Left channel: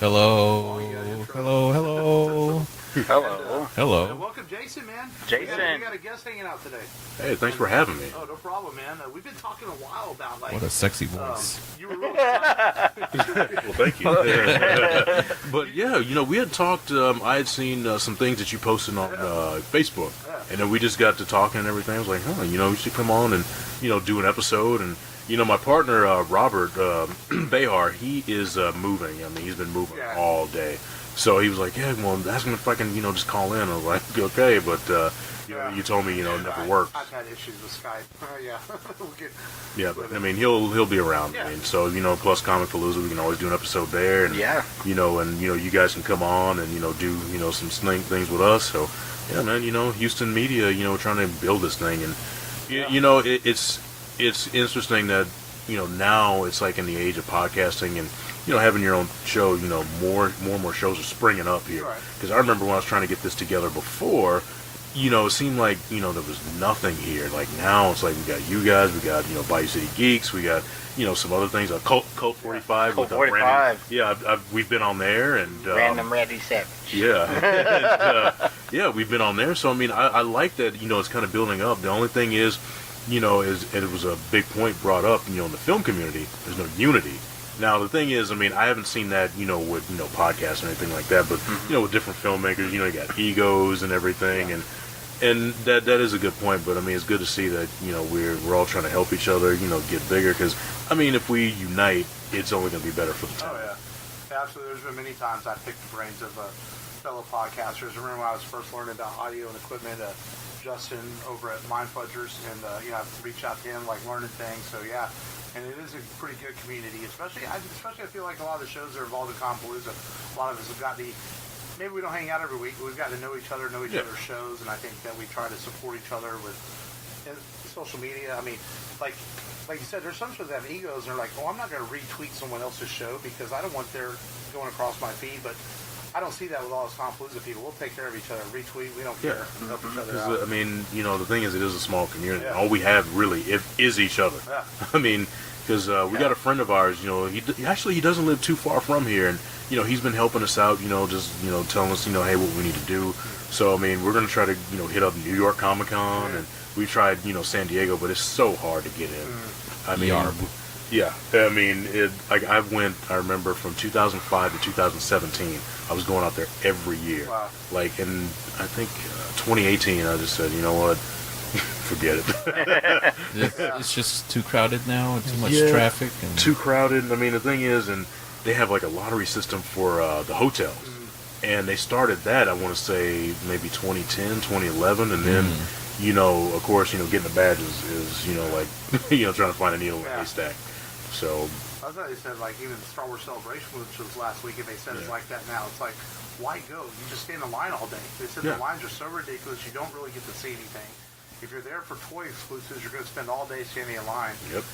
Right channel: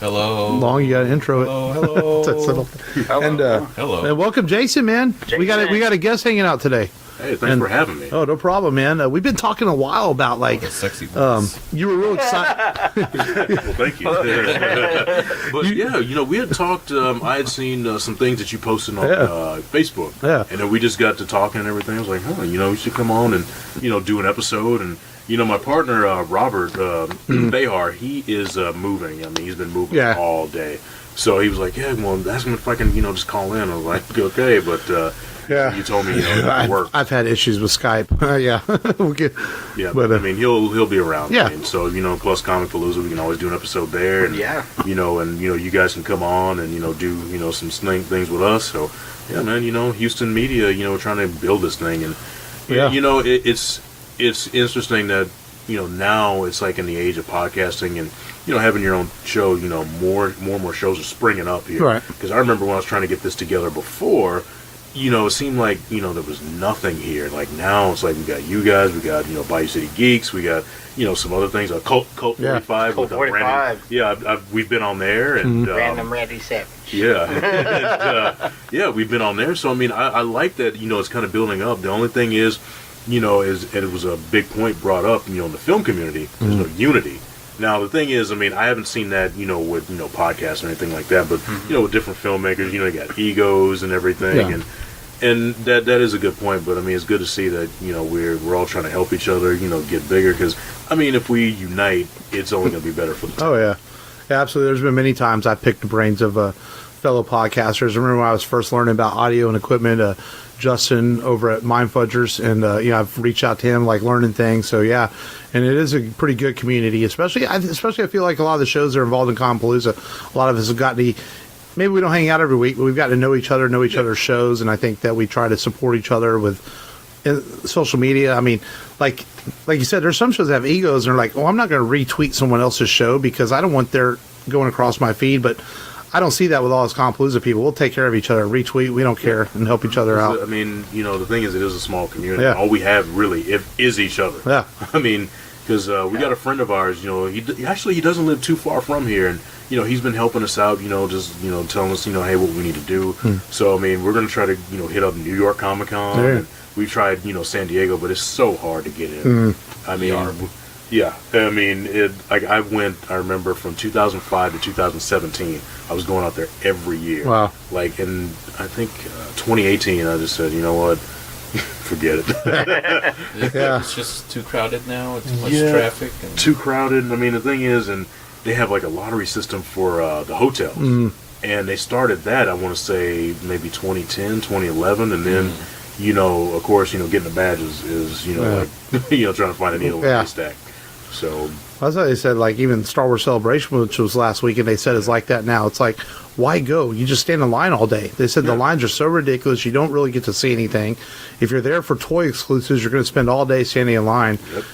Hello. Long you got to intro hello, it. Hello. Hello. Hello. And welcome, Jason, man. Jason. We got a guest hanging out today. Hey, thanks for having me. Oh, no problem, man. We've been talking a while about like What a sexy voice. you were real excited. Well, thank you. But yeah, we had talked. I had seen some things that you posted on Facebook. Yeah. And then we just got to talking and everything. I was like, you should come on and do an episode. And my partner Robert Behar, he is moving. I mean, he's been moving all day. So he was like, yeah, well, ask him if I can, just call in. I was like, okay, but. You told me, it didn't work. I've had issues with Skype. Yeah. We'll get, but I mean, he'll be around. Yeah. I mean, so plus Comic Palooza, we can always do an episode there, and and you guys can come on and do some things with us. So yeah, man, Houston media, trying to build this thing, and it's interesting that now it's like in the age of podcasting and having your own show. More and more shows are springing up here. Right. Because I remember when I was trying to get this together before. It seemed like, there was nothing here. Like now it's like we got you guys, we got, Bayou City Geeks, we got, some other things, Cult 45. Cult 45. We've been on there. And Random Randy Savage. Yeah. And, we've been on there. So, I mean, I like that, it's kind of building up. The only thing is, and it was a big point brought up, in the film community, there's no unity. Now, the thing is, I mean, I haven't seen that, with, podcasts or anything like that, but, with different filmmakers, you got egos and everything, and that is a good point, but I mean, it's good to see that, we're all trying to help each other, get bigger, because, I mean, if we unite, it's only going to be better for the time. Oh, yeah. Yeah, absolutely. There's been many times I've picked the brains of fellow podcasters. I remember when I was first learning about audio and equipment, Justin over at Mind Fudgers, and, I've reached out to him, like, learning things, so, yeah. And it is a pretty good community, especially I feel like a lot of the shows that are involved in Comic-Palooza, a lot of us have gotten to, maybe we don't hang out every week, but we've got to know each other's shows, and I think that we try to support each other with social media. I mean, like you said, there's some shows that have egos, and they're like, well, I'm not going to retweet someone else's show because I don't want their going across my feed, but I don't see that with all us Comic-Palooza people. We'll take care of each other, retweet, we don't care, and help each other out. I mean, the thing is, it is a small community. Yeah. All we have really is each other. Yeah. I mean, because we got a friend of ours, he doesn't live too far from here, and he's been helping us out, just telling us, hey, what we need to do. So I mean, we're gonna try to hit up New York Comic Con. Yeah. And we tried San Diego, but it's so hard to get in. I mean, I mean, I remember from 2005 to 2017, I was going out there every year. Wow. Like in I think 2018, I just said, you know what. Forget it. It's just too crowded now. Too much traffic. And too crowded. I mean, the thing is, and they have like a lottery system for the hotels. And they started that, I want to say, maybe 2010, 2011. And then, of course, getting the badges is like, trying to find a needle in a haystack. So. That's what they said, like, even Star Wars Celebration, which was last week, and they said it's like that now. It's like, why go? You just stand in line all day. They said the lines are so ridiculous, you don't really get to see anything. If you're there for toy exclusives, you're going to spend all day standing in line. Yep.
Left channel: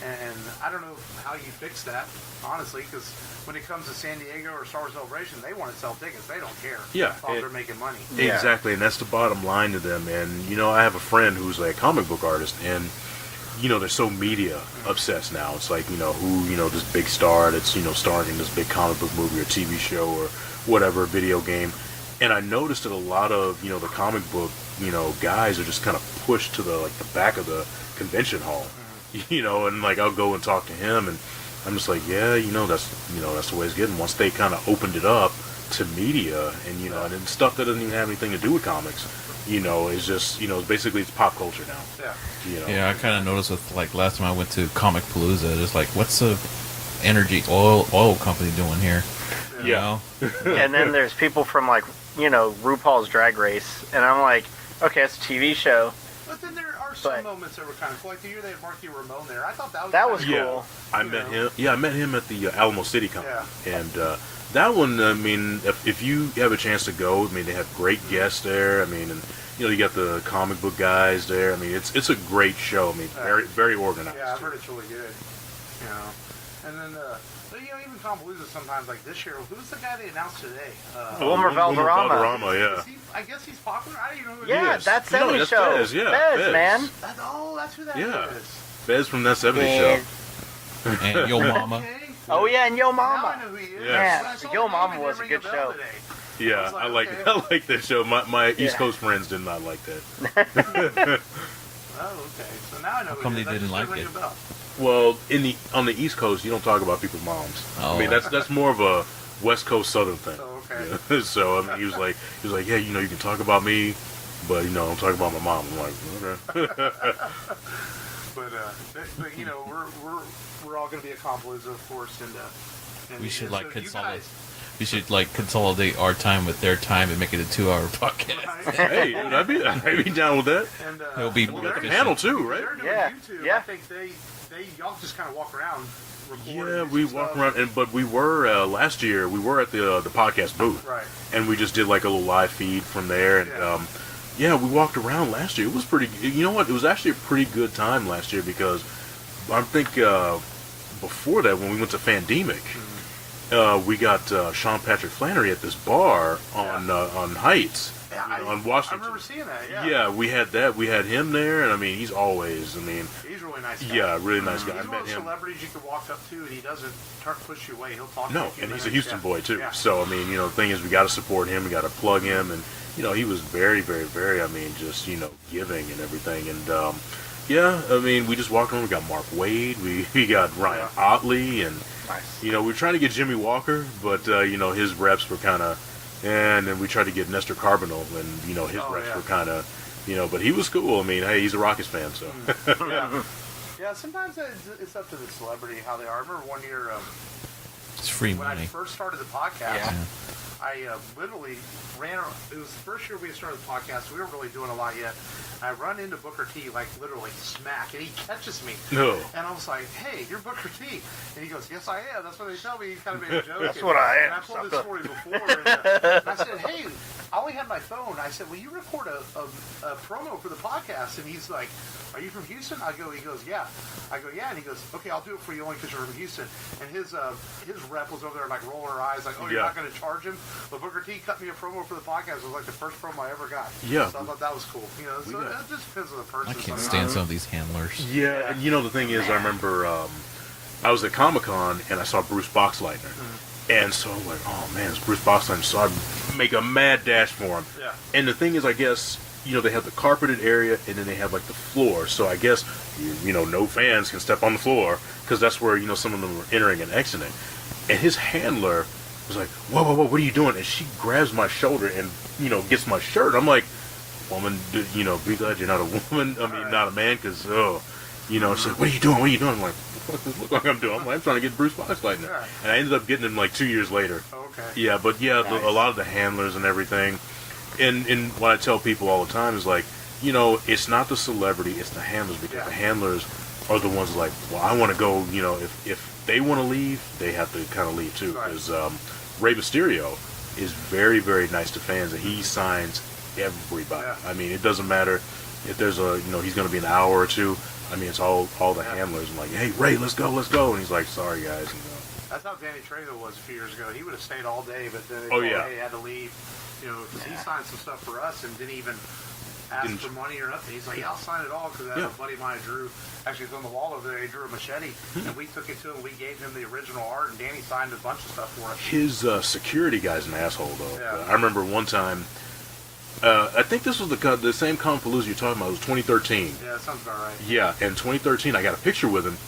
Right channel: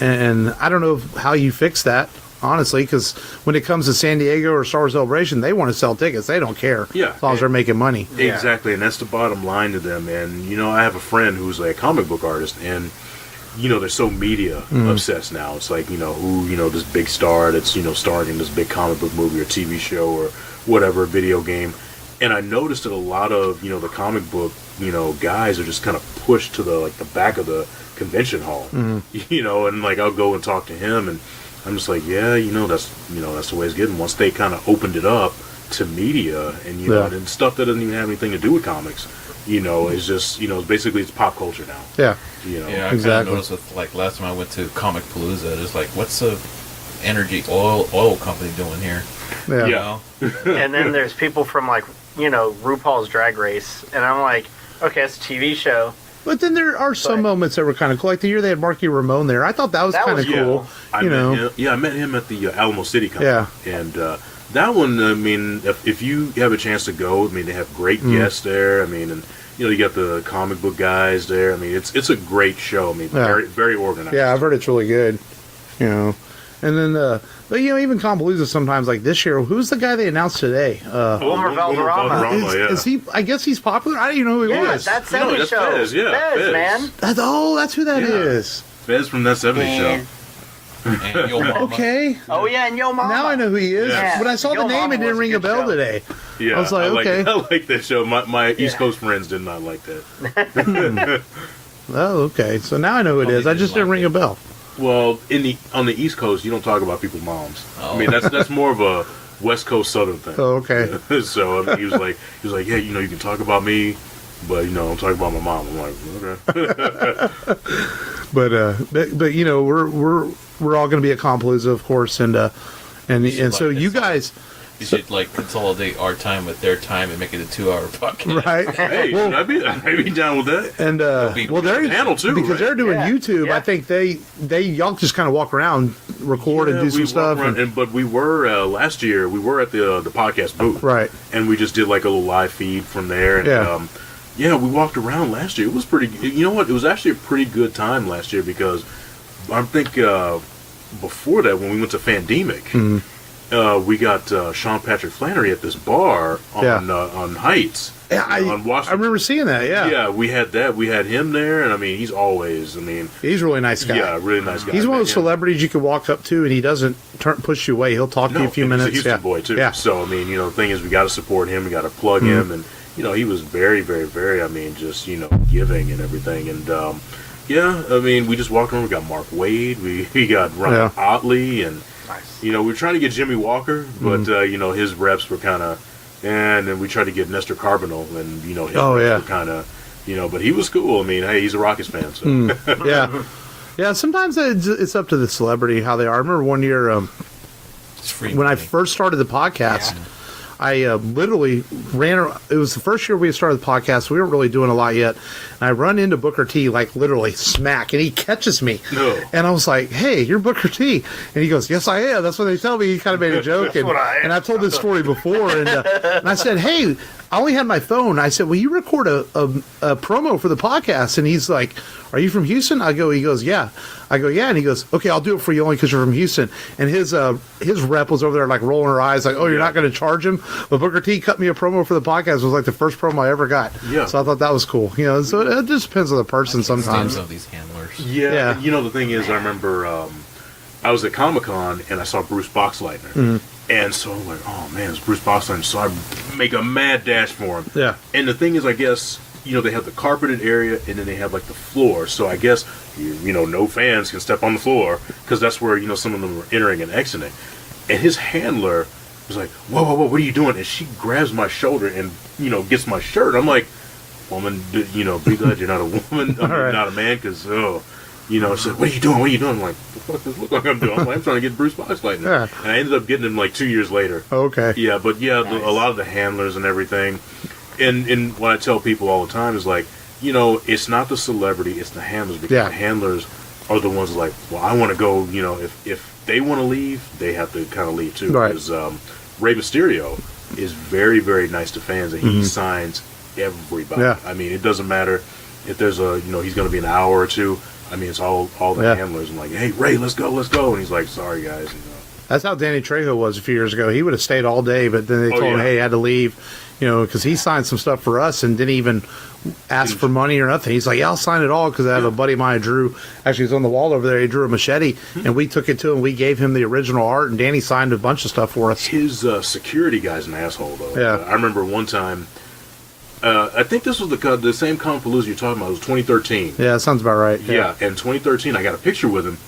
And I don't know how you fix that, honestly, because when it comes to San Diego or Star Wars Celebration, they want to sell tickets. They don't care as long as they're making money. Exactly, and that's the bottom line to them. And, I have a friend who's a comic book artist, and they're so media obsessed now. It's like, who, this big star that's, starring in this big comic book movie or TV show or whatever, video game. And I noticed that a lot of, the comic book, guys are just kind of pushed to the back of the convention hall, and like, I'll go and talk to him, and I'm just like, that's the way it's getting. Once they kind of opened it up to media and, and stuff that doesn't even have anything to do with comics, it's just, basically it's pop culture now. Yeah. Yeah, I kind of noticed with, like, last time I went to Comic-Palooza, it's like, what's the energy oil company doing here? Yeah. And then there's people from, like, RuPaul's Drag Race, and I'm like, okay, it's a TV show. But then there are some moments that were kind of cool. Like the year they had Marky Ramone there. I thought that was kind of cool. I met him at the Alamo City Con. Yeah. And that one, I mean, if you have a chance to go, I mean, they have great guests there. I mean, and you got the comic book guys there. I mean, it's a great show. I mean, very, very organized. Yeah, I've heard it's really good. And then but even Comic-Palooza sometimes, like this year, who's the guy they announced today? Wilmer Valderrama. Is he? I guess he's popular. I don't even know who he is. That 70s show. Fez, Fez, man. That's who that is. Fez from that 70s show. And Yo Mama. Okay. Oh yeah, and Yo Mama. Now I know who he is. Yeah. When I saw Yo the name, Mama it didn't was a ring a good bell show. today. Yeah, I was like, okay. I like that show. My East Coast friends did not like that. Oh, okay. So now I know who it Probably is. I just didn't didn't like ring it. a bell. Well, on the East Coast, you don't talk about people's moms. Oh. I mean, that's more of a West Coast Southern thing. Oh, okay. So I mean, he was like, yeah, you can talk about me, but don't talk about my mom. I'm like, okay. But we're all going to be at Compalooza, of course, and should, so like, you it's all- guys, You should consolidate our time with their time and make it a 2-hour podcast. right? Hey, I'd be down with that. And be they're panel too, because right? they're doing Yeah, YouTube. yeah. I think y'all just kind of walk around, record, and do we some stuff. walk around, but we were last year. We were at the podcast booth, Right. And we just did like a little live feed from there. And, Yeah. we walked around last year. It was pretty. You know what? It was actually a pretty good time last year because I think before that, when we went to Fandemic, we got Sean Patrick Flannery at this bar on Heights. Yeah, on Washington. I remember seeing that. Yeah. Yeah, we had that. We had him there, and I mean, he's always. I mean, He's a really nice guy. yeah, really nice guy. He's one of those Met him. celebrities you can walk up to, and he doesn't push you away. He'll talk to you a few and minutes. he's a Houston yeah. boy too. Yeah. So I mean, the thing is, we got to support him. We got to plug him, and he was very, very, very. I mean, just giving and everything. And I mean, we just walked around. We got Mark Wade. We got Ryan Otley, and Nice. we were trying to get Jimmy Walker, but his reps were kind of. And then we tried to get Nestor Carbonell, and his reps were kind of, but he was cool. I mean, hey, he's a Rockets fan, so. Yeah. Yeah, sometimes it's up to the celebrity how they are. I remember one year It's free when I money. first started the podcast, Yeah. I literally it was the first year we started the podcast. We weren't really doing a lot yet. And I run into Booker T, like literally smack, and he catches me. No. And I was like, hey, you're Booker T. And he goes, yes, I am. That's what they tell me. He kind of made a joke. That's what I am. And I've told this story before. And I said, hey, I only had my phone. I said, will you record a promo for the podcast? And he's like, are you from Houston? He goes, yeah. I go, yeah. And he goes, okay, I'll do it for you only because you're from Houston. And his rep was over there like rolling her eyes like, oh, you're not going to charge him? But Booker T cut me a promo for the podcast. It was like the first promo I ever got. Yeah. So I thought that was cool. So it just depends on the person I can't stand sometimes. some of these handlers. Yeah, Yeah. the thing is, I remember I was at Comic-Con and I saw Bruce Boxleitner. And so I'm like, oh man, it's Bruce Boxleitner. So I make a mad dash for him. Yeah. And the thing is, I guess, they have the carpeted area and then they have like the floor. So I guess, no fans can step on the floor because that's where, some of them are entering and exiting. And his handler was like, whoa, whoa, whoa, what are you doing? And she grabs my shoulder and, gets my shirt. I'm like, woman, be glad you're not a woman. I mean, Right. not a man, because, she's like, what are you doing? What are you doing? I'm like, what does this look like I'm doing? I'm trying to get Bruce Boxleitner. Yeah. And I ended up getting him like 2 years later. Okay. Yeah, but Nice. a lot of the handlers and everything. And what I tell people all the time is like, it's not the celebrity, it's the handlers. Because the handlers are the ones like, well, I want to go, if they want to leave, they have to kind of leave too. Right. Because Rey Mysterio is very, very nice to fans, and he signs everybody. Yeah. I mean, it doesn't matter if there's he's going to be an hour or two. I mean, it's all the handlers. I'm like, hey, Ray, let's go. And he's like, sorry, guys. That's how Danny Trejo was a few years ago. He would have stayed all day, but then they told him, hey, he had to leave, because he signed some stuff for us and didn't even ask for money or nothing. He's like, yeah, I'll sign it all because I have a buddy of mine who drew, actually he's on the wall over there, he drew a machete, and we took it to him. We gave him the original art, and Danny signed a bunch of stuff for us. His security guy's an asshole, though. Yeah. I remember one time, I think this was the same Compalooza you're talking about. It was 2013. Yeah, that sounds about right. Yeah, and 2013, I got a picture with him,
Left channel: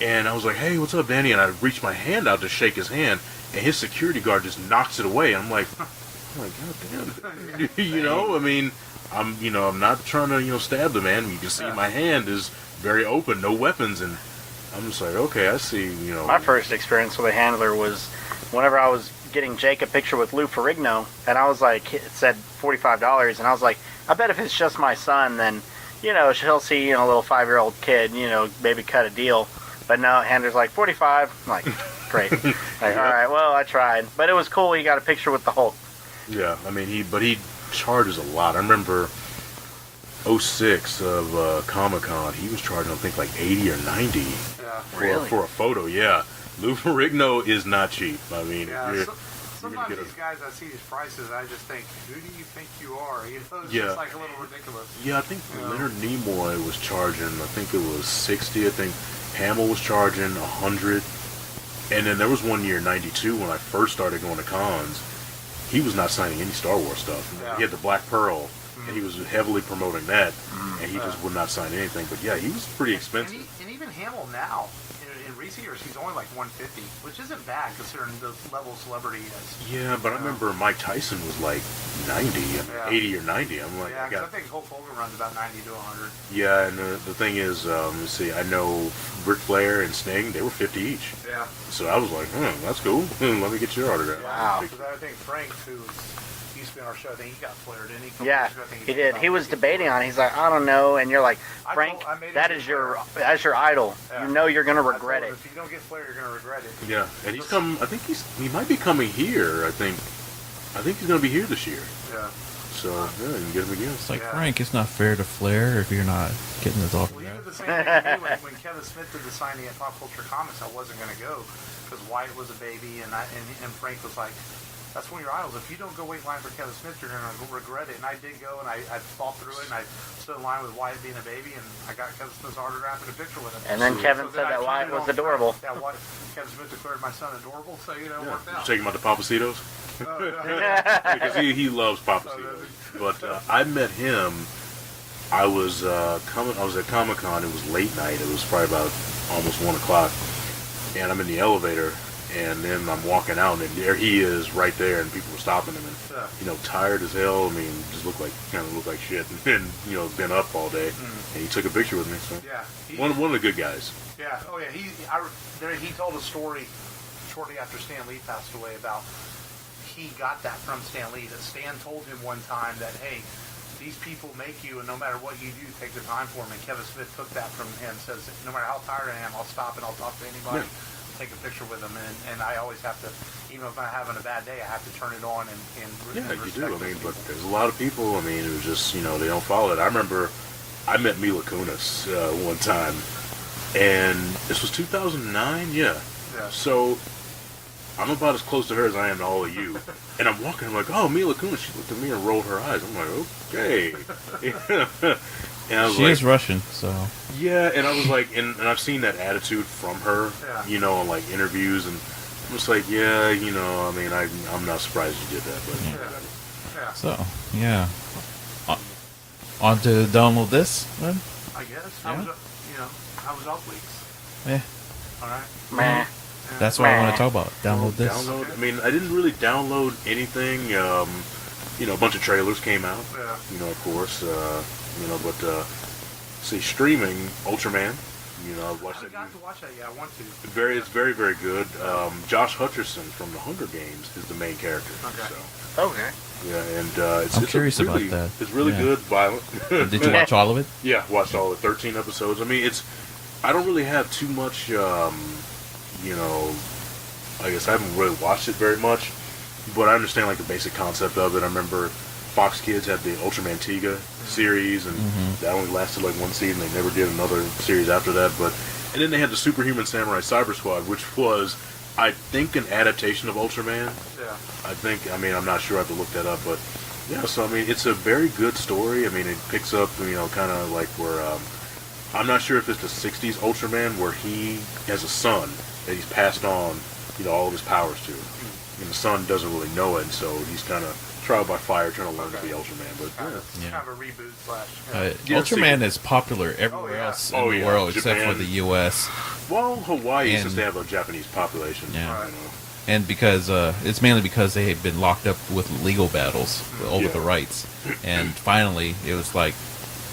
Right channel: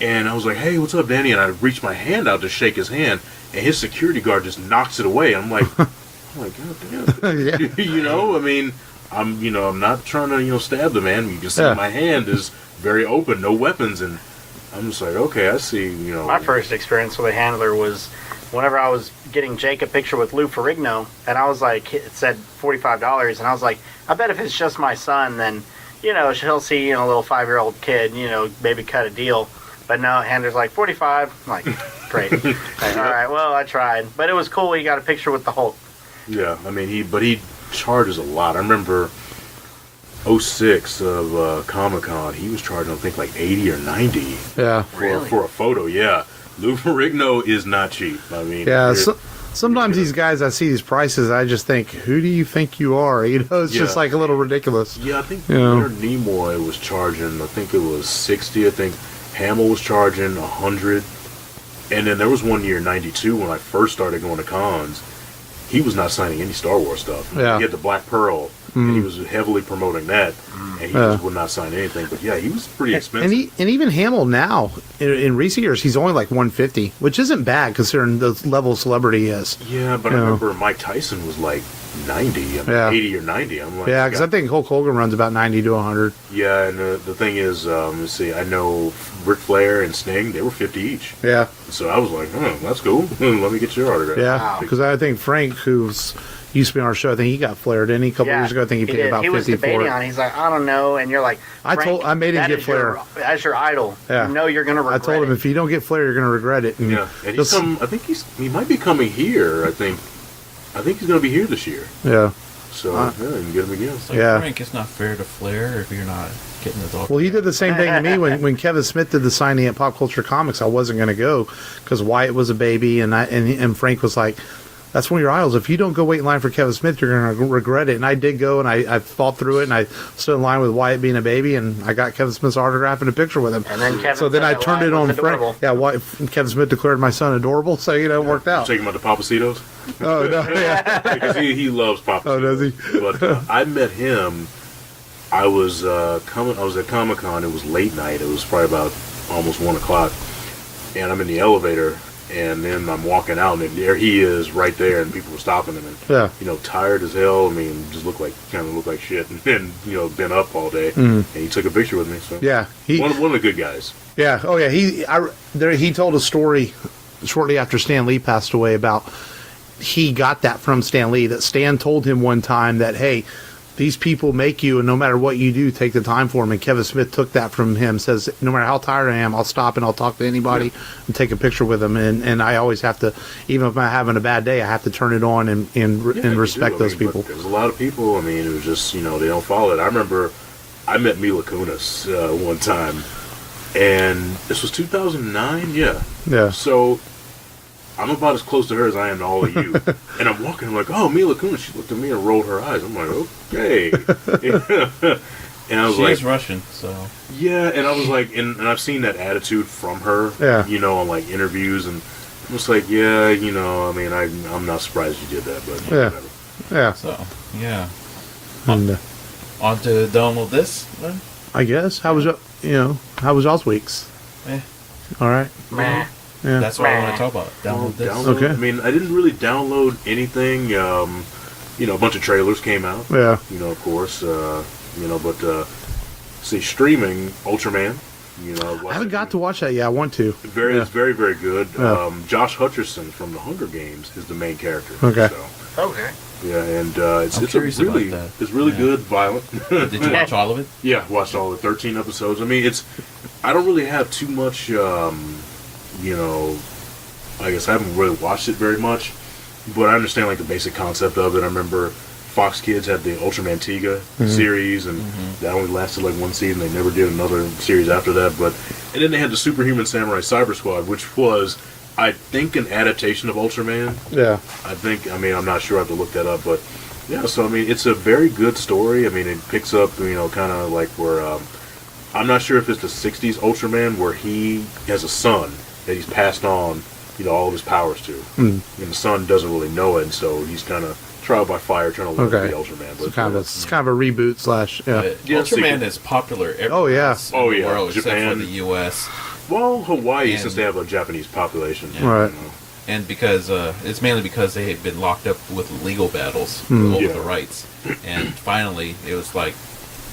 and I was like, hey, what's up, Danny? And I reached my hand out to shake his hand, and his security guard just knocks it away. I'm like, God damn. Yeah. I mean, I'm not trying to, stab the man. You can see Yeah. my hand is very open, no weapons, and I'm just like, okay, I see, My first experience with a handler was whenever I was getting Jake a picture with Lou Ferrigno, and I was like, it said $45, and I was like, I bet if it's just my son, then, she'll see, a little 5-year-old kid, maybe cut a deal. But no, handler's like, 45. I'm like, great. Like, all right, well, I tried. But it was cool. He got a picture with the Hulk. Yeah, I mean, he charges a lot. I remember 06 of Comic-Con, he was charging, I think, like 80 or 90 Yeah. for a photo, yeah. Lou Ferrigno is not cheap. I mean, Yeah, sometimes these guys, I see these prices, I just think, who do you think you are? It's just like a little ridiculous. yeah, I think Yeah. Leonard Nimoy was charging, I think it was 60, I think. Hamill was charging $100, and then there was one year, '92, when I first started going to cons. He was not signing any Star Wars stuff. Yeah. He had the Black Pearl, and he was heavily promoting that, and he just would not sign anything. But yeah, he was pretty expensive. And even Hamill now, in recent years, he's only like 150, which isn't bad considering the level of celebrity he is. Yeah, but I remember Mike Tyson was like 90, 80 or 90. I'm like, yeah, because I think Hulk Hogan runs about 90 to 100. Yeah, and the thing is, let's see, I know Ric Flair and Sting, they were 50 each. Yeah. So I was like, that's cool. Let me get your autograph. Yeah, because I think Frank, who's used to be on our show, I think he got flared, didn't he? A couple years ago, I think he paid did. about He was 50 debating for it. on it. He's like, I don't know. And you're like, Frank, I made him that get is Flair. that's your idol. Yeah. You know you're going to I regret told him, it. if you don't get Flair, you're going to regret it. And Yeah, and he's come. I think he might be coming here. I think he's going to be here this year. Yeah. So yeah, you can get him again. It's like, Yeah. Frank, it's not fair to Flair if you're not getting his autograph. Well, he did the same thing to me when Kevin Smith did the signing at Pop Culture Comics. I wasn't going to go because Wyatt was a baby, and Frank was like, "That's one of your idols. If you don't go wait in line for Kevin Smith, you're going to regret it." And I did go, and I fought through it, and I stood in line with Wyatt being a baby, and I got Kevin Smith's autograph and a picture with him. And then Kevin so then said I that turned Wyatt it on was adorable. Frank. Yeah, Wyatt, Kevin Smith declared my son adorable, so it worked out. Take him out to Papacitos. Oh no! Yeah. Because he loves Papacitos. Oh, does he? But I met him. I was I was at Comic-Con. It was late night. It was probably about almost 1 o'clock, and I'm in the elevator, and then I'm walking out, and there he is, right there, and people were stopping him, and Yeah. tired as hell. I mean, just looked like shit, and been up all day, and he took a picture with me. So Yeah. one of the good guys. Yeah. Oh, yeah. He told a story shortly after Stan Lee passed away about he got that from Stan Lee, that Stan told him one time that, hey, these people make you, and no matter what you do, take the time for them. And Kevin Smith took that from him, says, no matter how tired I am, I'll stop and I'll talk to anybody and take a picture with them. And I always have to, even if I'm having a bad day, I have to turn it on and respect those people. But there's a lot of people, I mean, who just, they don't follow it. I remember I met Mila Kunis one time, and this was 2009, yeah. So I'm about as close to her as I am to all of you. And I'm walking, I'm like, oh, Mila Kunis. She looked at me and rolled her eyes. I'm like, okay. And I was She is Russian, so... Yeah, and I was like, and I've seen that attitude from her, on like interviews, and I was like, yeah, I mean, I'm not surprised you did that, but whatever. Yeah. So, yeah. And, On to download this, then? I guess. How was y'all's weeks? All right. Meh. Yeah. That's what I want to talk about. Download this. Okay. I mean, I didn't really download anything. A bunch of trailers came out. Yeah. Of course. But see, streaming Ultraman. I haven't got to watch that yet. I want to. It's very, very good. Yeah. Josh Hutcherson from The Hunger Games is the main character. Okay. So, Okay. yeah, and it's curious really, about that. It's really Yeah. good, violent. Did you watch all of it? Yeah, watched all the 13 episodes. I mean, I don't really have too much, I guess I haven't really watched it very much, but I understand like the basic concept of it. I remember Fox Kids had the Ultraman Tiga series, and that only lasted like one season. They never did another series after that. And then they had the Superhuman Samurai Cyber Squad, which was, I think, an adaptation of Ultraman. Yeah. I'm not sure. I have to look that up, but yeah. So I mean, it's a very good story. I mean, it picks up, kind of like where I'm not sure if it's the '60s Ultraman where he has a son that he's passed on, all of his powers to, and the son doesn't really know it, and so he's kind of trial by fire trying to learn to be Ultraman. But it's kind of a reboot / Ultraman is popular everywhere else in the world except Japan. for the U.S. Well, Hawaii, since they have a Japanese population. Yeah. Right. And because it's mainly because they had been locked up with legal battles over the rights, and finally it was like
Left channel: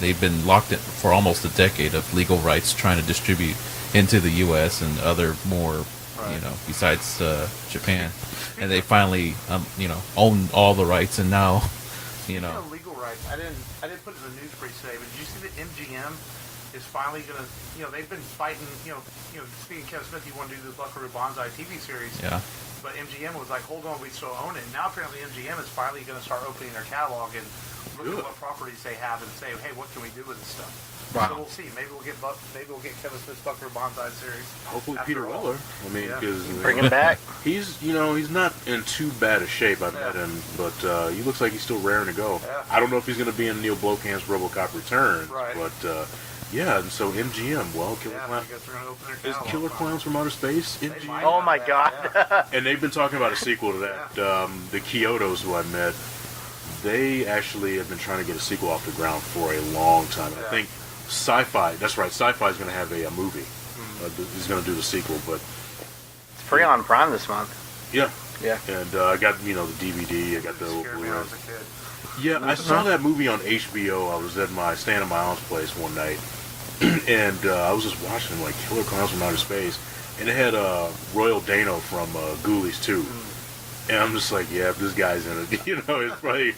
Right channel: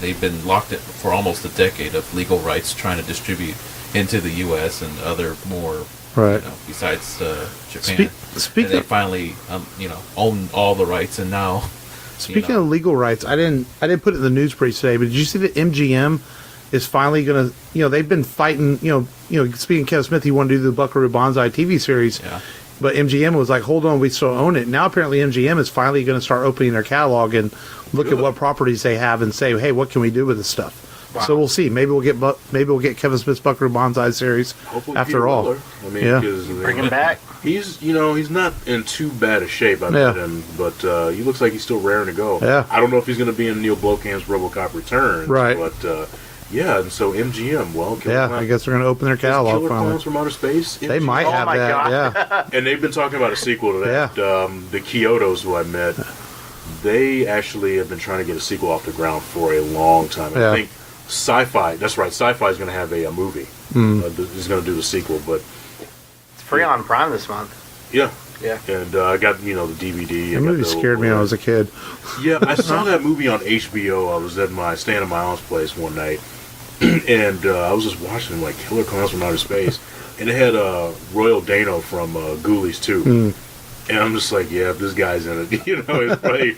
they've been locked in for almost a decade of legal rights trying to distribute into the U.S. and other more, besides Japan. And they finally, own all the rights, and now. Speaking of legal rights, I didn't put it in the news brief today, but did you see that MGM is finally going to, they've been fighting, speaking of Kevin Smith, he wanted to do the Buckaroo Banzai TV series. Yeah. But MGM was like, hold on, we still own it. Now apparently MGM is finally going to start opening their catalog and look at what properties they have and say, hey, what can we do with this stuff? Wow. So we'll see. Maybe we'll get Kevin Smith's Buckaroo Banzai series. Hopefully after Peter all. Weller. I mean, Bring him back. He's not in too bad a shape. I met him, but he looks like he's still raring to go. Yeah. I don't know if he's going to be in Neil Blomkamp's RoboCop Returns, right? But Yeah, and so MGM, well, I guess they're going to open their Is catalog. Killer finally. Clowns from Outer Space. They MGM. might Oh have my that, God. yeah. And they've been talking about a sequel to that. The Kyotos, who I met, they actually have been trying to get a sequel off the ground for a long time. And I think Sci-Fi, that's right, Sci-Fi is going to have a movie. He's going to do the sequel, but... It's free on Prime this month. Yeah. Yeah. And I got, the DVD. The movie scared me when I was a kid. Yeah, I saw that movie on HBO. I was staying at my aunt's place one night, and I was just watching, like, Killer Clowns from Outer Space, and it had Royal Dano from Ghoulies 2. And I'm just like, yeah, this guy's in it. It's probably,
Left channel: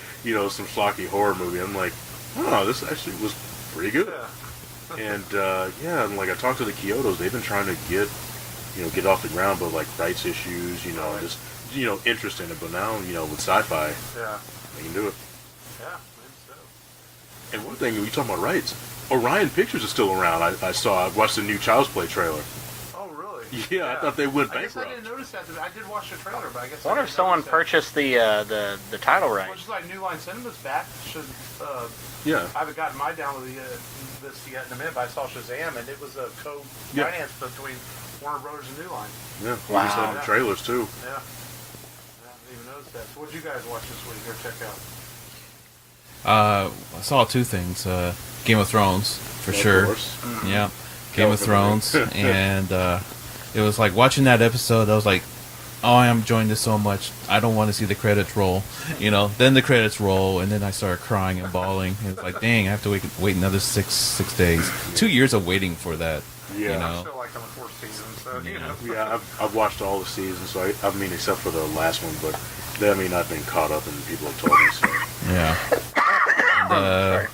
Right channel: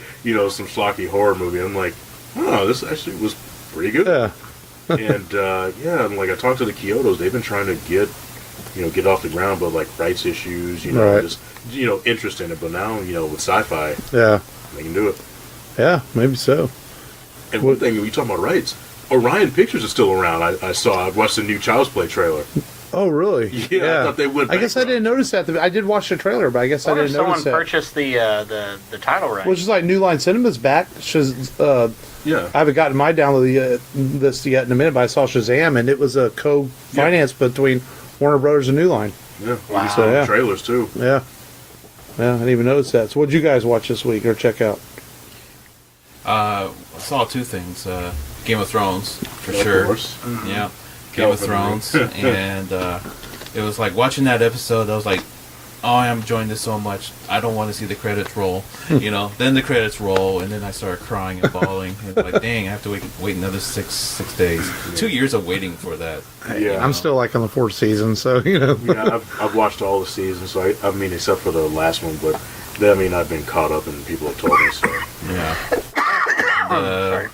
some schlocky horror movie. I'm like, oh, this actually was pretty good. Yeah. And, and like, I talked to the Kyotos. They've been trying to get off the ground, but, like, rights issues, just, interest in it. But now, with Sci-Fi, they can do it. Yeah, maybe so. And one thing, you talking about rights, Orion Pictures is still around. I watched the new Child's Play trailer. Oh, really? Yeah, I thought they went I guess I bankrupt. didn't notice that. I did watch the trailer, but I guess I I wonder if didn't notice someone that. purchased the title right. Which is like New Line Cinema's back. Yeah. I haven't gotten my download list yet in a minute, but I saw Shazam, and it was a co-finance between Warner Brothers and New Line. Yeah, Wow. we saw Yeah. trailers too. Yeah. Yeah, I didn't even notice that. So what did you guys watch this week or check out? I saw two things. Game of Thrones, for Of sure. course. Yeah, Game of Thrones. And it was like watching that episode, I was like, oh, I'm enjoying this so much. I don't want to see the credits roll. Then the credits roll, and then I started crying and bawling. It's like, dang, I have to wait another six days. 2 years of waiting for that. Yeah. I'm still like on the 4th season, so Yeah, I've watched all the seasons, so I mean, except for the last one, but I've been caught up and people have told me so. Yeah. And,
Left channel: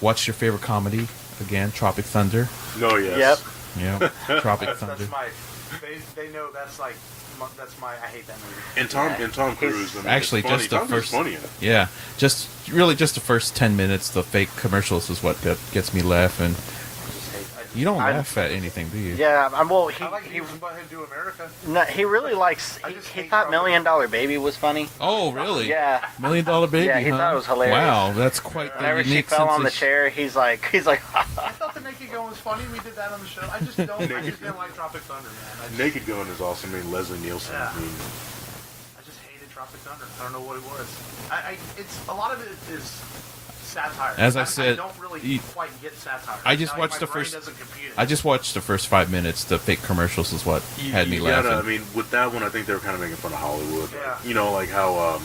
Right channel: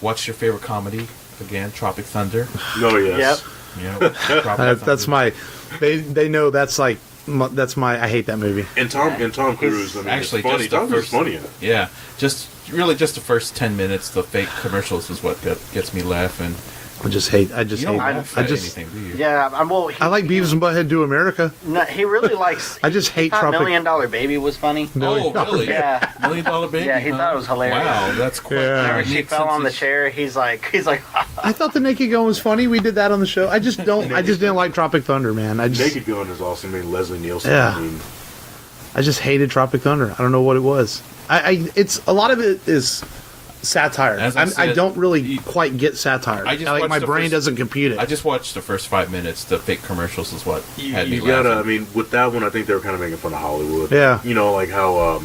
watch your favorite comedy again, Tropic Thunder. No, yes. Yeah, Tropic Thunder. that's my. They know that's like that's my. I hate that movie. And Tom Cruise. I mean, Actually, it's funny. just the Tom Cruise first. is funny in it. Yeah, just the first 10 minutes, the fake commercials is what gets me laughing. I just hate. You don't hate, laugh at anything, do you? Yeah, I like Beavis and Butthead Do America. No, he really likes. I just he hate thought Tropic- $1 Million Baby was funny. Oh, really? Yeah. $1 Million Baby. Yeah, he thought it was hilarious. Wow, that's quite. Yeah. Whenever she unique fell on the sense of- chair, he's like, I thought the Naked Gun was funny. We did that on the show. I just don't. I just didn't like Tropic Thunder, man. Naked Gun is awesome. I mean, Leslie Nielsen. Yeah. I mean, I just hated Tropic Thunder. I don't know what it was. It's a lot of it is satire. As I I said, don't really quite get satire. I just like watched my the brain first- doesn't compute it. I just watched the first 5 minutes. The fake commercials is what had me you laughing. gotta. I mean, with that one, I think they were kind of making fun of Hollywood. Yeah. Like how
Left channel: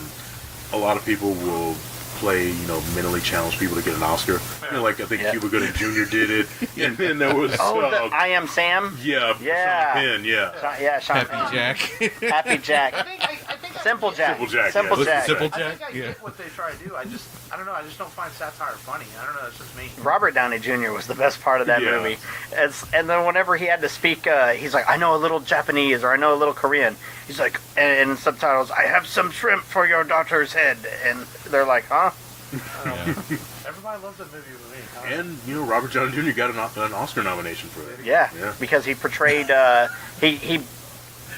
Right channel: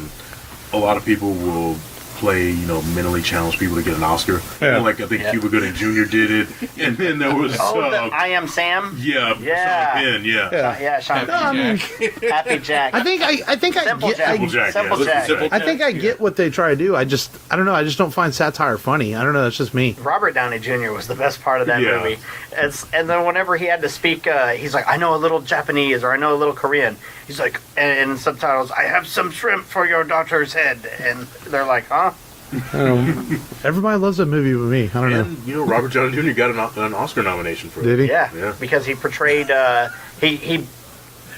a lot of people will play, mentally challenged people to get an Oscar. Yeah. Like I think Yeah. Cuba Gooding Jr. did it, and then there was I Am Sam. yeah, Yeah. Sean Penn, yeah. Sean Happy Penn. Jack. Happy Jack. I think Simple I get. Jack. Simple Jack, Simple yeah. Jack. Simple I think I get what they try to do. I don't know. I just don't find satire funny. I don't know. That's just me. Robert Downey Jr. was the best part of that Yeah. movie. And then whenever he had to speak, he's like, I know a little Japanese or I know a little Korean. He's like, and in subtitles, I have some shrimp for your daughter's head. And they're like, huh? Everybody loves that movie with me. I don't know. And Robert Downey Jr. got an Oscar nomination for it. Did he? Yeah, Yeah. because he portrayed, he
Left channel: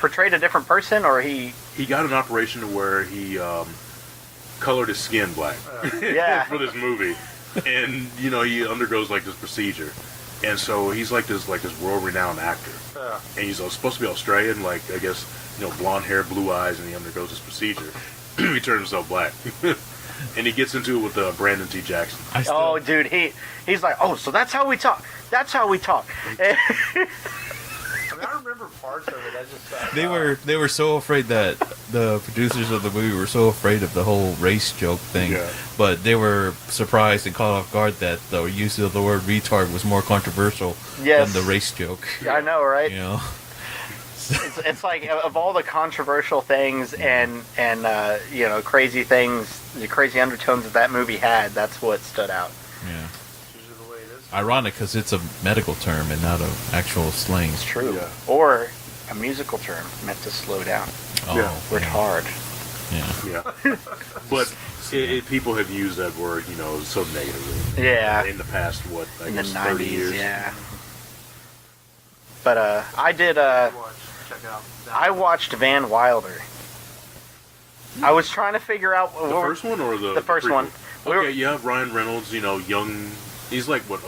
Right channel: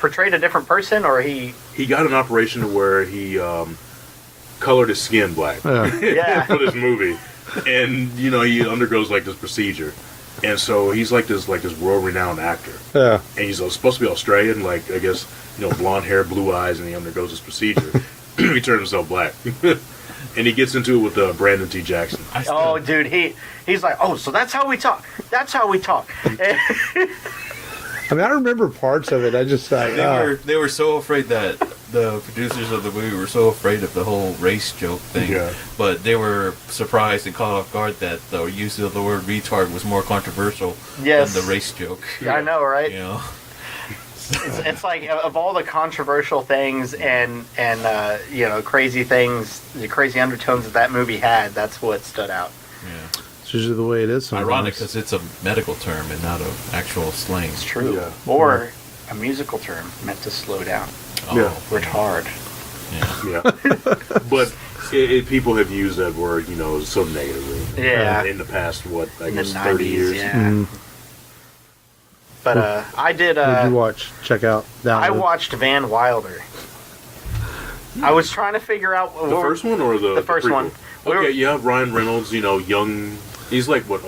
portrayed a different person, or he... He got an operation where he colored his skin black Yeah. for this movie, and he undergoes like this procedure, and so he's like this world-renowned actor, Yeah. and he's supposed to be Australian, like I guess blonde hair, blue eyes, and he undergoes this procedure. He turns himself black. And he gets into it with Brandon T. Jackson. Oh, dude, he's like, oh, so that's how we talk. That's how we talk. I mean, I remember parts of it. I just thought They were so afraid that the producers of the movie were so afraid of the whole race joke thing, Yeah. but they were surprised and caught off guard that the use of the word retard was more controversial Yes. than the race joke. I know, right? It's like of all the controversial things and crazy things, the crazy undertones that movie had, that's what stood out. Yeah. it's usually the way it is. sometimes. Ironic because it's a medical term and not an actual slang. It's true. Yeah. Or a musical term meant to slow down. Oh, Yeah. Retard. Yeah. Yeah, but people have used that word, so negatively. Yeah. In the past, I In the guess 30 90s, years. yeah. Mhm. But I did. What did you watch? Check out. I watched Van Wilder. I was trying to figure out The first one or the first prequel? one. Okay, yeah, Ryan Reynolds, young. He's like what,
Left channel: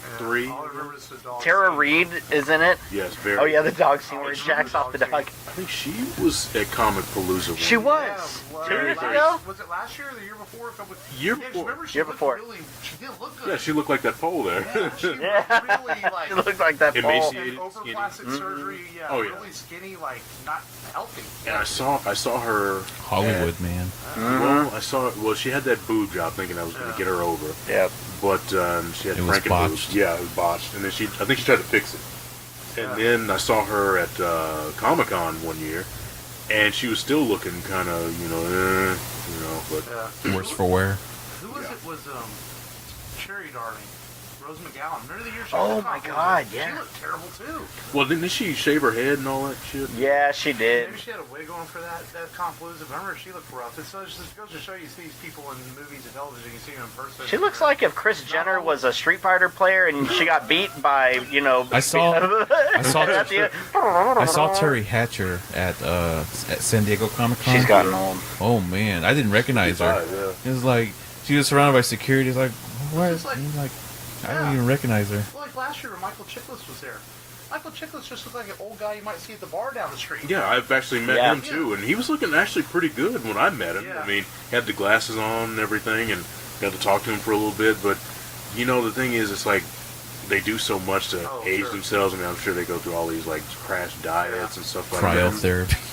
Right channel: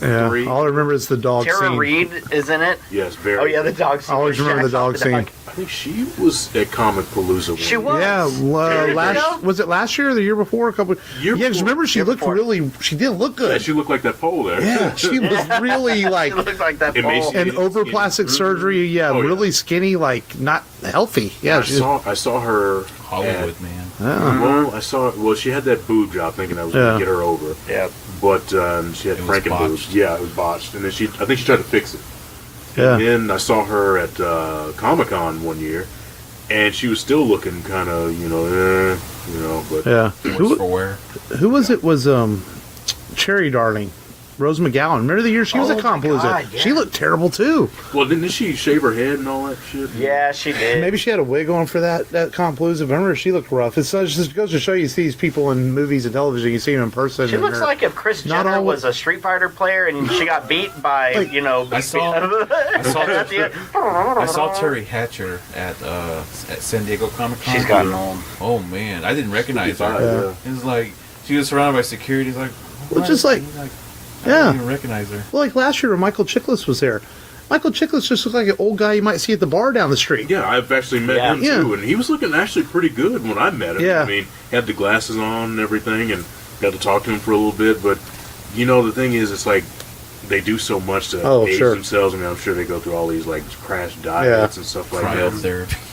Yeah. 3. All I remember is the dog Tara scene. Reid is in it. Yes, very. Oh yeah, the dog scene. I always where remember Shaq's the off dog scene. I think she was at Comic Palooza. She one was. year. Yeah, was it last year or the year before? A couple. Year yeah, 'cause before. remember she Year looked before. she didn't look good. Yeah, she looked like that pole there. Yeah, she was really like She looked like that pole. Emaciated. and over plastic surgery. Yeah, Oh, yeah. really skinny, like not healthy. Yeah, I saw her. Hollywood, at- man. Well, I saw. Well, she had that boob job, thinking I was going Yeah. to get her over. Yeah. But she had It was Franken botched. boobs. Yeah, it was botched, and then I think she tried to fix it. yeah. And then I saw her at Comic-Con one year, and she was still looking kind of, but Yeah. Worse for wear. Who was it? Was Cherry Darling, Rose McGowan. Remember the year she was Oh at my Compalooza? God, yeah. She looked terrible too. well, didn't she shave her head and all that shit? Yeah, she did. Maybe she had a wig on for that Compalooza. But I remember she looked rough. It just goes to show you see these people in movies and television. You see them in person. She and looks they're- like if Kris not Jenner all- was a Street Fighter player and she got beat by, I saw at the end. I saw Terry Hatcher at San Diego Comic Con. She's gotten old. Oh man, I didn't recognize her. Yeah. It was like she was surrounded by security. It's like, Which is like- I yeah. didn't even recognize her. Well, like last year when Michael Chiklis was there. Michael Chiklis just looked like an old guy you might see at the bar down the street. Yeah, I've actually met Yeah. him too, and he was looking actually pretty good when I met him. Yeah. I mean, he had the glasses on and everything, and got to talk to him for a little bit. But the thing is, it's like they do so much to age sure. themselves. I mean, I'm sure they go through all these like crash diets and stuff like that. Cryotherapy.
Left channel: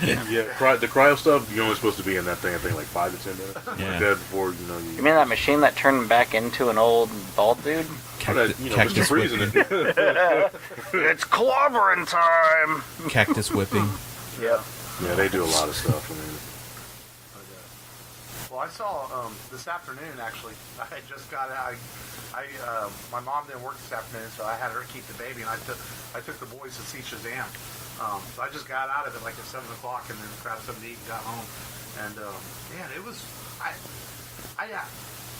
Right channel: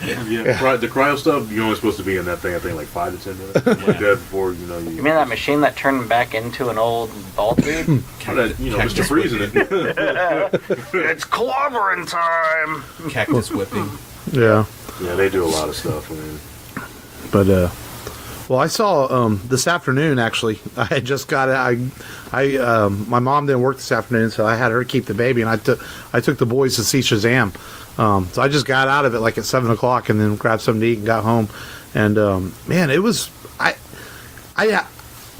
Yeah, the cryo stuff. You're only supposed to be in that thing. I think like 5 to 10 minutes, something like that before you. You mean that machine that turned him back into an old bald dude? Mr. Cactus Freezing whipping. it. It's clobbering time! Cactus whipping. Yeah. Yeah, they do a lot of stuff. I mean, But well, I saw this afternoon actually. I had just got it. My mom didn't work this afternoon, so I had her keep the baby, and I took the boys to see Shazam. So I just got out of it like at 7:00, and then grabbed something to eat and got home. And man, it was I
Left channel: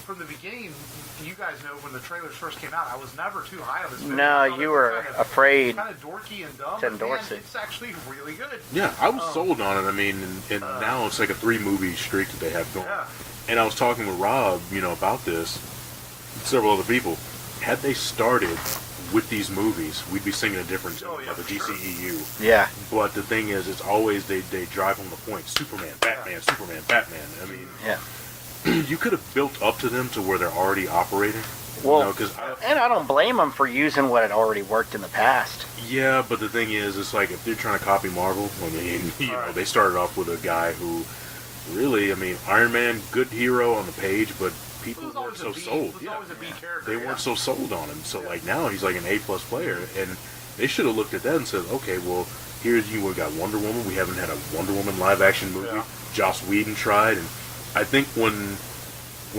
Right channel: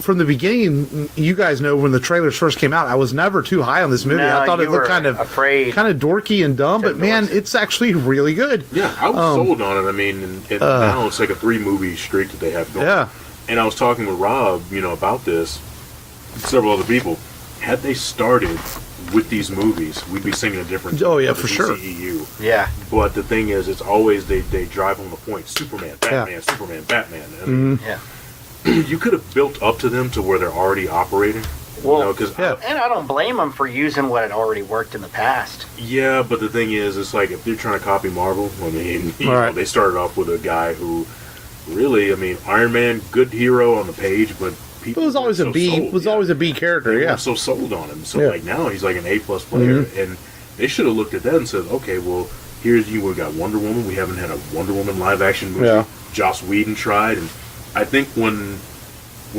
from the beginning. You guys know when the trailers first came out, I was never too high on this movie. No, I thought you it looked were kind of afraid. dorky and dumb, but man, Dorky. it's actually really good. yeah, I was sold on it. I mean, and now it's like a 3-movie streak that they have going. Yeah. And I was talking with Rob, about this, and several other people. Had they started with these movies, we'd be singing a different Oh, yeah, of the for sure. DCEU. Yeah. But the thing is, it's always they drive home the point. Superman, Batman, Superman, Batman. I mean, Yeah. you could have built up to them to where they're already operating. Well, because and I don't blame them for using what had already worked in the past. yeah, but the thing is, it's like if they're trying to copy Marvel, I mean, Right. they started off with a guy who really, I mean, Iron Man, good hero on the page, but people It was always weren't a B. sold, Was always a B character. They Yeah. weren't so sold on him. So Yeah. like now he's like an A+ player, and they should have looked at that and said, okay, well, here's we got Wonder Woman. We haven't had a Wonder Woman live action movie. Yeah. Joss Whedon tried, and I think when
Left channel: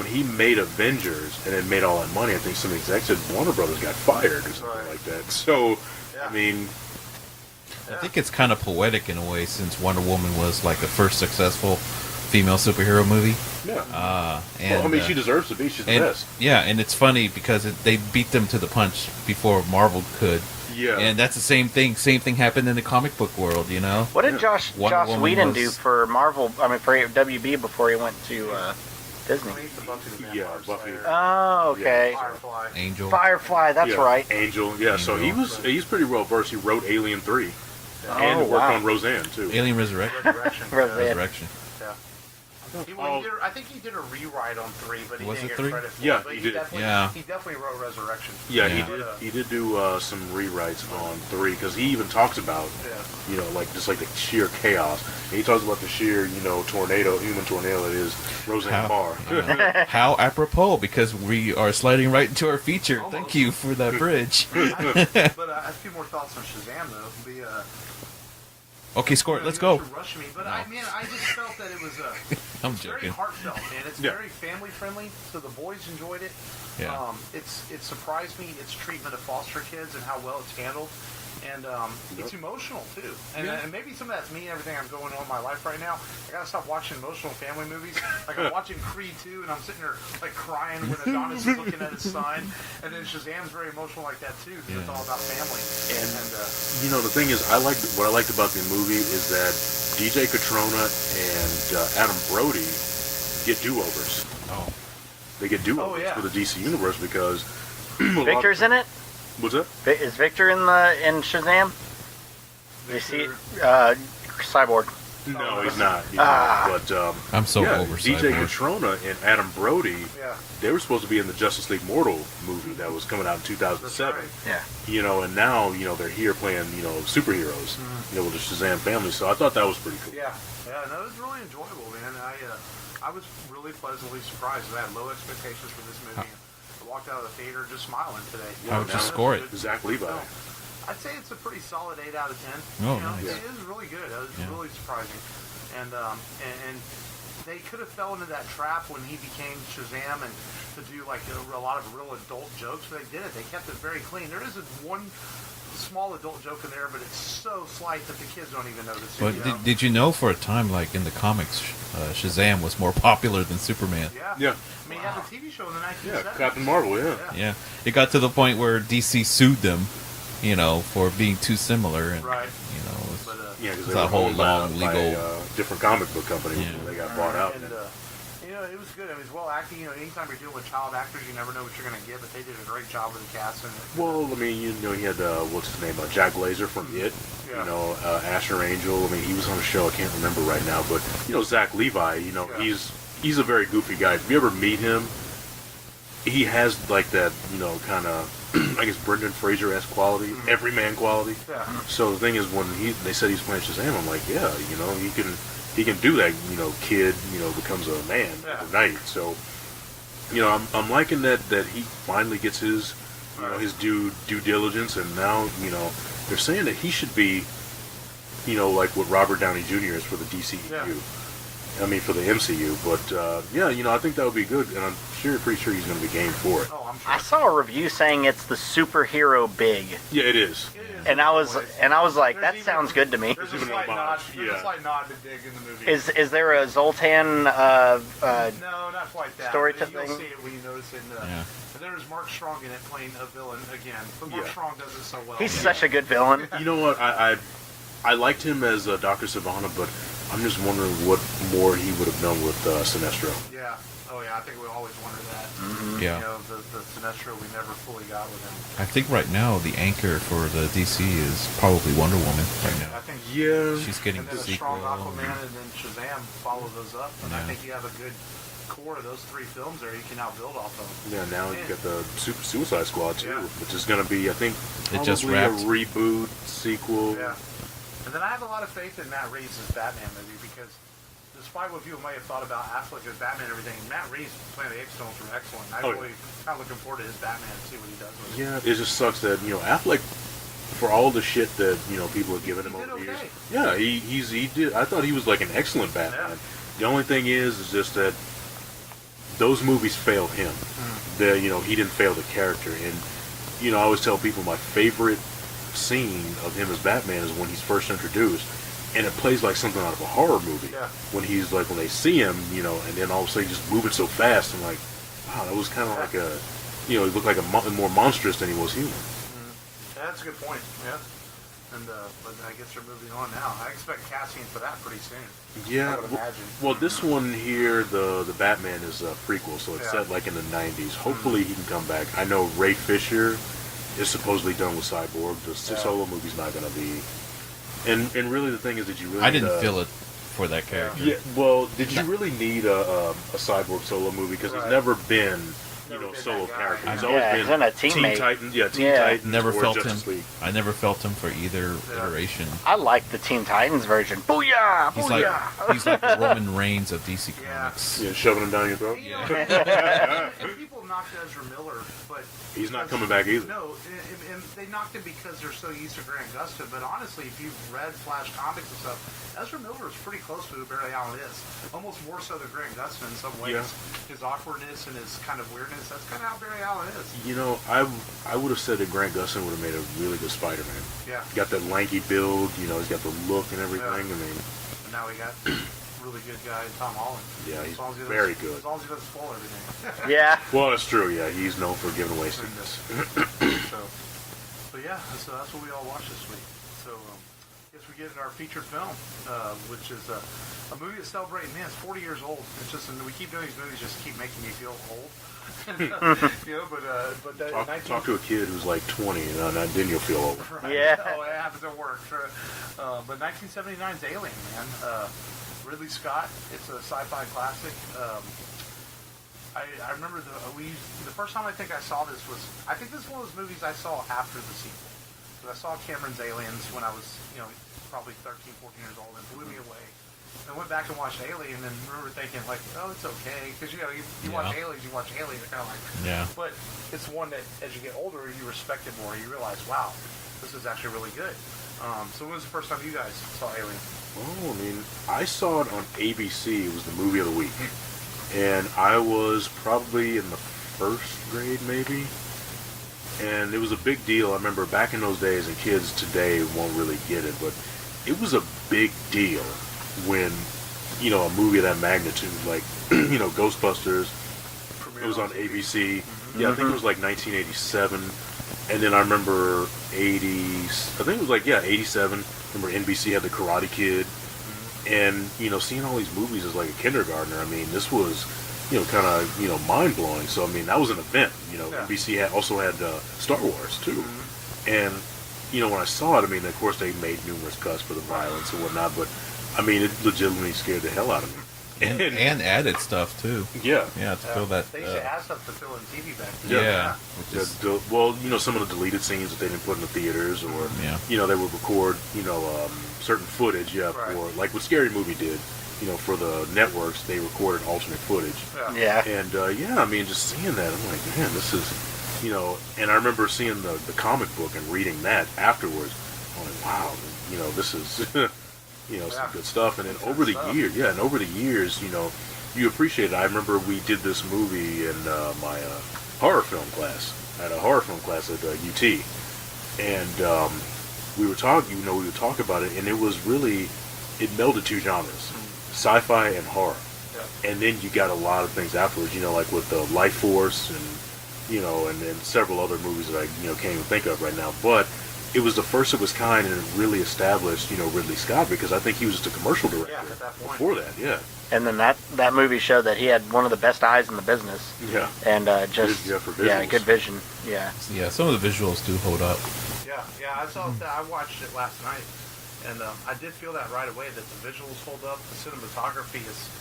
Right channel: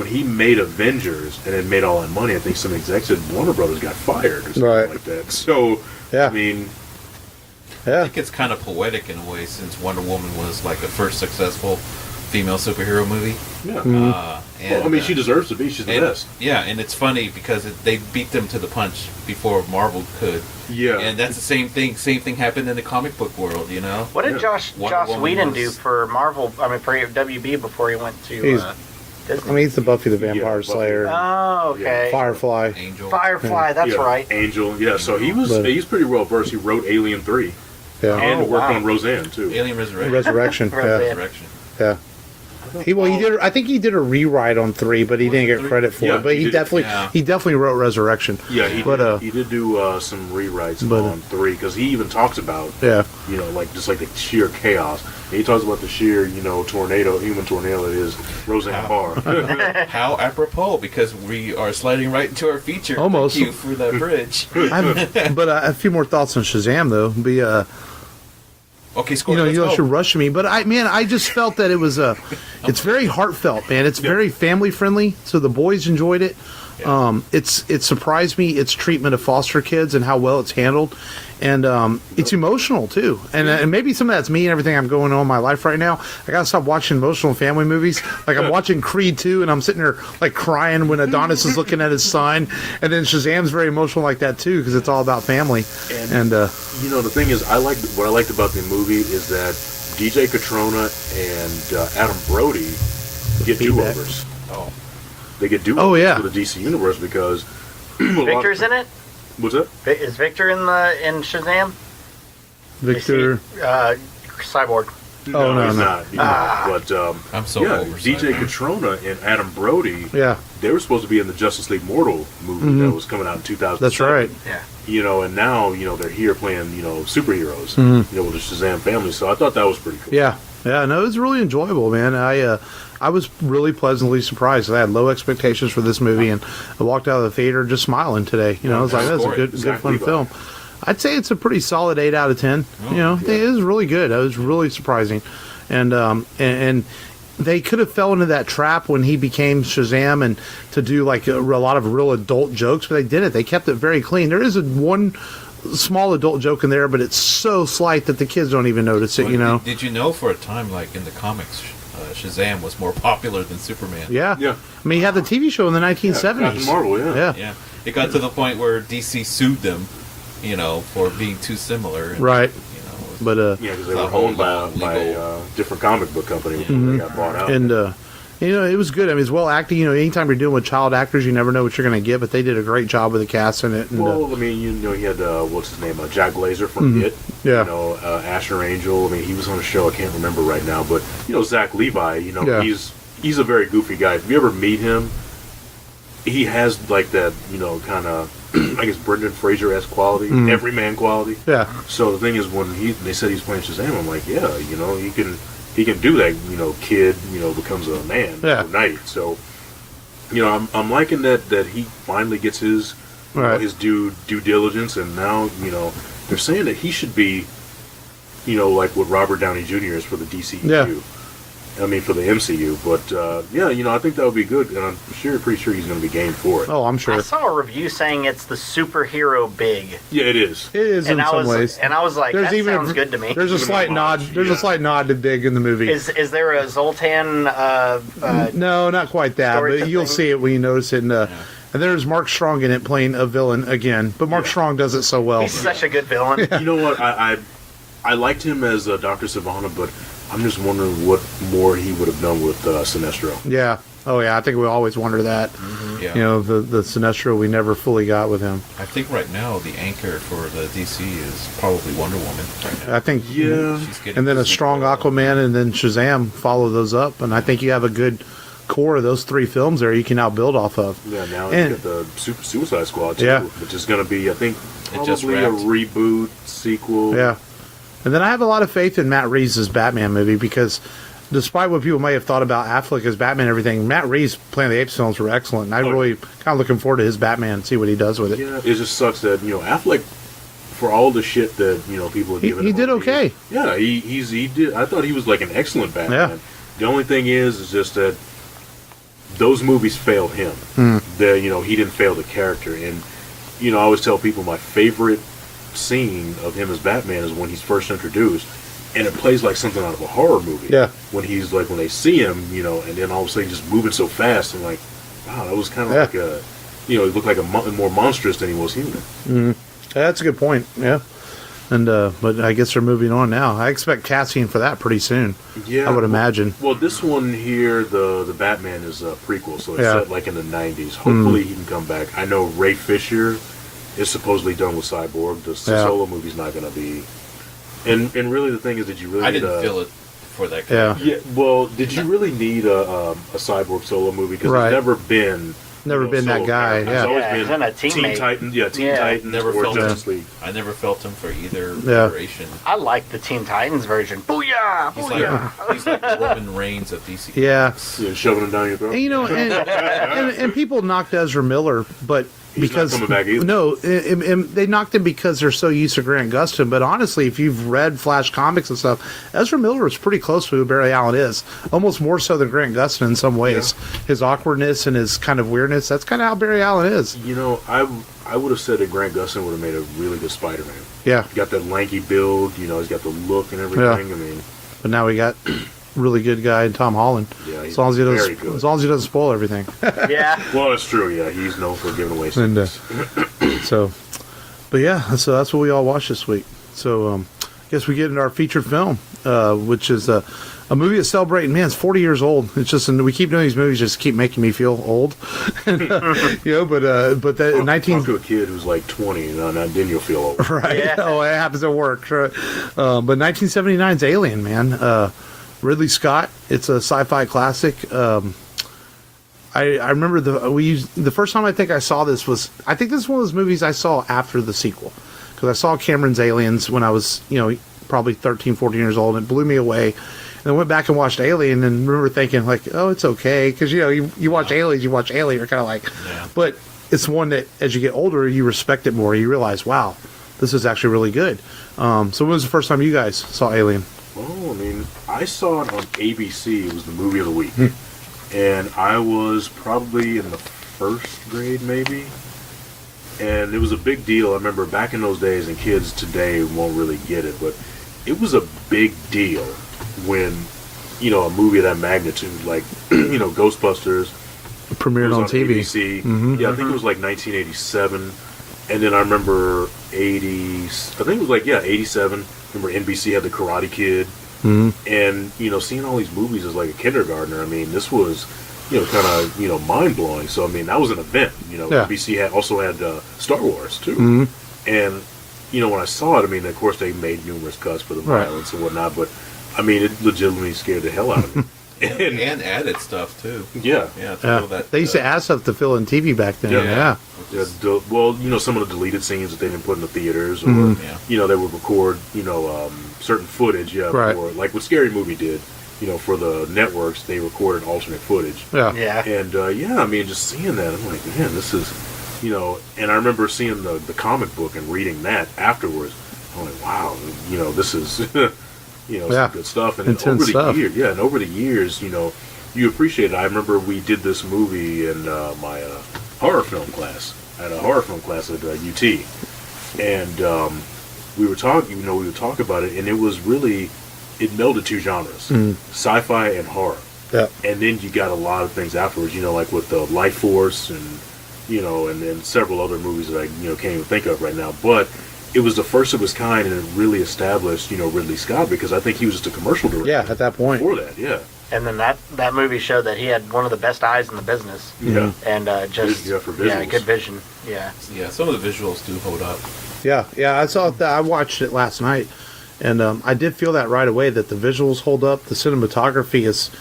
he made Avengers and it made all that money, I think some execs said Warner Brothers got fired or something Right. like that. So Yeah. I mean, I Yeah. think it's kind of poetic in a way, since Wonder Woman was like the first successful female superhero movie. yeah. Mm-hmm. And, Well, I mean, she deserves to be. She's the and, best. yeah, and it's funny because they beat them to the punch before Marvel could. Yeah. And that's the same thing. Same thing happened in the comic book world, What did Yeah. Joss Wonder Woman Whedon was- do for Marvel? I mean, for WB before he went to He's- Disney. I mean, he's the Buffy the Vampire Buffy. Slayer, Oh, okay. Firefly. Angel. Firefly, that's Yeah, right. Angel. Yeah. So But- he's pretty well versed. He wrote Alien 3 Yeah. and Oh, worked wow. on Roseanne too. Alien Resurrection. Resurrection. Roseanne. yeah. Resurrection. Yeah. He did. I think he did a rewrite on 3, but he Was didn't it get 3? credit for Yeah, it. But he he did. definitely wrote Resurrection. Yeah, he did do some rewrites But- on 3 because he even talks about Yeah. like just like the sheer chaos. And he talks about the sheer human tornado that is Roseanne How? Barr. How apropos, because we are sliding right into our feature. Almost. Thank you for that bridge. But a few more thoughts on Shazam though. Okay, score. You Let's guys go. are rushing me, but I just felt that it was it's very heartfelt, man. It's very family friendly, so the boys enjoyed it. Yeah. It surprised me its treatment of foster kids and how well it's handled, and it's emotional too. And maybe some of that's me and everything I'm going on in my life right now. I gotta stop watching emotional family movies. Like I'm watching Creed 2, and I'm sitting there like crying when Adonis is looking at his son, and then Shazam's very emotional like that too because it's all about family. And the thing is, what I liked about the movie is that DJ Catrona and Adam Brody get do-overs. Oh. They get do-overs Oh, yeah. for the DC universe because Victor's in it? What's that? Is Victor in Shazam? Victor. Cyborg. No, he's not. But I'm so over DJ Cyborg. Catrona and Adam Brody. Yeah. They were supposed to be in the Justice League Mortal movie that was coming out in 2007. That's right. Yeah. And now they're here playing superheroes. With the Shazam family. So I thought that was pretty cool. Yeah. No, it was really enjoyable, man. I was really pleasantly surprised. I had low expectations for this movie, and I walked out of the theater just smiling today. I was like, that's a good fun film. I'd say it's a pretty solid 8 out of 10. It is really good. It was really surprising, and they could have fell into that trap when he became Shazam and to do like a lot of real adult jokes, but they didn't. They kept it very clean. There is one small adult joke in there, but it's so slight that the kids don't even notice it. Well, did you know for a time, like in the comics, Shazam was more popular than Superman? Yeah. I mean, he had the TV show in the 1970s. Captain Marvel, Yeah. It got to the point where DC sued them, for being too similar. And, Right. But because they were owned by a different comic book company when they got bought out. And it was good. I mean, it's well acting. Anytime you're dealing with child actors, you never know what you're going to get. But they did a great job with the cast in it. And, he had what's his name, Jack Blazer from It. Yeah. Asher Angel. I mean, he was on a show I can't remember right now, but Zach Levi. He's a very goofy guy. If you ever meet him, he has like that kind of I guess Brendan Fraser-esque quality, everyman quality. Yeah. So the thing is, when they said he's playing Shazam, I'm like, yeah, he can do that. Kid, becomes a man overnight. So, I'm liking that he finally gets his his due diligence, and now they're saying that he should be, like what Robert Downey Jr. is for the DCEU. Yeah. I mean, for the MCU, but I think that would be good, and I'm pretty sure he's going to be game for it. Oh, I'm sure. I saw a review saying it's the superhero big. Yeah, it is. It is And in I some was ways. like, There's that sounds good to me. There's a slight nod. There's a slight nod to Big in the movie. Is there a Zoltan? No, not quite that. But you'll see it when you notice it. And there's Mark Strong in it playing a villain again. But Mark Strong does it so well. He's such a good villain. You know what? I liked him as Dr. Sivana, but I'm just wondering what more he would have done with Sinestro. Yeah. Oh, yeah. I think we always wonder that. Mm-hmm. Yeah. The Sinestro we never fully got with him. I think right now the anchor for the DC is probably Wonder Woman right now. I think. Yeah. She's getting And then a strong Aquaman and then Shazam follow those up. And I think you have a good core of those 3 films there you can now build off of. Yeah, now you got the Suicide Squad, too, which is going to be, I think, probably a reboot, sequel. Yeah. And then I have a lot of faith in Matt Reeves' Batman movie because despite what people may have thought about Affleck as Batman and everything, Matt Reeves' Planet of the Apes films were excellent. And I'm really kind of looking forward to his Batman and see what he does with it. Yeah, it just sucks that, Affleck, for all the shit that, people have given him. He did okay. Yeah, he did. I thought he was like an excellent Batman. Yeah. The only thing is just that those movies failed him. He didn't fail the character. And, I always tell people my favorite scene of him as Batman is when he's first introduced, and it plays like something out of a horror movie. Yeah. When he's like, when they see him, and then all of a sudden he's just moving so fast, and like, wow, that was kind of like a, he looked like more monstrous than he was human. Mm-hmm. That's a good point. Yeah. And but I guess they're moving on now. I expect casting for that pretty soon. Yeah, I would imagine. Well, this one here, the Batman is a prequel, so it's set like in the 90s. Hopefully he can come back. I know Ray Fisher is supposedly done with Cyborg. The solo movie's not going to be. And really, the thing is that you really. I didn't feel it for that character. Yeah. Well, did you really need a Cyborg solo movie? Because it's never been. Never been that guy. He's always been a teammate. Teen Titans. Yeah, Teen Titans. Never felt Justice him. League. I never felt him for either iteration. I like the Teen Titans version. Booyah! Booyah! He's like the Roman Reigns of DC Comics. Yeah, shoving him down your throat. And, and people knocked Ezra Miller, but He's because not coming back either. No, and they knocked him because they're so used to Grant Gustin. But honestly, if you've read Flash comics and stuff, Ezra Miller is pretty close to who Barry Allen is. Almost more so than Grant Gustin in some ways. Yeah. His awkwardness and his kind of weirdness, that's kind of how Barry Allen is. I would have said that Grant Gustin would have made a really good Spider-Man. Yeah. He got that lanky build, he's got the look and everything. Yeah. I mean, but now we got really good guy in Tom Holland. Yeah, he's as long as he doesn't, very good. As long as he doesn't spoil everything. Yeah. Well, that's true. Yeah, he's known for giving away secrets. But that's what we all watched this week. So, I guess we get into our featured film, which is a movie that's celebrating, man, it's 40 years old. It's just, and we keep doing these movies just keep making me feel old. But that 19... Talk to a kid who's like 20, and then you'll feel old. Right. Yeah. Oh, it happens at work. But 1979's Alien, man. Ridley Scott. It's a sci-fi classic. I remember the first time I think I saw this was, I think this is one of those movies I saw after the sequel. Because I saw Cameron's Aliens when I was, probably 13, 14 years old, and it blew me away. And I went back and watched Alien and remember thinking, like, oh, it's okay. Because, you watch Aliens, you watch Alien, you're kind of like... Yeah. But it's one that, as you get older, you respect it more. You realize, wow, this is actually really good. So when was the first time you guys saw Alien? Oh, I mean, I saw it on ABC. It was the movie of the week. And I was probably in the first grade, maybe. And it was a big deal. I remember back in those days, and kids today won't really get it, but it was a big deal when, a movie of that magnitude, like, Ghostbusters, Premiered on TV. ABC. Mm-hmm. Yeah, I think it was like 1987. And then I remember 87. Remember NBC had the Karate Kid. Mm-hmm. And, seeing all these movies as like a kindergartner, I mean, this was, kind of, mind-blowing. So, I mean, that was an event. NBC also had Star Wars, too. Mm-hmm. And, when I saw it, I mean, of course, they made numerous cuts for the violence and whatnot, but, I mean, it legitimately scared the hell out of me. and added stuff, too. Yeah. Yeah, to fill that... They used to add stuff to fill in TV back then. Yeah. Well, some of the deleted scenes that they didn't put in the theaters, or, they would record, certain footage, right. For, like what Scary Movie did, for the networks, they recorded alternate footage. Yeah. And, I mean, just seeing that, I'm like, man, this is, and I remember seeing the comic book and reading that afterwards. I'm like, wow, this is, some good stuff. And over the years, you appreciate it. I remember we did this movie in my horror film class. I had a horror film class at UT. And we would talk about it, and it was really, it melded two genres, sci-fi and horror. Yeah. And then you got a lot of things afterwards, like with the Life Force and, and then several other movies that I, can't even think of right now. But it was the first of its kind, and it really established, Ridley Scott, because I think he was just a commercial director. Yeah, at that point. Before that, yeah. And then that movie showed that he had one of the best eyes in the business. Yeah. And for visuals. Good vision. Yeah. Yeah, some of the visuals do hold up. Yeah, I saw that. I watched it last night, and I did feel that right away, that the visuals hold up. The cinematography is...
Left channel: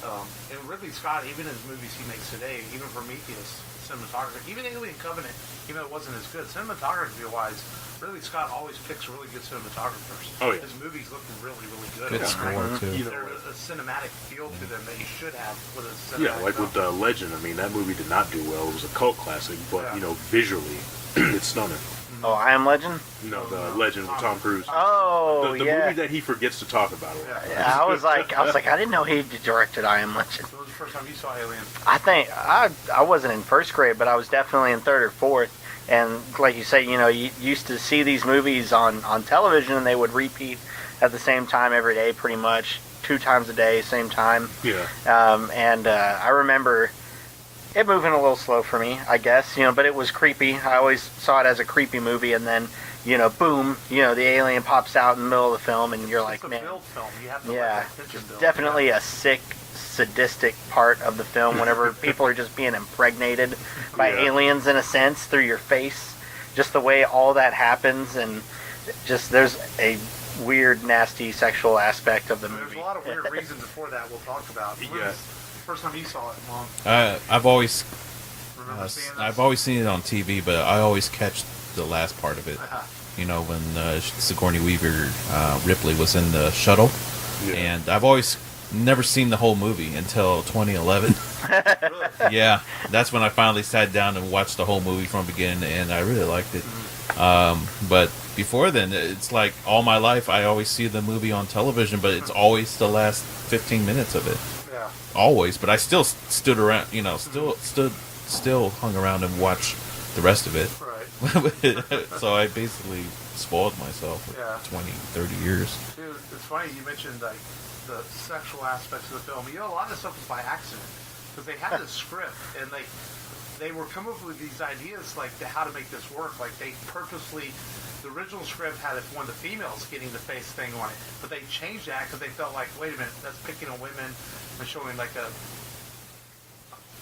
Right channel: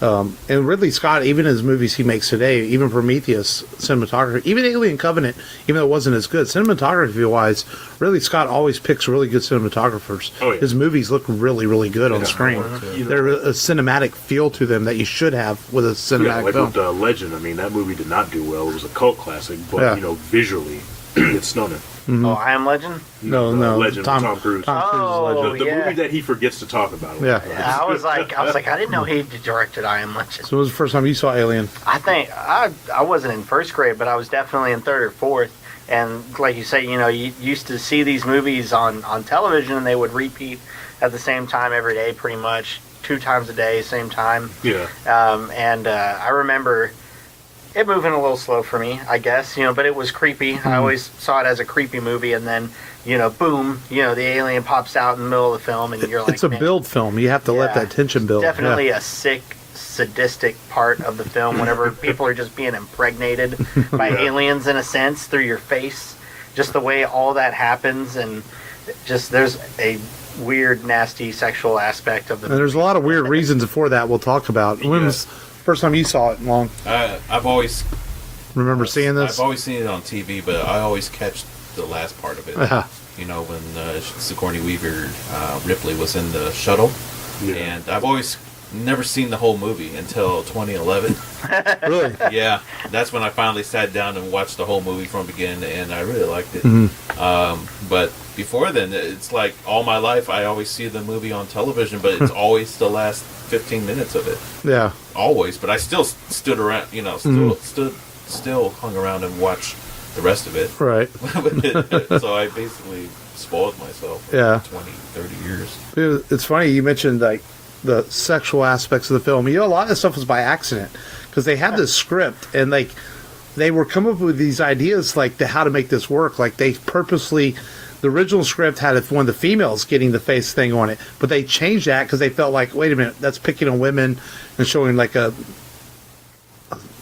and Ridley Scott, even in his movies he makes today, even Prometheus, cinematography, even Alien Covenant, even though it wasn't as good, cinematography-wise, Ridley Scott always picks really good cinematographers. Oh, yeah. His movies look really, really good on screen. There's a cinematic feel to them that you should have with a cinematic film. With Legend, I mean, that movie did not do well. It was a cult classic, but, visually, it's stunning. Mm-hmm. Oh, I Am Legend? No. Legend with Tom Cruise. Oh, the movie that he forgets to talk about. Yeah. I was like, I didn't know he directed I Am Legend. So when was the first time you saw Alien? I think I wasn't in first grade, but I was definitely in third or fourth. And like you say, you used to see these movies on television, and they would repeat at the same time every day, pretty much 2 times a day, same time. Yeah. I remember it moving a little slow for me, I guess, but it was creepy. I always saw it as a creepy movie, and then, boom, the alien pops out in the middle of the film, and you're like, it's a build film. You have to let that tension build. Definitely a sick, sadistic part of the film whenever people are just being impregnated by aliens, in a sense, through your face. Just the way all that happens, and just there's a weird, nasty sexual aspect of the movie. And there's a lot of weird reasons for that we'll talk about. When was the first time you saw it, Long? I've always... Remember seeing this? I've always seen it on TV, but I always catch the last part of it. When Sigourney Weaver, Ripley was in the shuttle. Yeah. And I've always never seen the whole movie until 2011. Really? Yeah. That's when I finally sat down and watched the whole movie from beginning to end. I really liked it. But before then, it's like all my life I always see the movie on television, but it's always the last 15 minutes of it. Yeah. Always. But I still stood around, still hung around and watched the rest of it. Right. So I basically spoiled myself for 20, 30 years. Dude, it's funny you mentioned like the sexual aspects of the film. A lot of stuff was by accident because they had this script and like they were coming up with these ideas like how to make this work. Like they purposely the original script had one of the females getting the face thing on it, but they changed that because they felt like, wait a minute, that's picking on women and showing like an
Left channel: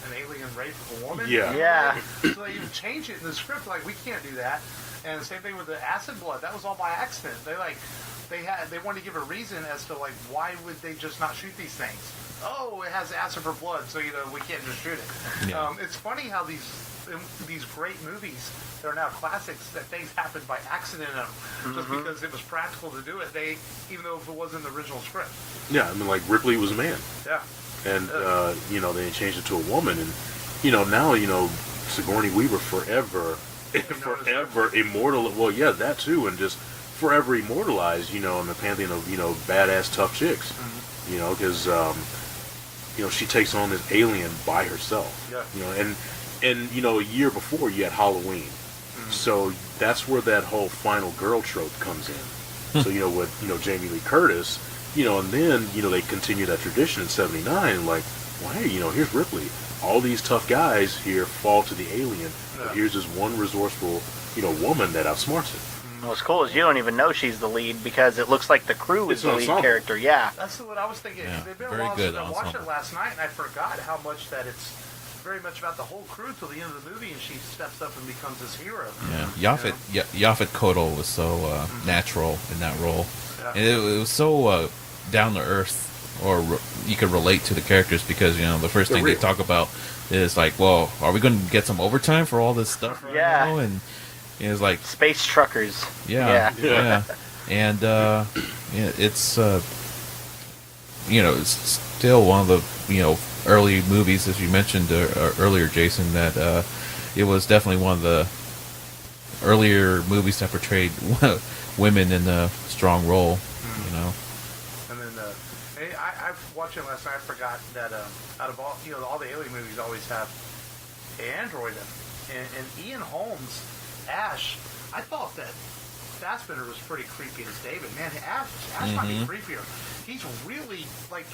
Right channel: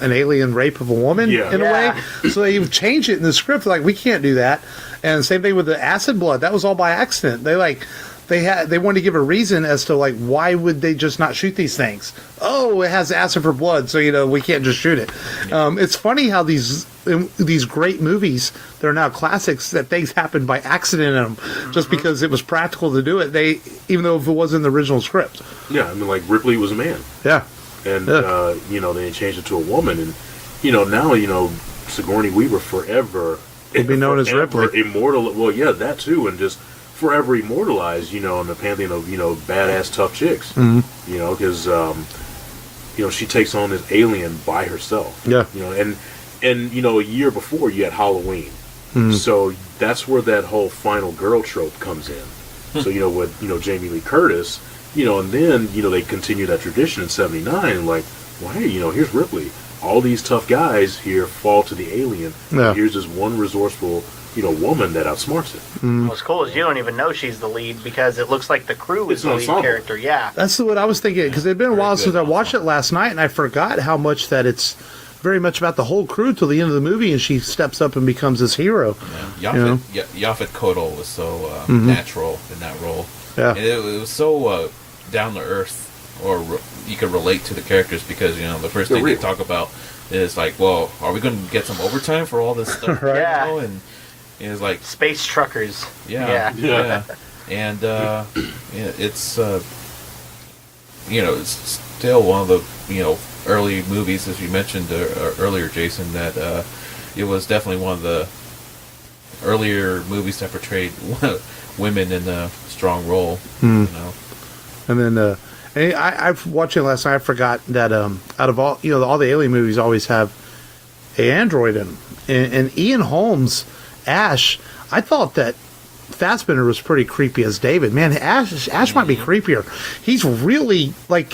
alien rape of a woman in a way. So they changed it in the script. Like, we can't do that. And same thing with the acid blood. That was all by accident. They wanted to give a reason as to like why would they just not shoot these things. Oh, it has acid for blood, so we can't just shoot it. Yeah. It's funny how these great movies, they're now classics, that things happened by accident in them, just because it was practical to do it. Even though if it wasn't the original script. Yeah, I mean, like Ripley was a man. Yeah. And they changed it to a woman, and now Sigourney Weaver forever would be known as Ripley. Immortal. Well, yeah, that too, and just forever immortalized, in the pantheon of badass tough chicks. Because she takes on this alien by herself. Yeah. And a year before you had Halloween, so that's where that whole final girl trope comes in. So with Jamie Lee Curtis, and then they continue that tradition in '79, and like, well, hey, here's Ripley. All these tough guys here fall to the alien. Yeah. Here's this one resourceful woman that outsmarts it. What's cool is you don't even know she's the lead because it looks like the crew is the lead character. Yeah, that's what I was thinking, because it's been a while since I watched it last night, and I forgot how much that it's very much about the whole crew till the end of the movie, and she steps up and becomes this hero. Yeah, Yaphet Kotto was so natural in that role. Yeah, and it was so down to earth, or you could relate to the characters, because the first thing they talk about is like, well, are we going to get some overtime for all this stuff? Right. Yeah, and it's like space truckers. Yeah. And it's it's still one of the early movies, as you mentioned earlier, Jason, that it was definitely one of the earlier movies that portrayed women in a strong role. And then I watching it last night. I forgot that out of all all the alien movies always have an android in, and Ian Holmes, Ash. I thought that Fassbender was pretty creepy as David. Man, Ash might be creepier. He's really like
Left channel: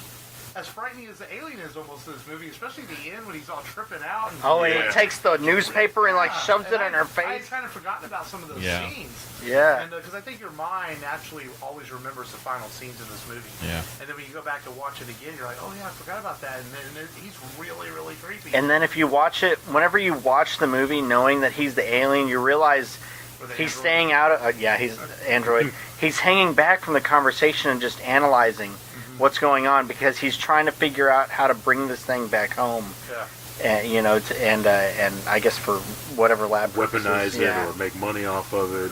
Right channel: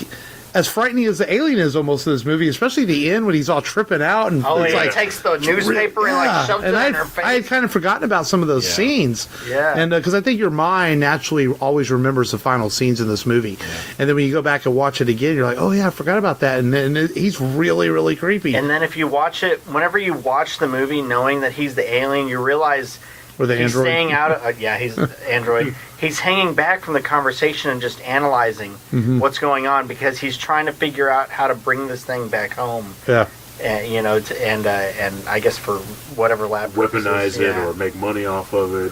as frightening as the alien is almost in this movie, especially the end when he's all tripping out and he takes the newspaper and like shoves it in her face. I had kind of forgotten about some of those scenes. Yeah, and because I think your mind naturally always remembers the final scenes in this movie. Yeah. And then when you go back and watch it again, you're like, oh yeah, I forgot about that. And then he's really, really creepy. And then if you watch it, whenever you watch the movie knowing that he's the alien, you realize he's staying out of... he's android. He's hanging back from the conversation and just analyzing what's going on, because he's trying to figure out how to bring this thing back home. Yeah. And I guess for whatever lab purposes. Weaponize it or make money off of it.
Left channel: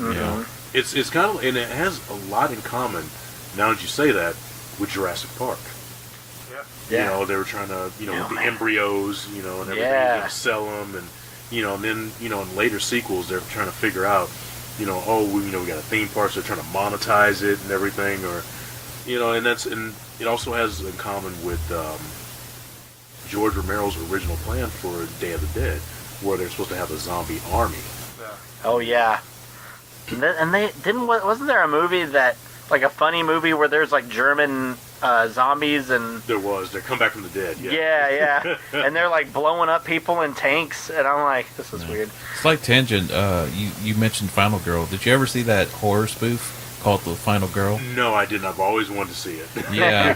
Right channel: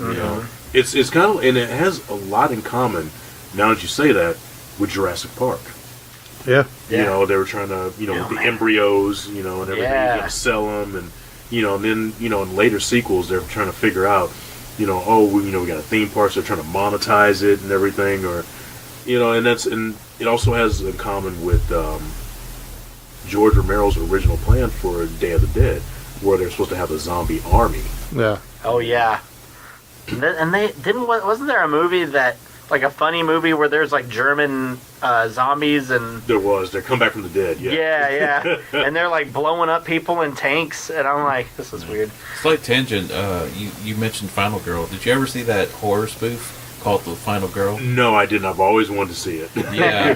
It's kind of... And it has a lot in common, now that you say that, with Jurassic Park. Yeah. They were trying to, the embryos, and everything, sell them, and... and then, in later sequels, they're trying to figure out, we got a theme park, so they're trying to monetize it and everything, or, and it also has in common with George Romero's original plan for Day of the Dead, where they're supposed to have a zombie army. Yeah. Oh, yeah. And they wasn't there a movie that, like a funny movie where there's like German zombies and... There was. They come back from the dead, Yeah. And they're like blowing up people in tanks, and I'm like, this is weird. Slight tangent, you mentioned Final Girl. Did you ever see that horror spoof called The Final Girl? No, I didn't. I've always wanted to see it. Yeah.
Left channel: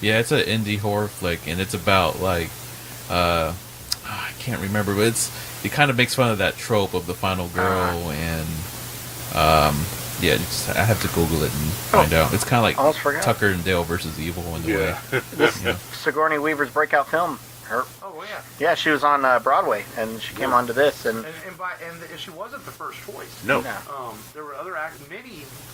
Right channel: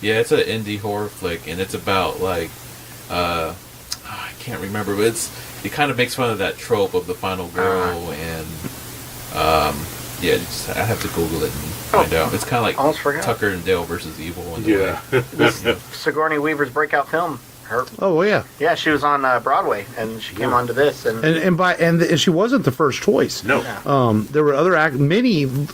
Yeah, it's an indie horror flick, and it's about like... I can't remember, but it kind of makes fun of that trope of the final girl, and... I have to Google it and find out. It's kind of like Tucker and Dale versus Evil in the way. Sigourney Weaver's breakout film. Oh well, yeah. Yeah, she was on Broadway, and she came onto this, and she wasn't the first choice. No. There were other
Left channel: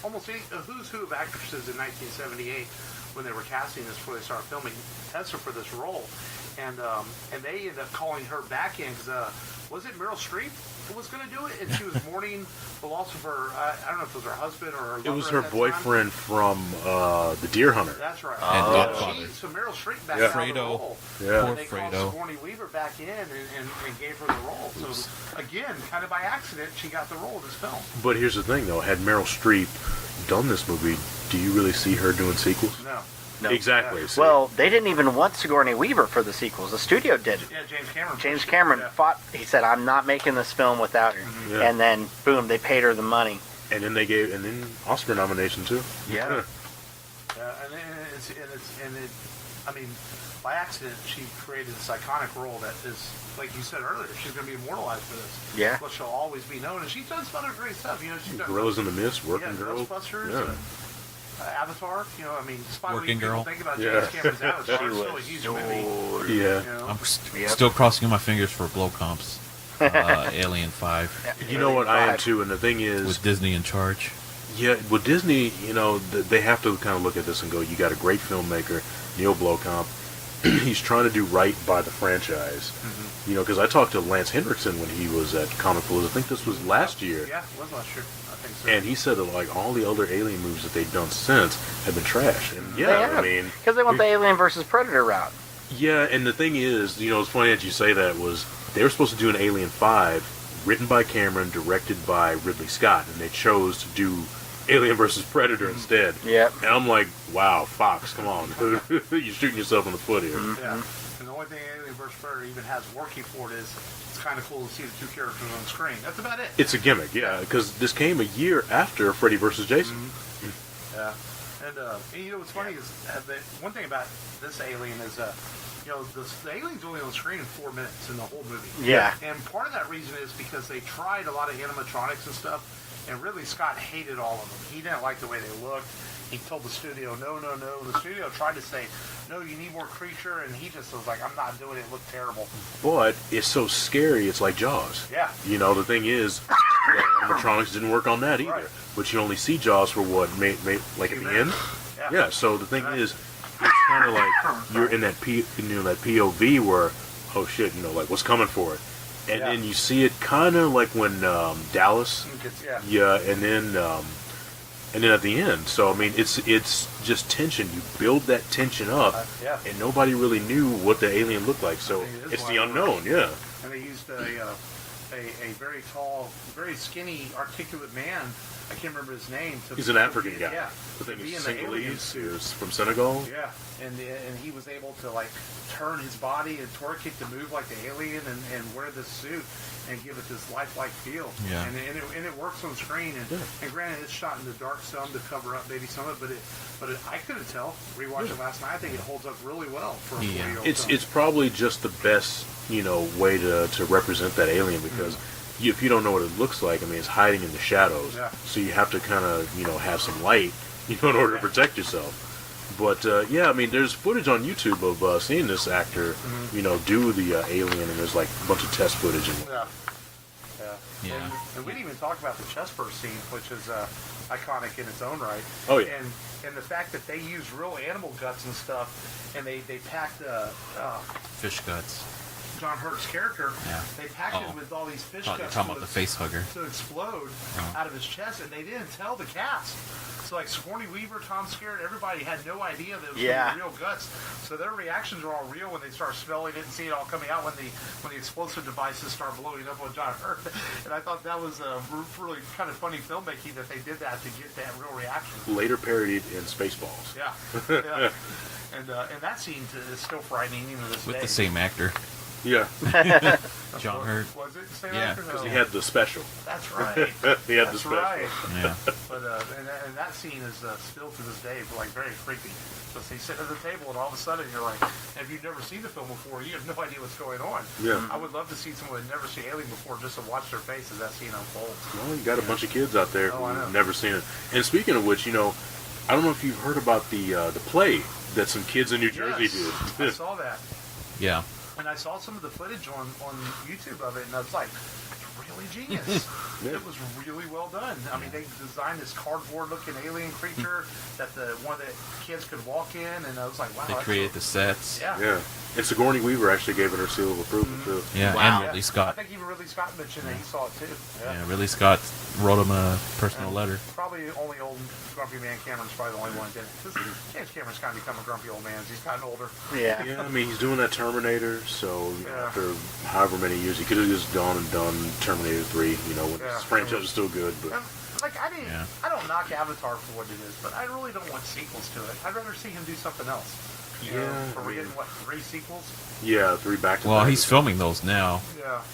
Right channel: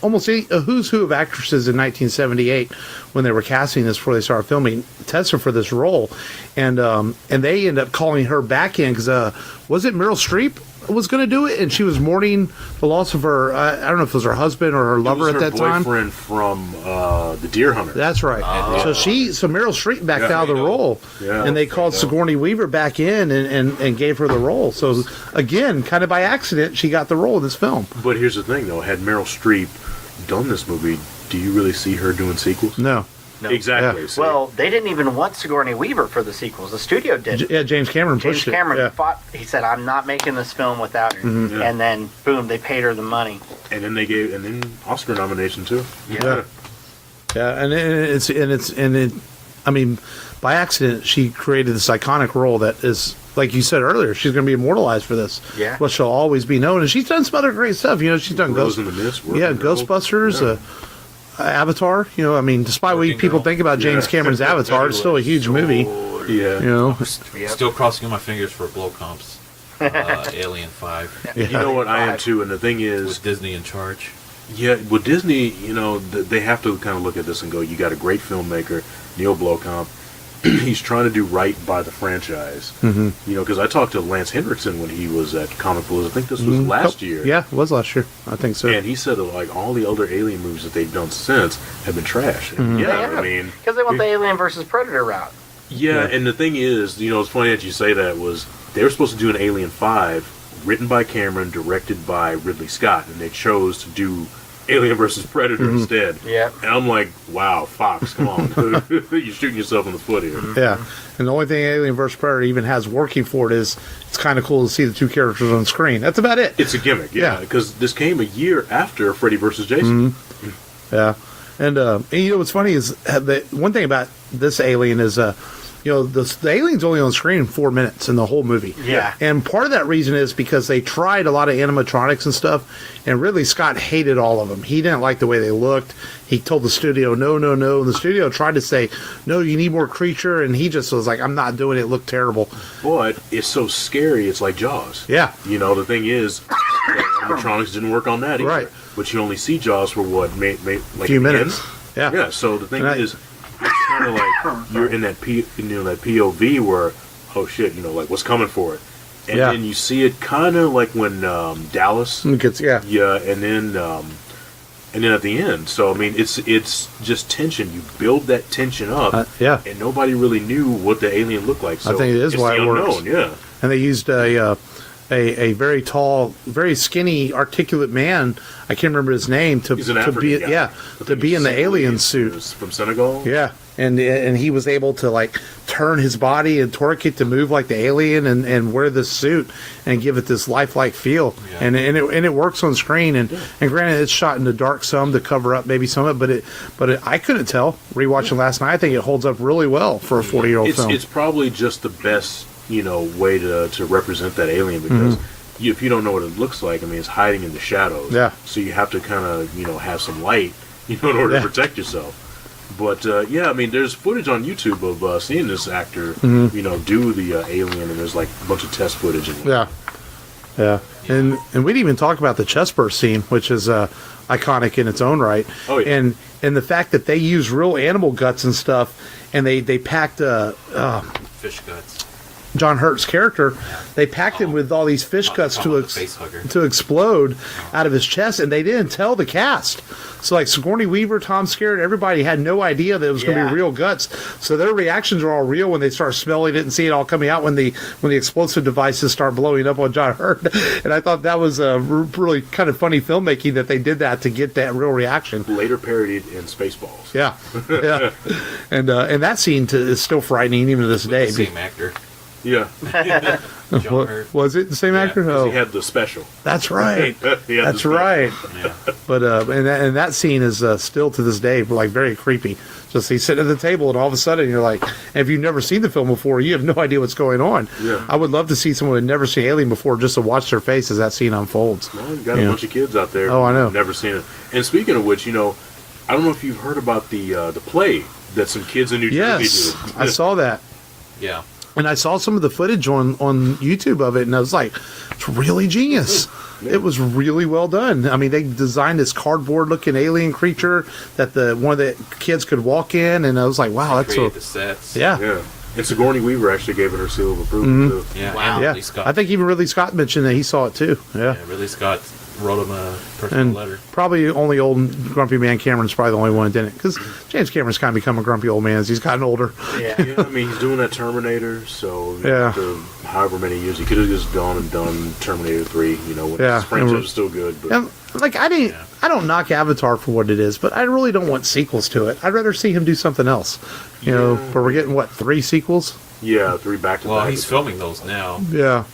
almost a who's who of actresses in 1978 when they were casting this before they started filming, tested for this role, and they ended up calling her back in because was it Meryl Streep was going to do it, and she was mourning the loss of her. I don't know if it was her husband or her lover at that time. It was her boyfriend from The Deer Hunter. That's right. So Meryl Streep backed out of the role, and they called Sigourney Weaver back in and gave her the role. So again, kind of by accident, she got the role of this film. But here's the thing, though: had Meryl Streep done this movie, do you really see her doing sequels? No. Exactly. Yeah. Well, they didn't even want Sigourney Weaver for the sequels. The studio did. Yeah, James Cameron fought. He said, "I'm not making this film without her." And then, boom, they paid her the money. And then Oscar nomination too. Yeah. Yeah, I mean, by accident, she created this iconic role that is, like you said earlier, she's going to be immortalized for this. Yeah. But she'll always be known. And she's done some other great stuff. You know, she's done Rose in the Mist. Ghostbusters, Avatar. You know, I mean, despite what people think about James Cameron's Avatar, it's still a huge movie. Yeah. You know, Still crossing my fingers for blow comps. Alien 5. You know what, I am too, and the thing is, With Disney in charge. yeah, with Disney, you know, they have to kind of look at this and go, you got a great filmmaker, Neil Blomkamp. He's trying to do right by the franchise. Mm-hmm. You know, because I talked to Lance Henriksen when he was at Comic Palooza. I think this was last year. Yeah, it was last year. I think so. And he said that, like, all the other Alien movies that they've done since have been trash. And I mean, because they went the Alien versus Predator route. Yeah, and the thing is, you know, it's funny that you say that, was they were supposed to do an Alien 5 written by Cameron, directed by Ridley Scott, and they chose to do Alien vs. Predator instead. Yeah. And I'm like, wow, Fox, come on. You're shooting yourself in the foot here. Yeah. And the only thing Alien vs. Predator even has working for it is it's kind of cool to see the two characters on screen. That's about it. It's a gimmick, yeah, because this came a year after Freddy vs. Jason. Yeah. And you know what's funny is the one thing about this Alien is you know, the alien's only on screen 4 minutes in the whole movie. Yeah. And part of that reason is because they tried a lot of animatronics and stuff, and Ridley Scott hated all of them. He didn't like the way they looked. He told the studio, no. And the studio tried to say, no, you need more creature, and he just was like, I'm not doing it. It looked terrible. But it's so scary, it's like Jaws. Yeah. You know, the thing is, the animatronics didn't work on that either. Right. But you only see Jaws for what, like A few minutes. End? Yeah. Yeah, so the thing is, it's kind of like you're in that that POV where, oh shit, you know, like what's coming for it, and then you see it kind of like when Dallas, and then at the end. So I mean, it's just tension. You build that tension up, and nobody really knew what the alien looked like. So I think it is it's why the it unknown, works. And they used a very tall, very skinny, articulate man. I can't remember his name. He's an African guy. To be in the alien suit. From Senegal. Yeah, and he was able to like turn his body and torque it to move like the alien and wear this suit and give it this lifelike feel. Yeah. And it works on screen. And granted, it's shot in the dark some to cover up maybe some of it, but I couldn't tell rewatching last night. I think it holds up really well for a 40-year-old film. It's probably just the best way to represent that alien, because if you don't know what it looks like, I mean, it's hiding in the shadows. Yeah. So you have to kind of have some light in order to protect yourself. But I mean, there's footage on YouTube of seeing this actor do the alien, and there's like a bunch of test footage. Yeah. And we didn't even talk about the chest burst scene, which is iconic in its own right. Oh yeah. And the fact that they use real animal guts and stuff, and they packed fish guts. John Hurt's character, they packed him with all these fish guts to explode out of his chest, and they didn't tell the cast. So like Sigourney Weaver, Tom Skerritt, everybody had no idea that it was going to be real guts. So their reactions are all real when they start smelling it and see it all coming out when the explosive devices start blowing up on John Hurt. And I thought that was really kind of funny filmmaking that they did that to get that real reaction. Later parodied in Spaceballs. Yeah. And that scene is still frightening even to this day. The same actor. Yeah. John Hurt. Was it the same actor? Oh. He had the special. That's right. That's right. Yeah. But and that scene is still to this day like very creepy. Just he's sitting at the table, and all of a sudden you're like, if you've never seen the film before, you have no idea what's going on. Yeah. I would love to see someone who had never seen Alien before just to watch their face as that scene unfolds. Well, you got a bunch of kids out there I know. who've never seen it. And speaking of which, I don't know if you've heard about the play that some kids in New Jersey did. I saw that. Yeah. And I saw some of the footage on YouTube of it, and I was like, it's really genius. Yeah. It was really well done. I mean, they designed this cardboard-looking alien creature that one of the kids could walk in, and I was like, wow, that's created the sets. Yeah. And Sigourney Weaver actually gave it her seal of approval, too. Yeah, wow. and Ridley Scott. I think even Ridley Scott mentioned that he saw it, too. Yeah, Ridley Scott wrote him a personal letter. Probably only old grumpy man Cameron's probably the only one who didn't, because James Cameron's kind of become a grumpy old man as he's gotten older. Yeah. I mean, he's doing that Terminator, so after however many years, he could have just gone and done Terminator 3, when his franchise was still good. But. And, I don't knock Avatar for what it is, but I really don't want sequels to it. I'd rather see him do something else. But we're getting, 3 sequels? Yeah, 3 back-to-back. Well, he's filming those now. Yeah.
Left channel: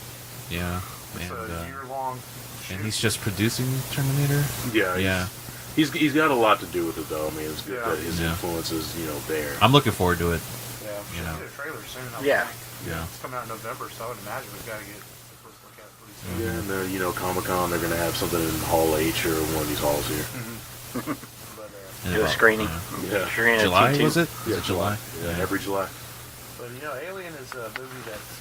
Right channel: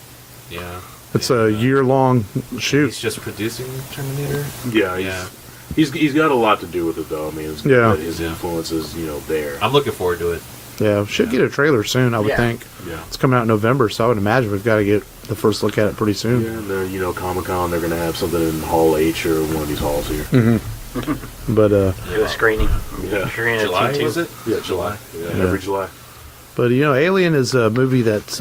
Yeah. It's And, a year-long and shoot. he's just producing Terminator. Yeah, Yeah. He's got a lot to do with it, though. I mean, it's good Yeah. that his Yeah. influence is, there. I'm looking forward to it. Yeah, should get a trailer soon, I would Yeah. think. Yeah. It's coming out in November, so I would imagine we've got to get the first look at it pretty soon. Yeah, and they're, Comic-Con, they're going to have something in Hall H or one of these halls here. But Do a screening. Yeah. Screening at July, Q2. was it? Yeah, July. Yeah, every July. Alien is a movie that's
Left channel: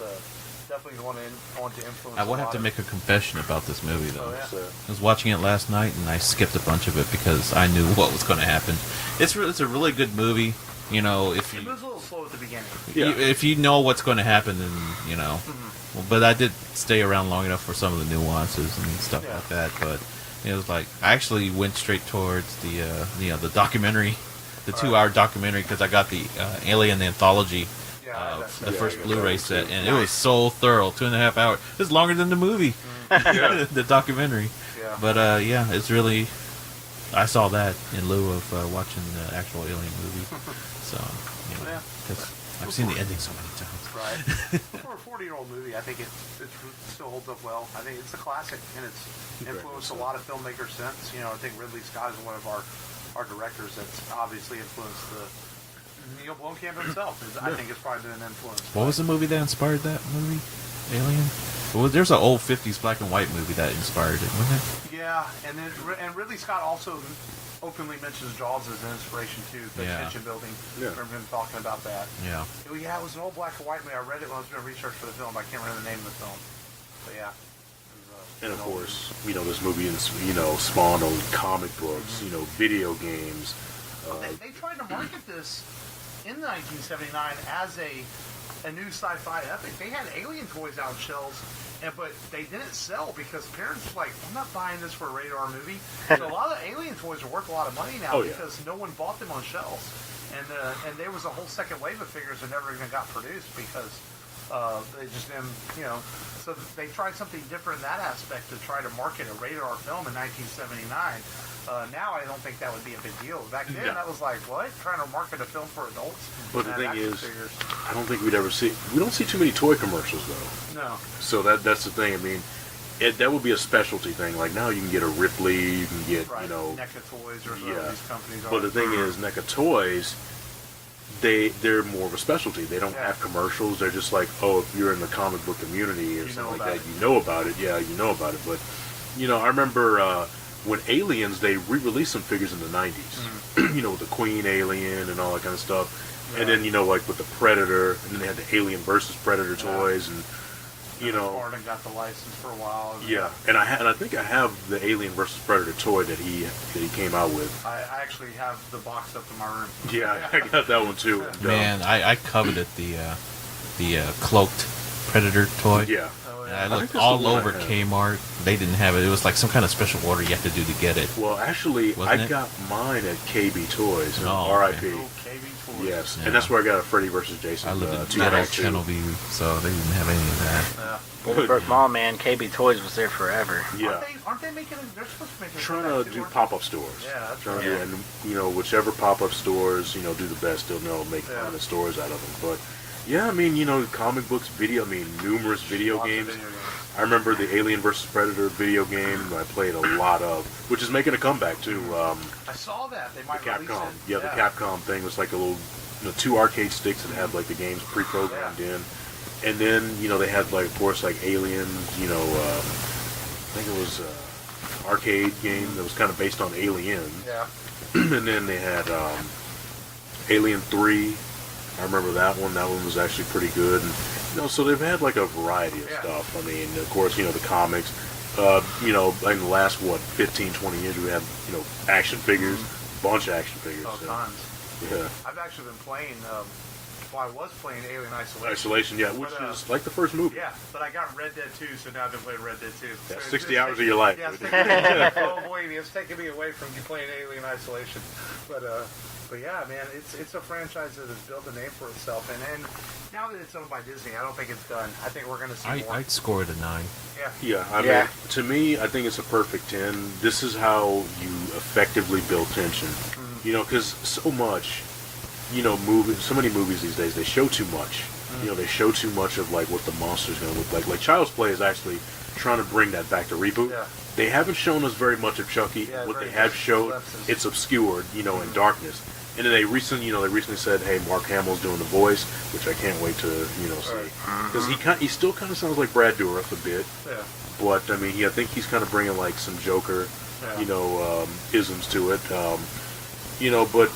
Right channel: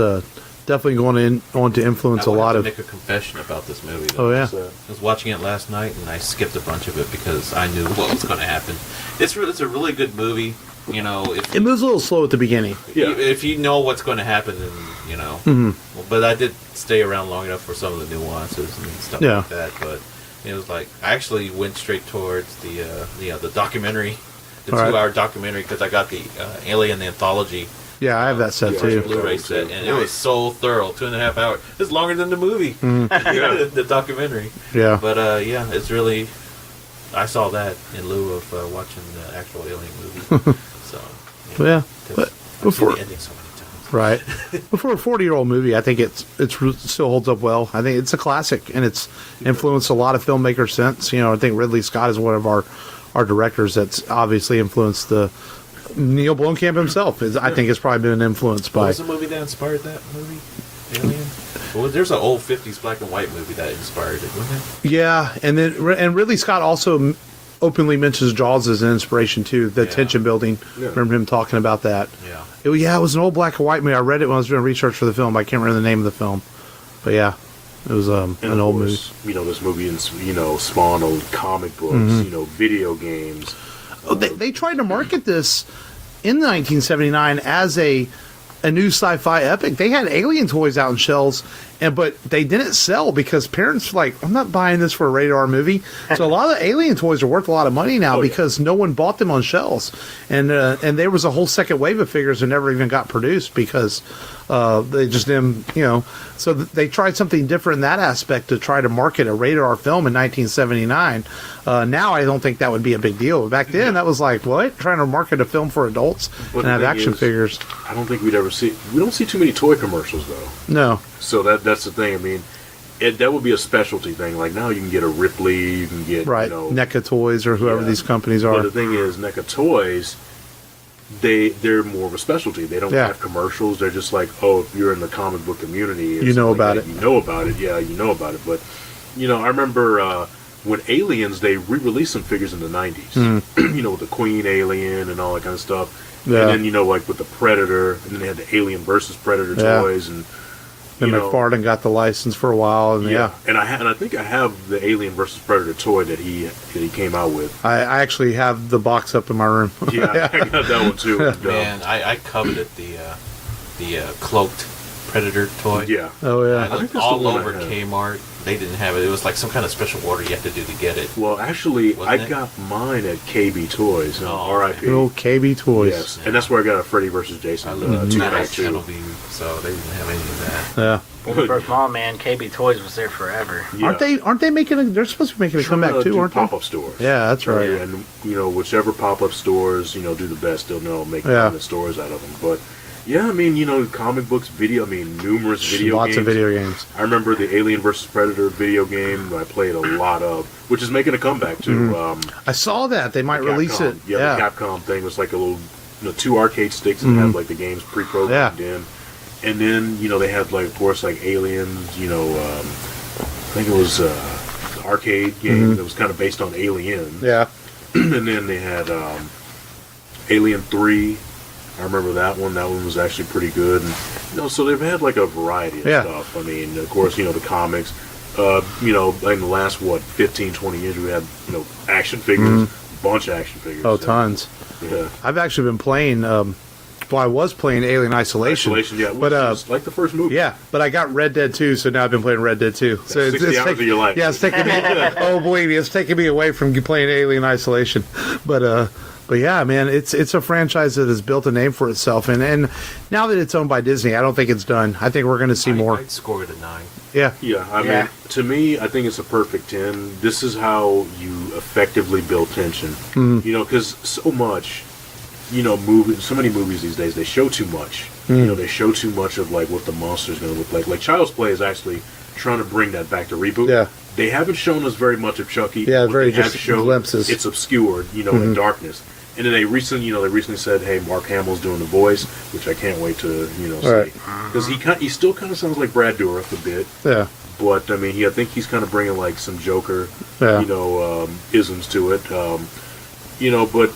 definitely going to influence I a will have lot to of. make a confession about this movie, though. Oh yeah, So, I was watching it last night, and I skipped a bunch of it because I knew what was going to happen. It's a really good movie. If it moves a little slow at the beginning. Yeah. if you know what's going to happen, then Well, but I did stay around long enough for some of the nuances and stuff Yeah. like that. But it was like I actually went straight towards the documentary, the All right. 2-hour documentary, because I got the Alien Anthology Yeah, I have that set Yeah. too. Blu-ray set, and it was so thorough. 2.5 hours. It's longer than the movie, yeah. the documentary. Yeah, But it's really. I saw that in lieu of watching the actual Alien movie. So yeah. 'cause But I've seen before, the ending so many times. right, before a 40-year-old movie, I think it still holds up well. I think it's a classic, and it's influenced a lot of filmmakers since. I think Ridley Scott is one of our directors that's obviously influenced the. Neil Blomkamp himself I think has probably been influenced What by. was the movie that inspired that movie? Alien? Well, there's an old 50s black and white movie that inspired it, wasn't it? Yeah, and Ridley Scott also openly mentions Jaws as an inspiration too. The Yeah. tension building. Yeah. Remember him talking about that. Yeah. It was an old black and white movie. I read it when I was doing research for the film. I can't remember the name of the film, but yeah, it was And an of old movie. course, this movie, spawned on comic books, video games. Oh, they tried to market this in 1979 as a new sci-fi epic. They had Alien toys out in shelves, but they didn't sell because parents were like, I'm not buying this for a rated R movie. So a lot of Alien toys are worth a lot of money now because no one bought them on shelves, and there was a whole second wave of figures that never even got produced because they just didn't, So they tried something different in that aspect to try to market a rated R film in 1979. Now I don't think that would be a big deal. Back then, that was like, what? Trying to market a film for adults But and the have thing action is, figures. I don't think we don't see too many toy commercials, though. No. So that's the thing. I mean, that would be a specialty thing. Like now you can get a Ripley, you can get, Right. NECA Toys or whoever Yeah. these companies But are. the thing is, NECA Toys, they're more of a specialty. They don't Yeah. have commercials. They're just like, oh, if you're in the comic book community, or You know something like about that, it. You know about it. Yeah, you know about it. But I remember when Aliens, they re-released some figures in the 90s. With the Queen Alien and all that kind of stuff. Yeah. And then like with the Predator, and then they had the Alien versus Predator Yeah. toys, and Then McFarlane got the license for a while. And yeah. And I think I have the Alien versus Predator toy that he came out with. I actually have the box up in my room. Yeah, I got that one too. And, Man, I coveted the cloaked Predator toy. yeah. Oh, yeah. I I think looked that's all the one I over have. Kmart. They didn't have it. It was like some kind of special order you have to do to get it. Well, actually, Wasn't I it? got mine at KB Toys. Oh, R.I.P. Little KB Toys. Yes, Yeah. and that's where I got a Freddy versus Jason. I lived in 292. Channel View, so they didn't have any of that. Yeah. Bloomberg Mall, man, KB Toys was there forever. Yeah. Aren't they making they're supposed to be making a Trying comeback to too, do aren't pop-up stores. they? Yeah, that's right. Yeah, and whichever pop-up stores do the best, they'll make Yeah. the stores out of them. But yeah, I mean, comic books, numerous video Lots games. of video games. I remember the Alien vs Predator video game I played a lot of, which is making a comeback too. I saw that they might the release Capcom. it. Yeah, the Capcom thing was like a little, 2 arcade sticks that had like the games pre-programmed in, and then they had like of course like Aliens. I think it was arcade game that was kind of based on Aliens. Yeah. And then they had Alien 3. I remember that one. That one was actually pretty good. And so they've had like a variety of stuff. I mean, of course, the comics. In the last 15, 20 years, we had action figures, bunch of action figures. Oh, tons. Yeah. I've actually been playing. I was playing Alien Isolation. Yeah, which is like the first movie. Yeah, but I got Red Dead 2, so now I've been playing Red Dead 2. So 60 hours of your life. Yeah, it's taking me. Oh, believe me, it's taking me away from playing Alien Isolation. But yeah, man, it's a franchise that has built a name for itself, and now that it's owned by Disney, I don't think it's done. I think we're going to see more. I'd score it a 9. Yeah. Yeah, I mean, to me, I think it's a perfect 10. This is how you effectively build tension. Because so much, so many movies these days, they show too much. They show too much of like what the monster's going to look like. Like Child's Play is actually trying to bring that back to reboot. Yeah. They haven't shown us very much of Chucky. Yeah, what very they have just shown, glimpses. it's obscured, in darkness. And then they recently said, "Hey, Mark Hamill's doing the voice," which I can't wait to see, because he still kind of sounds like Brad Dourif a bit. Yeah. But I mean, I think he's kind of bringing like some Joker, isms to it. But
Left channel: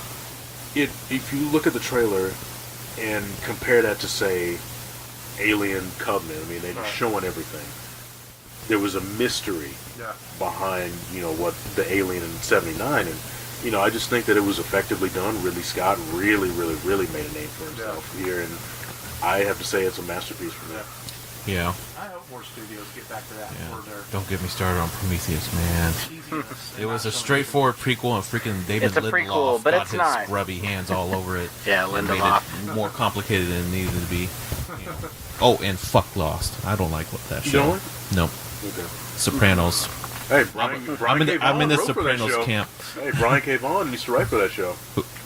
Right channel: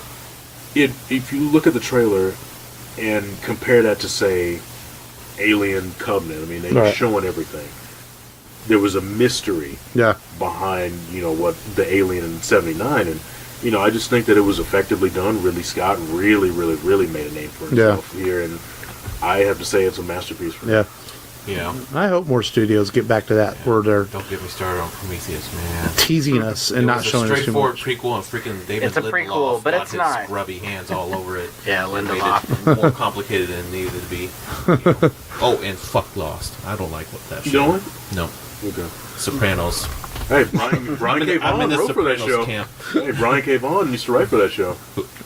if you look at the trailer and compare that to say Alien Covenant, I mean, they're showing everything. There was a mystery behind what the Alien in '79, and I just think that it was effectively done. Ridley Scott really, really, really made a name for himself here, and I have to say it's a masterpiece for me. Yeah. I hope more studios get back to that where they're Don't get me started on Prometheus, man. teasing us and It not was a showing us too straightforward much. prequel, and freaking David It's a Lindelof prequel, but got it's his not. scrubby hands all over it. Yeah, And made Lindelof. it more complicated than it needed to be. Oh, and fuck Lost. I don't like what that show. You don't like? No. Okay. Sopranos. Hey, Brian K. I'm in Vaughan the wrote for that Sopranos show. camp. Hey, Brian K. Vaughan used to write for that show.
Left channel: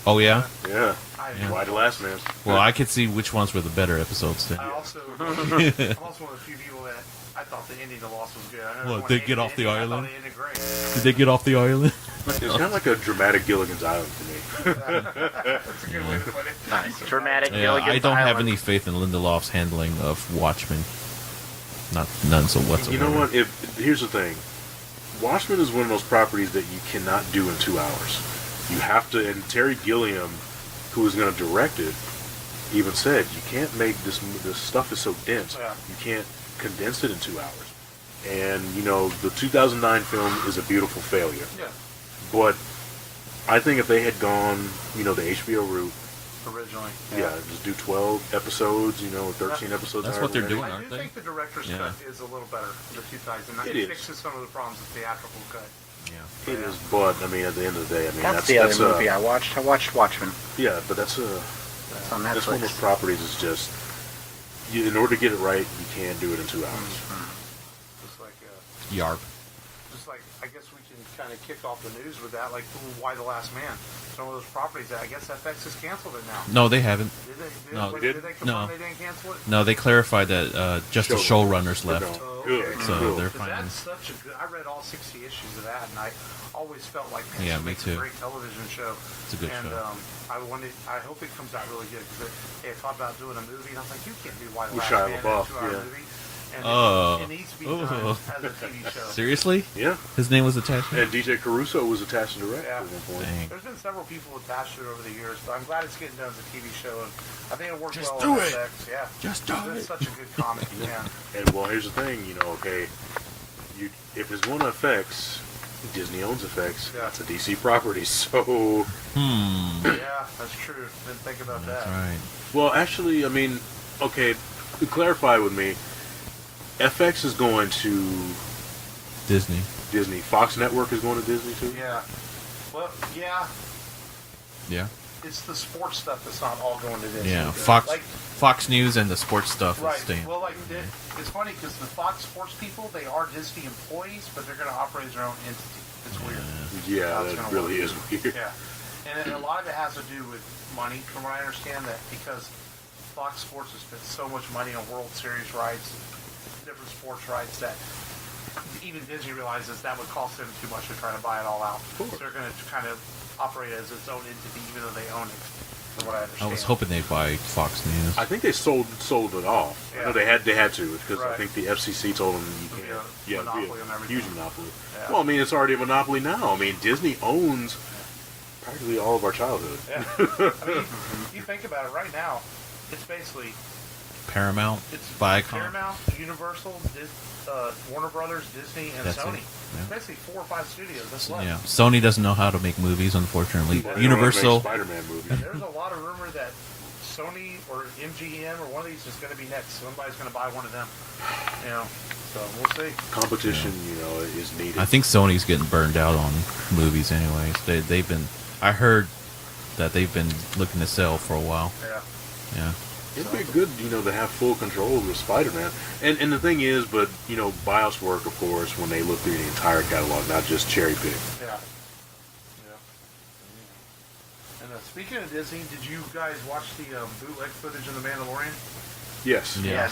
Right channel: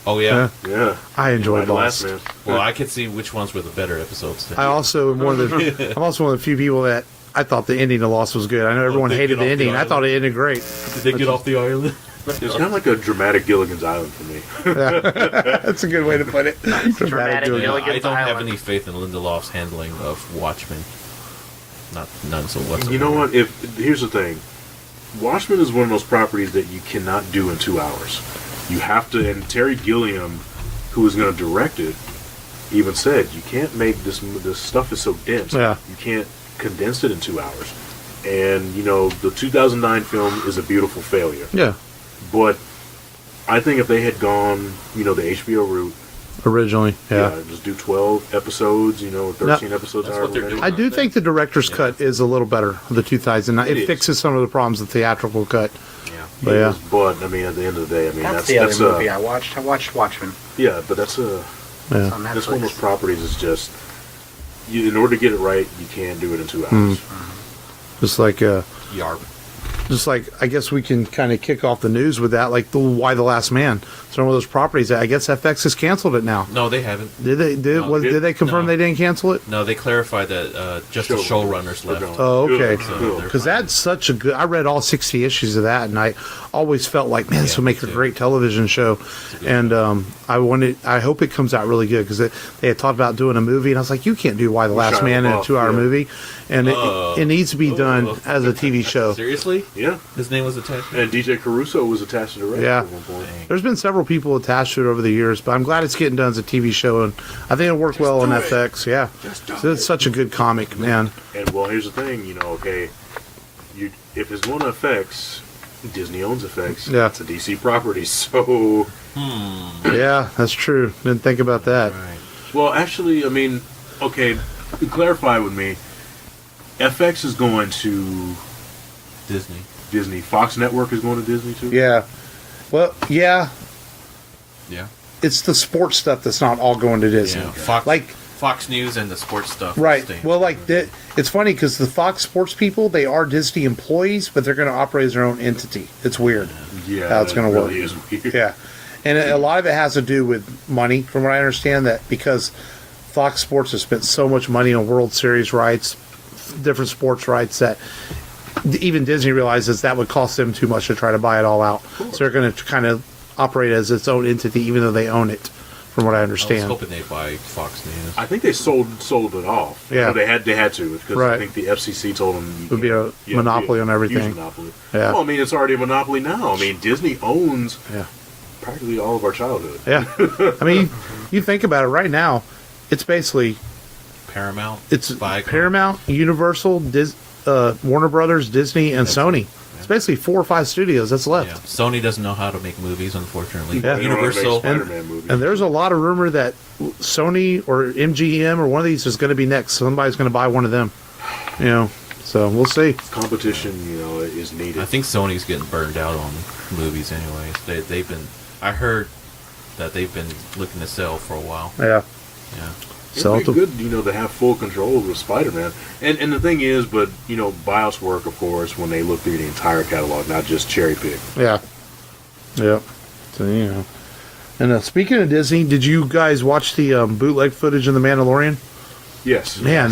Oh yeah. Yeah. I enjoyed The Last Lost. Man. Well, I could see which ones were the better episodes. Then. I'm also one of the few people that I thought the ending of Lost was good. I know everyone they hated get the off the ending. I island? thought it ended great. Did they get off the island? It's kind of like a dramatic Gilligan's Island for me. That's a good way to put it. Dramatic Dramatic. Yeah, I Gilligan's don't have Island. any faith in Lindelof's handling of Watchmen. None so whatsoever. You know what? Here's the thing. Watchmen is one of those properties that you cannot do in 2 hours. You have to, and Terry Gilliam, who was going to direct it, even said, you can't make this stuff is so dense. Yeah. You can't condense it in 2 hours. And, the 2009 film is a beautiful failure. Yeah. But I think if they had gone, the HBO route, Originally, just do 12 episodes, 13 episodes. That's what they're doing. I do Aren't think the director's cut is a little better. The 2009, It it is. fixes some of the problems with the theatrical cut. Yeah. But yeah, But I mean, at the end of the day, I mean, That's the other movie I watched. I watched Watchmen. Yeah, but that's yeah. It's on that's one of those Netflix. properties. Is just in order to get it right, you can't do it in 2 hours. Just like Yarp. I guess we can kind of kick off the news with that, like Why the Last Man. It's one of those properties that I guess FX has canceled it now. No, they haven't. Did they? No, Did they confirm no. they didn't cancel it? No, they clarified that just the showrunners left. Oh, okay. So they're Because fine. that's such a good. I read all 60 issues of that, and I always felt like, man, this Yeah, will me make a too. great television show. It's a good And show. I hope it comes out really good because they had talked about doing a movie, and I was like, you can't do Why the Last Shia Man in a LaBeouf, 2-hour yeah. movie, and it needs to be done as a TV show. Seriously? Yeah, His name was attached? and DJ Caruso was attached to the direct Yeah. at one point. Dang. There's been several people attached to it over the years, but I'm glad it's getting done as a TV show, and I think it'll work well on do it. FX. Yeah, Just do it's such a good comic, man. And well, here's the thing, if it's going to FX, Disney owns FX. Yeah. It's a DC property, so Yeah, that's true. Didn't think about that. Right. well, actually, I mean, okay, to clarify with me, FX is going to Disney. Disney. Fox Network is going to Disney too. Yeah. Well, yeah, Yeah. it's the sports stuff that's not all going to Disney. Yeah. Fox Like, Fox News and the sports stuff. is right. staying. Well, like, it's funny because the Fox sports people, they are Disney employees, but they're going to operate as their own entity. It's weird. Yeah, How it's that gonna really work. is weird. Yeah. And a lot of it has to do with money, from what I understand, that because Fox Sports has spent so much money on World Series rights, different sports rights, that even Disney realizes that would cost them too much to try to buy it all out. So they're going to kind of operate as its own entity, even though they own it, from what I I understand. was hoping they'd buy Fox News. I think they sold it off. Yeah. No, they had to because Right. I think the FCC told them It would be a monopoly on everything. Huge monopoly. Yeah. Well, I mean, it's already a monopoly now. I mean, Disney owns Yeah. practically all of our childhood. Yeah. I mean, you think about it right now, it's basically Paramount. it's Viacom. Paramount, Universal, Warner Brothers, Disney, and That's Sony. it. Yeah. It's basically 4 or 5 studios that's left. Yeah. Sony doesn't know how to make movies, unfortunately. Yeah. They don't wanna make Universal. Spider-Man movies. And there's a lot of rumor that Sony or MGM or one of these is going to be next. Somebody's going to buy one of them. So we'll see. Competition, is needed. I think Sony's getting burned out on movies, anyways. They've been. I heard that they've been looking to sell for a while. Yeah. Yeah. It'd be good, to have full control over Spider-Man. And the thing is, but, BIOS work, of course, when they look through the entire catalog, not just cherry pick. Yeah. Yeah. So, And speaking of Disney, did you guys watch the bootleg footage of The Mandalorian? Yes. Man,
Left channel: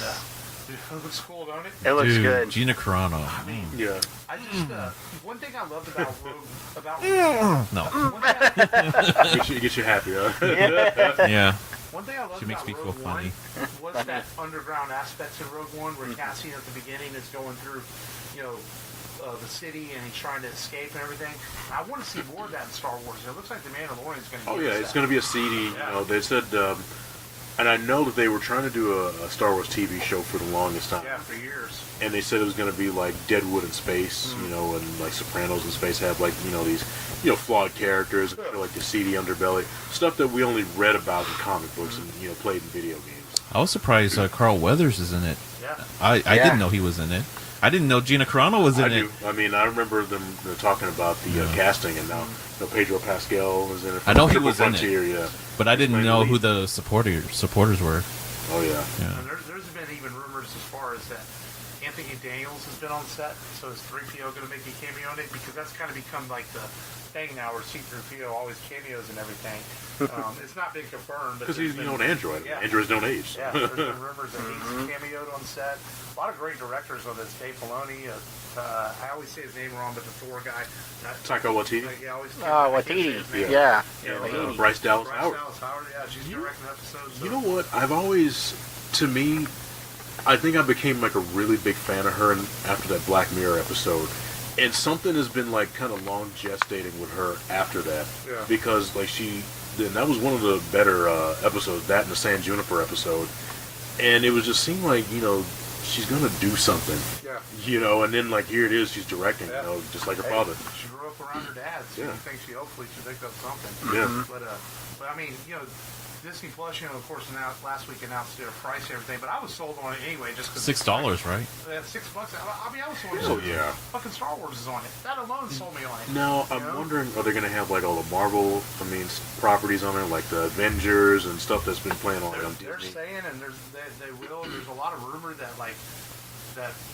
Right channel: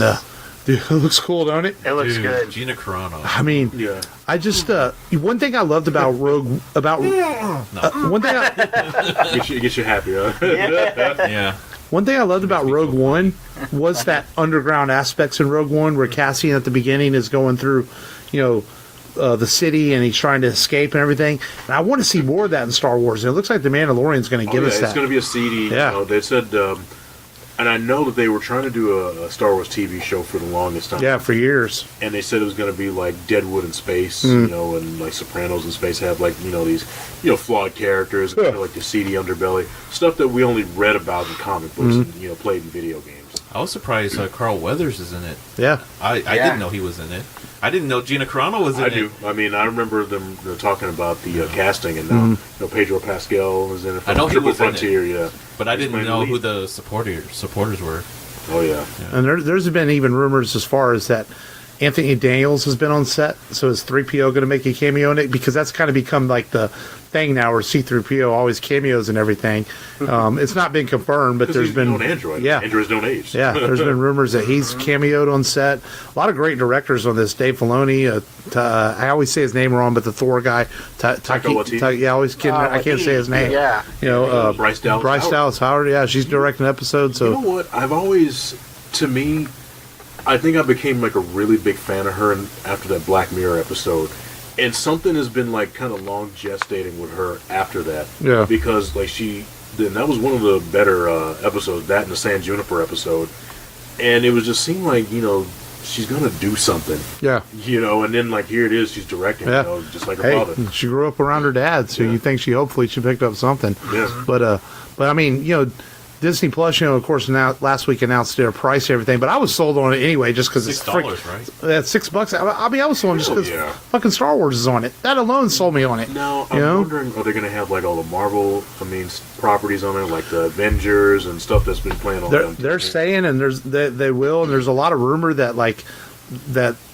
dude, it looks cool, don't it? It looks Dude, good. Gina Carano. I mean, Yeah. I just one thing I loved about Rogue No. one thing I, Get you happy, huh? Yeah. one thing I loved about me Rogue feel One was that underground aspects in Rogue One where Cassian at the beginning is going through, the city and he's trying to escape and everything. And I want to see more of that in Star Wars. And it looks like The Mandalorian's going to give us that. It's going to be a CD. Yeah. They said, and I know that they were trying to do a Star Wars TV show for the longest time. Yeah, for years. And they said it was going to be like Deadwood in space, and like Sopranos in space have like these flawed characters, like the seedy underbelly stuff that we only read about in comic books and played in video games. I was surprised Carl Weathers is in it. Yeah. I didn't know he was in it. I didn't know Gina Carano was in it. I do. I mean, I remember them talking about the casting, and now Pedro Pascal was in it. I know he was Frontier, in it. yeah. But I didn't know who the supporters were. Oh yeah. And there's been even rumors as far as that Anthony Daniels has been on set. So is 3PO going to make a cameo in it? Because that's kind of become like the thing now where C-3PO always cameos and everything. It's not been confirmed, but there's been on Android. Yeah. Androids don't age. Yeah, there's been rumors that he's cameoed on set. A lot of great directors on this. Dave Filoni. I always say his name wrong, but the Thor guy. Taika Waititi. Yeah, I always I can't say his name. Yeah. Bryce Dallas Howard. Yeah, she's directing an episode. So you know what? I've always, to me, I think I became like a really big fan of her after that Black Mirror episode. And something has been like kind of long gestating with her after that. Yeah. Because like that was one of the better episodes, that and the San Juniper episode. And it was just seemed like, she's going to do something. Yeah. And then like here it is, she's directing, just like her father. She grew up around her dad, so you think hopefully she picked up something. Yeah. But I mean, Disney Plus, of course, now last week announced their price and everything, but I was sold on it anyway just because it's $6, right? That's $6. I was sold just because fucking Star Wars is on it. That alone sold me on it. Now, I'm wondering, are they going to have like all the Marvel, properties on there, like the Avengers and stuff that's been playing on They're saying, and they will, and there's a lot of rumor that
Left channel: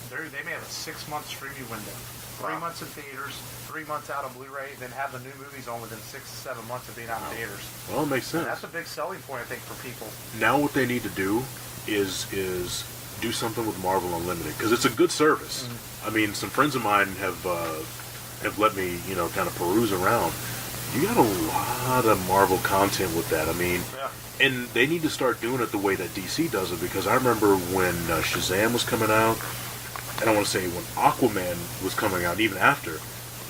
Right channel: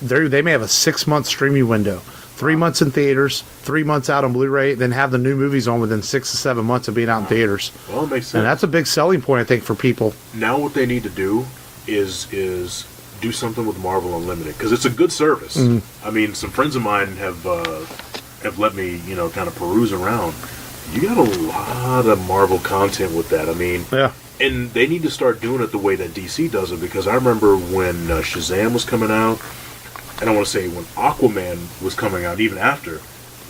they may have a 6-month streaming window. 3 months in theaters, 3 months out on Blu-ray, then have the new movies on within 6 to 7 months of being out in theaters. Well, it makes sense. And that's a big selling point, I think, for people. Now what they need to do is do something with Marvel Unlimited, because it's a good service. I mean, some friends of mine have let me, kind of peruse around. You got a lot of Marvel content with that. I mean, yeah. And they need to start doing it the way that DC does it, because I remember when Shazam was coming out, and I want to say when Aquaman was coming out, even after,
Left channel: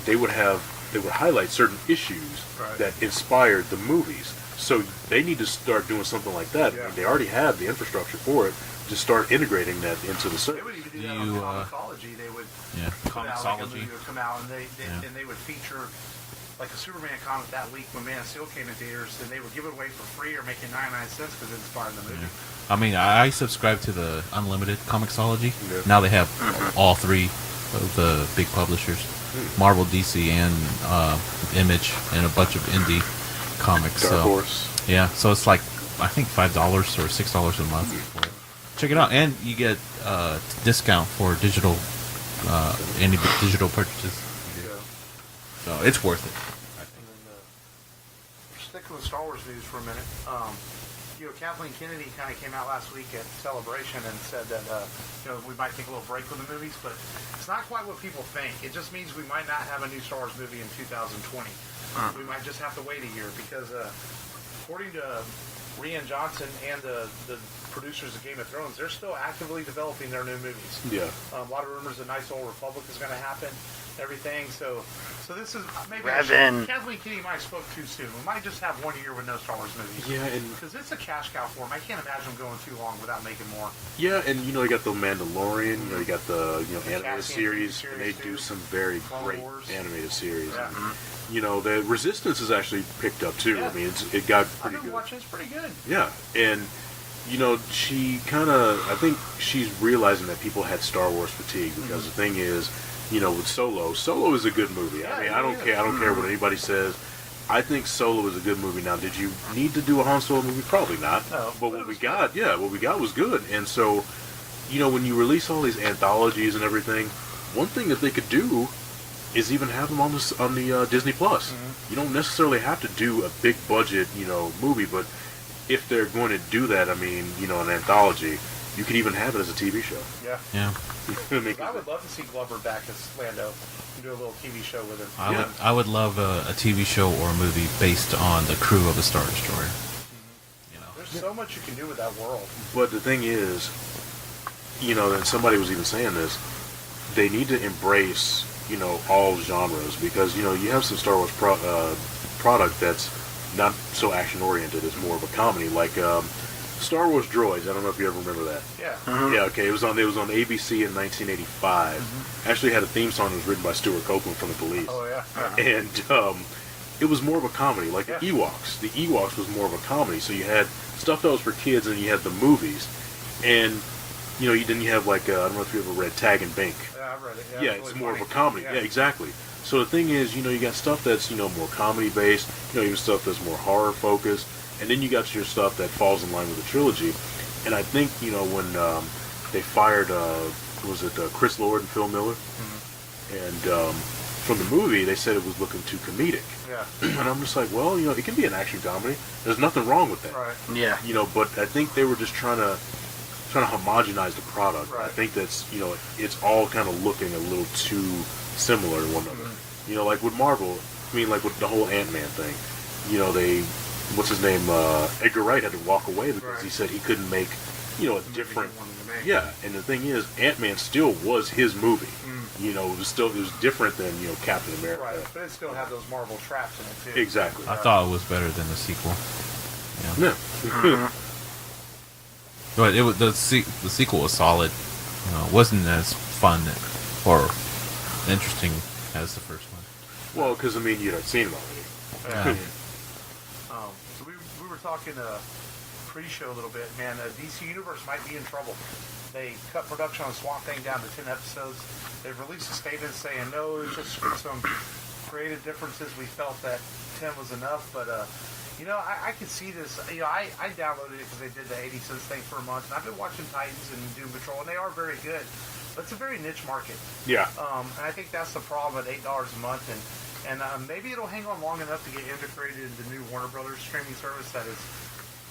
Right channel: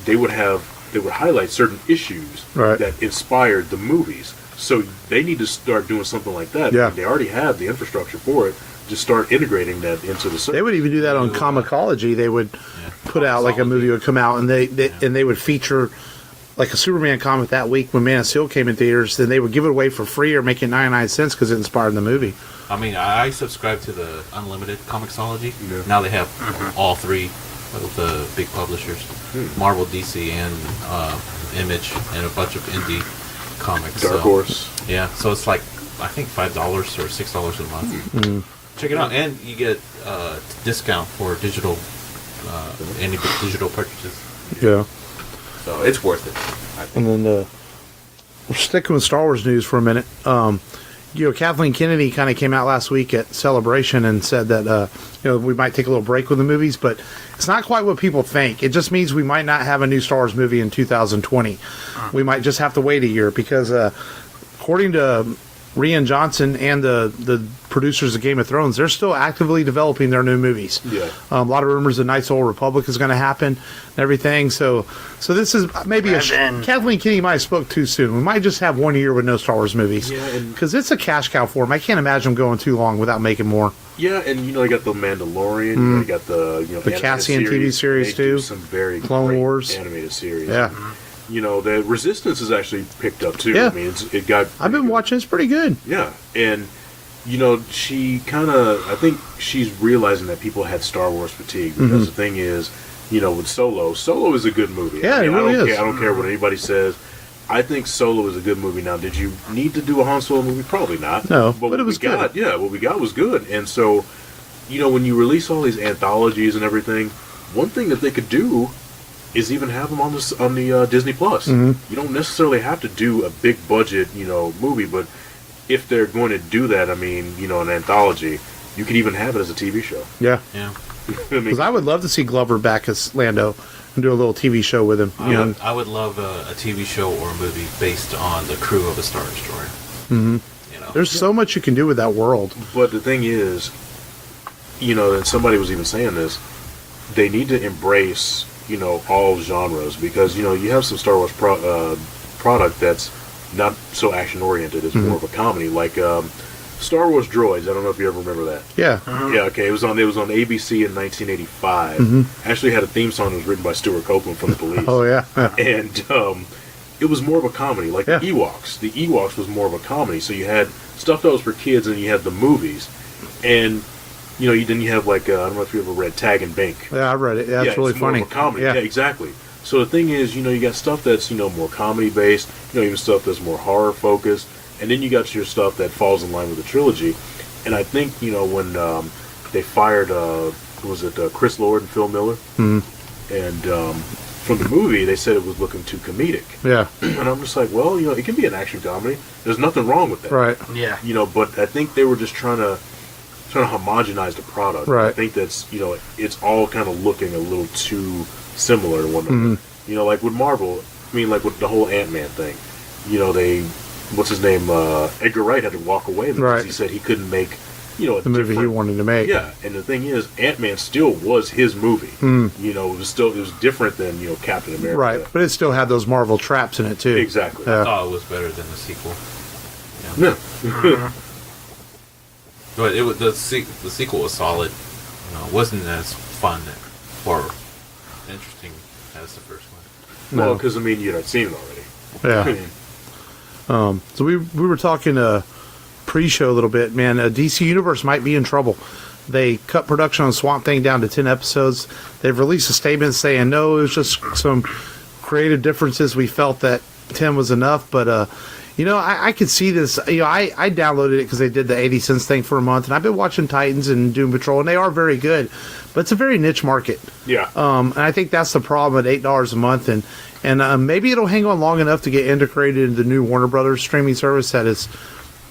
they would highlight certain issues that inspired the movies. So they need to start doing something like that. Yeah. They already have the infrastructure for it. Just start integrating that into the service. They would even do that on Comicology. They would put out like a movie would come out, and they would feature like a Superman comic that week when Man of Steel came in theaters. Then they would give it away for free or make it 99 cents because it inspired the movie. I mean, I subscribe to the Unlimited Comixology. Yeah. Now they have all three of the big publishers, Marvel, DC, and Image, and a bunch of indie comics. Dark Horse. Yeah, so it's like, I think $5 or $6 a month. Check it out, and you get discount for digital, any digital purchases. Yeah. So it's worth it. And then we're sticking with Star Wars news for a minute. Kathleen Kennedy kind of came out last week at Celebration and said that we might take a little break with the movies, but it's not quite what people think. It just means we might not have a new Star Wars movie in 2020. We might just have to wait a year because according to Rian Johnson and the producers of Game of Thrones, they're still actively developing their new movies. Yeah. A lot of rumors that Knights of the Old Republic is going to happen and everything. So this is maybe Kathleen Kennedy might have spoke too soon. We might just have 1 year with no Star Wars movies. Yeah, because it's a cash cow for them. I can't imagine them going too long without making more. Yeah, and they got the Mandalorian. They got the the Cassian TV series they too. Do some very Clone great Wars animated series. Yeah. The Resistance has actually picked up too. Yeah. I mean, it got. I've been watching. It's pretty good. Yeah, and she I think she's realizing that people had Star Wars fatigue because the thing is, with Solo is a good movie. Yeah, I really is. I don't care what anybody says. I think Solo is a good movie. Now, did you need to do a Han Solo movie? Probably not. No, but it was good. What we got was good. And so, when you release all these anthologies and everything, one thing that they could do is even have them on the Disney Plus. Mm-hmm. You don't necessarily have to do a big budget, movie, but if they're going to do that, I mean, an anthology, you could even have it as a TV show. Yeah. Yeah. Because I would love to see Glover back as Lando and do a little TV show with him. I would love a TV show or a movie based on the crew of a Star Destroyer. Mm-hmm. There's so much you can do with that world. But the thing is, and somebody was even saying this, they need to embrace, all genres, because, you have some Star Wars product that's not so action-oriented. It's more of a comedy, like Star Wars Droids. I don't know if you ever remember that. Yeah. Yeah, okay. It was on ABC in 1985. Actually had a theme song that was written by Stuart Copeland from the Police. Oh, yeah. And it was more of a comedy, like the Ewoks. The Ewoks was more of a comedy, so you had stuff that was for kids, and you had the movies. And, you have, like, I don't know if you ever read Tag and Bink. Yeah, I read it. Yeah, it's really it's more funny. of a comedy. Yeah, exactly. So the thing is, you got stuff that's, more comedy-based, even stuff that's more horror-focused, and then you got your stuff that falls in line with the trilogy. And I think, when they fired, Chris Lord and Phil Miller, and from the movie, they said it was looking too comedic. Yeah. And I'm just like, well, it can be an action comedy. There's nothing wrong with that. Right. Yeah. But I think they were just trying to homogenize the product. Right. I think that's, it's all kind of looking a little too similar to one another. Like with Marvel, like with the whole Ant-Man thing, what's his name, Edgar Wright had to walk away because he said he couldn't make, the movie he wanted to make. Yeah, and the thing is, Ant-Man still was his movie. It was different than, Captain America. Right, but it still had those Marvel traps in it, too. Exactly. I thought it was better than the sequel. Yeah. But the sequel was solid. It wasn't as fun or interesting as the first one. Well, because, you had seen it already. Yeah. So we were talking pre-show a little bit, man. DC Universe might be in trouble. They cut production on Swamp Thing down to 10 episodes. They've released a statement saying, no, it was just some creative differences. We felt that 10 was enough, but, I could see this. I downloaded it because they did the 80 cents thing for a month, and I've been watching Titans and Doom Patrol, and they are very good, but it's a very niche market. Yeah. And I think that's the problem at $8 a month, and maybe it'll hang on long enough to get integrated into the new Warner Brothers streaming service that is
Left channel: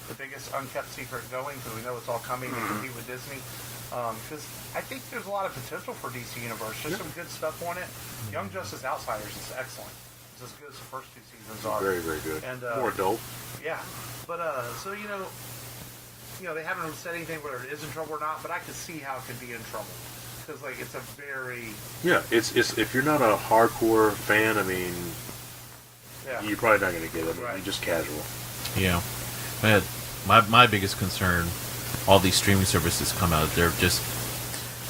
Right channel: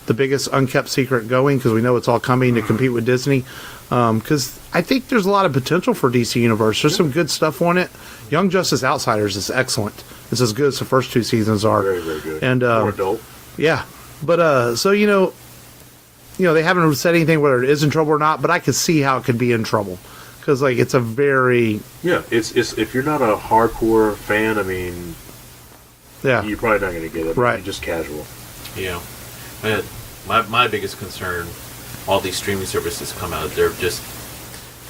the biggest unkept secret going, because we know it's all coming to compete with Disney. Because I think there's a lot of potential for DC Universe. There's some good stuff on it. Young Justice Outsiders is excellent. It's as good as the first two seasons are. Very, very good. And more adult. Yeah, but so they haven't said anything whether it is in trouble or not. But I could see how it could be in trouble, because it's a very it's if you're not a hardcore fan, you're probably not going to get it. Right. You're just casual. Yeah. My biggest concern, all these streaming services come out, they're just,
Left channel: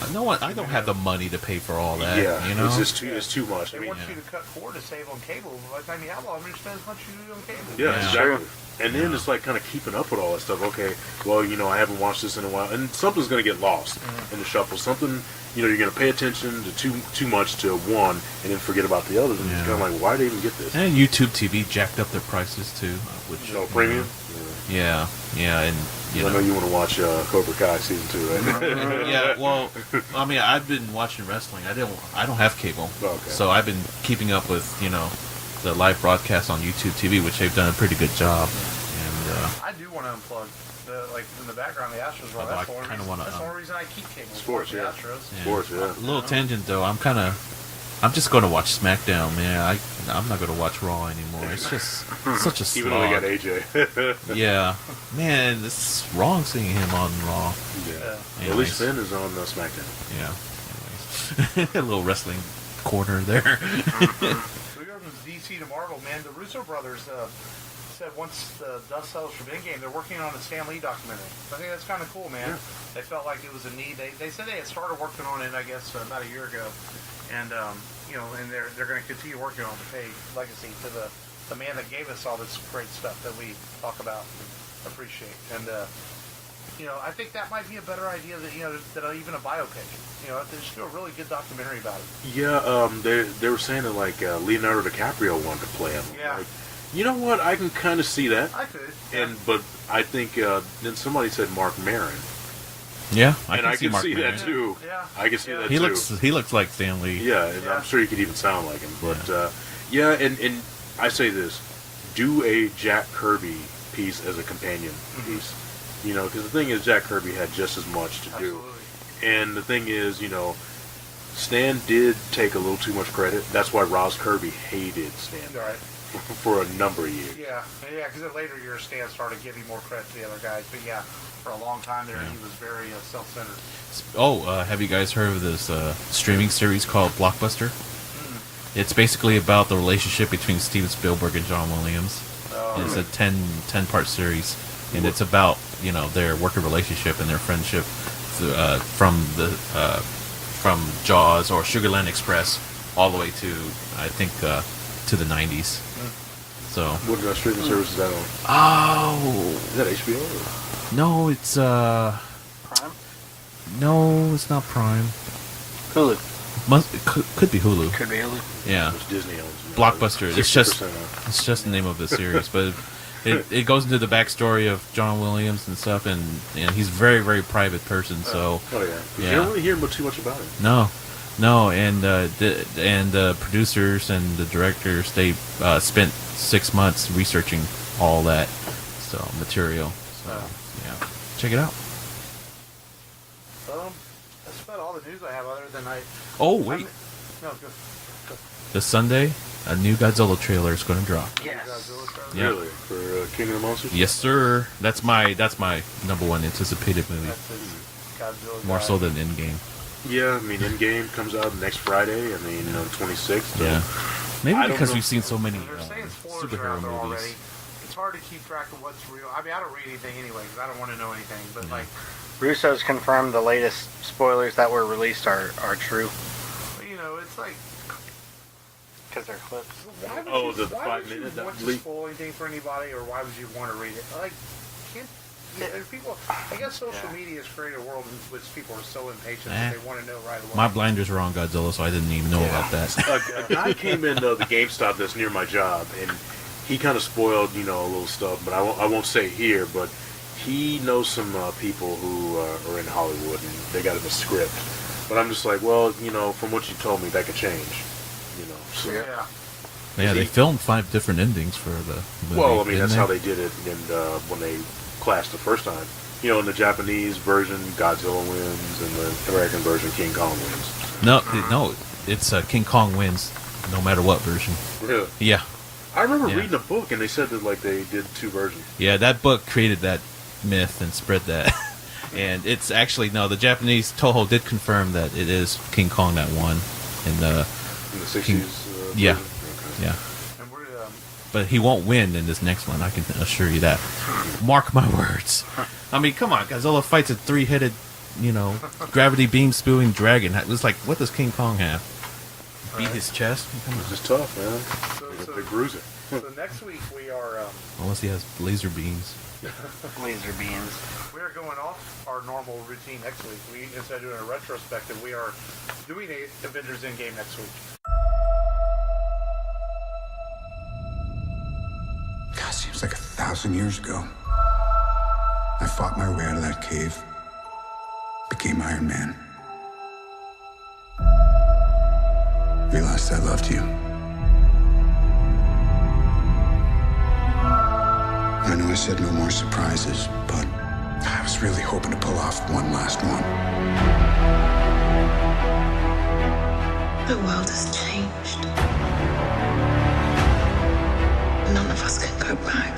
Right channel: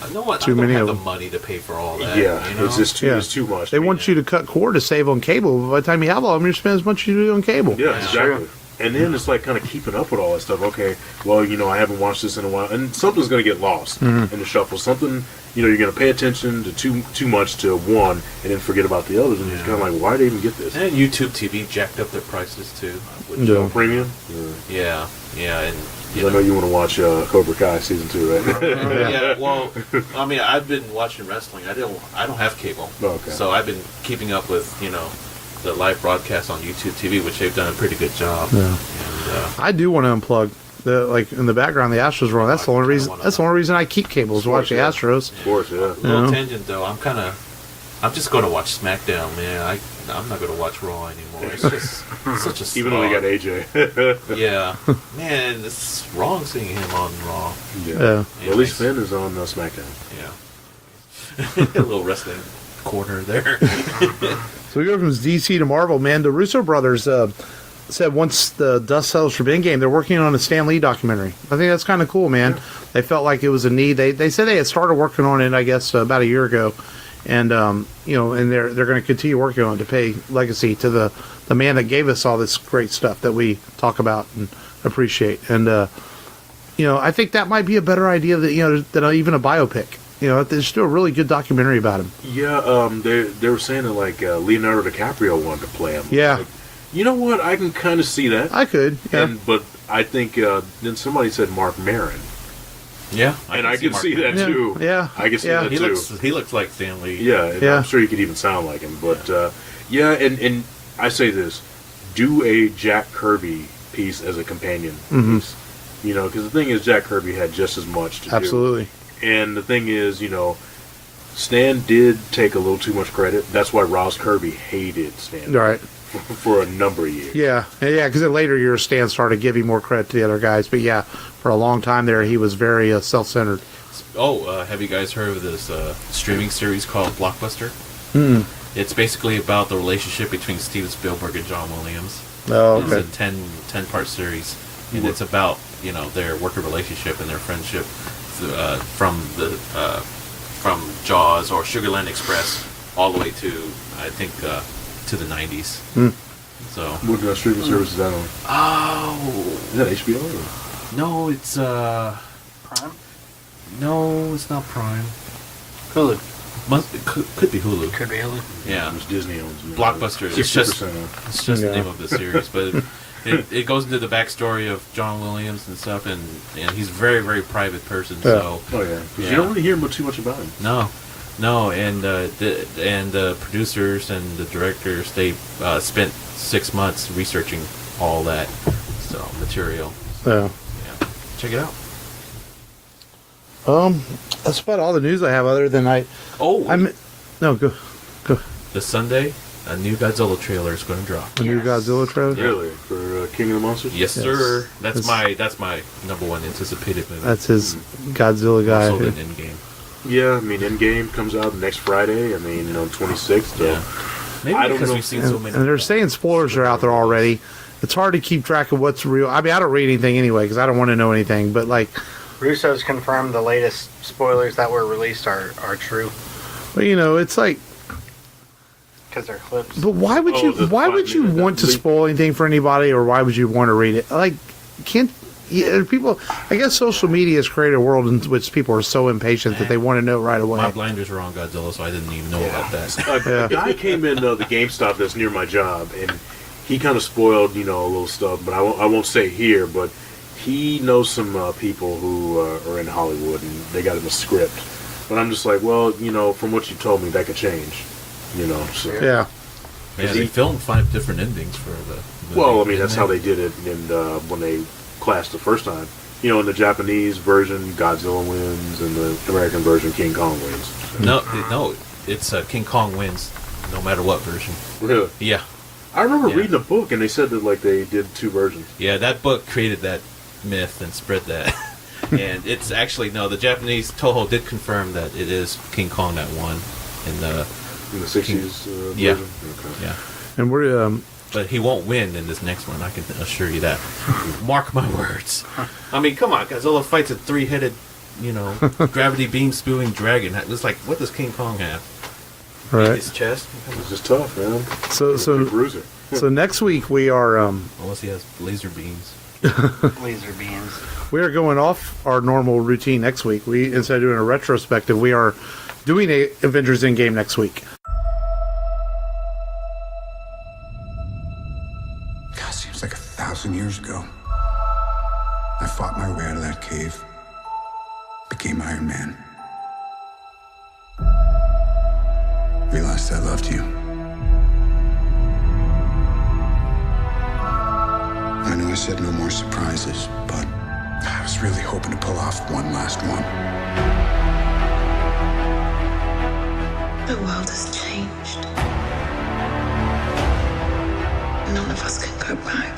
I don't have the money to pay for all that. Yeah, it's just too much. They want you to cut cord to save on cable. But by the time you have all of them, you spend as much as you do on cable. Yeah, exactly. And then it's like kind of keeping up with all that stuff. Okay, well, I haven't watched this in a while, and something's going to get lost in the shuffle. Something, you're going to pay attention to too much to one, and then forget about the others. And it's kind of like, why did they even get this? And YouTube TV jacked up their prices too. Show premium. Yeah, and I know you want to watch Cobra Kai season 2, right? Yeah, well, I've been watching wrestling. I don't have cable, so I've been keeping up with the live broadcast on YouTube TV, which they've done a pretty good job. Yeah. And I do want to unplug in the background the Astros run. That's the only reason. That's the only reason I keep cable is watch the Astros. Of course, yeah. Little tangent though. I'm just going to watch SmackDown, man. I'm not going to watch Raw anymore. It's just such a slog. Even though we got AJ. Yeah, man, it's wrong seeing him on Raw. Yeah. At least Finn is on SmackDown. Yeah. Anyways. A little wrestling corner there. So we go from DC to Marvel, man. The Russo brothers said once the dust settles for Endgame, they're working on a Stan Lee documentary. I think that's kind of cool, man. Yeah. They felt like it was a need. They said they had started working on it, I guess, about a year ago, and and they're going to continue working on it to pay legacy to the man that gave us all this great stuff that we talk about and appreciate. And I think that might be a better idea than even a biopic. They should do a really good documentary about him. Yeah, they were saying that Leonardo DiCaprio wanted to play him. Yeah. Like, you know what? I can kind of see that. I could. Yeah. But I think then somebody said Mark Maron. Yeah, I can see that Yeah. too. Yeah. I can see that He too. looks like Stan Lee. Yeah, and Yeah. I'm sure he could even sound like him. But and I say this: do a Jack Kirby piece as a companion piece. You know, because the thing is, Jack Kirby had just as much to do. Absolutely. And the thing is, you know, Stan did take a little too much credit. That's why Ross Kirby hated Stan Right. for a number of years. Yeah, because in later years, Stan started giving more credit to the other guys. But yeah, for a long time there, he was very self-centered. Oh, have you guys heard of this streaming series called Blockbuster? It's basically about the relationship between Steven Spielberg and John Williams. Oh, It's okay. a 10-part series, and it's about their working relationship and their friendship from Jaws or Sugarland Express all the way to I think to the 90s. So What streaming service is that on? oh Is that HBO? Or? no, it's Prime? no, it's not Prime. Hulu. Could be Hulu. Could be Hulu. Yeah. It's Disney owns it. Blockbuster. It's just 60% off. it's just the Yeah. name of the series, but it goes into the backstory of John Williams and stuff, and he's a very, very private person. So Oh yeah. 'Cause Yeah. You don't really hear too much about him. no, and the producers and the directors they spent 6 months researching all that material. So, Yeah, check it out. that's about all the news I have. Other than Oh, wait. no, go. This Sunday, a new Godzilla trailer is going to drop. The new Yes. Godzilla trailer. Yeah. Really? For King of the Monsters? Yes, Yes. sir. That's Yes. my number one anticipated movie. That's his Godzilla More guy. so than Endgame. Yeah, I mean, Endgame comes out next Friday. I mean, 26th. So Yeah. Maybe I don't because know. we've seen so many. And they're saying spoilers are out there superhero movies. already. It's hard to keep track of what's real. I mean, I don't read anything anyway because I don't want to know anything. But like, Russo's confirmed the latest spoilers that were released are true well, it's like, because they're clips. but why would Oh, the Why would you 5 minute want to leak. spoil anything for anybody, or why would you want to read it? Like, can't people? I guess social media has created a world in which people are so impatient that they want to know right away. My blinders were on Godzilla, so I didn't even know about that. A guy came in the GameStop that's near my job, and he kind of spoiled, a little stuff. But I won't say here, but he knows some people who are in Hollywood, and they got him a script. But I'm just like, well, from what you told me, that could change. So. Yeah. Yeah, they filmed 5 different endings for the movie. Well, I mean, didn't that's they? how they did it when they clashed the first time. In the Japanese version, Godzilla wins, and the American version, King Kong wins. No, it's King Kong wins, no matter what version. Really? Yeah, I remember Yeah. reading a book, and they said that they did 2 versions. yeah, that book created that myth and spread that. And it's actually the Japanese Toho did confirm that it is King Kong that won in the In the 60s yeah. version? Okay. yeah. And we're But he won't win in this next one. I can assure you that. Mark my words. I mean, come on, Godzilla fights a 3-headed, gravity beam spewing dragon. It's like, what does King Kong have? Beat right. his chest? Come on. It's just tough, man. So Big bruiser. so next week we are Unless he has laser beams. Laser beams. we are going off our normal routine next week. We instead of doing a retrospective, we are doing a Avengers Endgame next week. God, seems like 1,000 years ago. I fought my way out of that cave. Became Iron Man. Realized I loved you. I know I said no more surprises, but I was really hoping to pull off one last one. The world has changed. None of us can go back.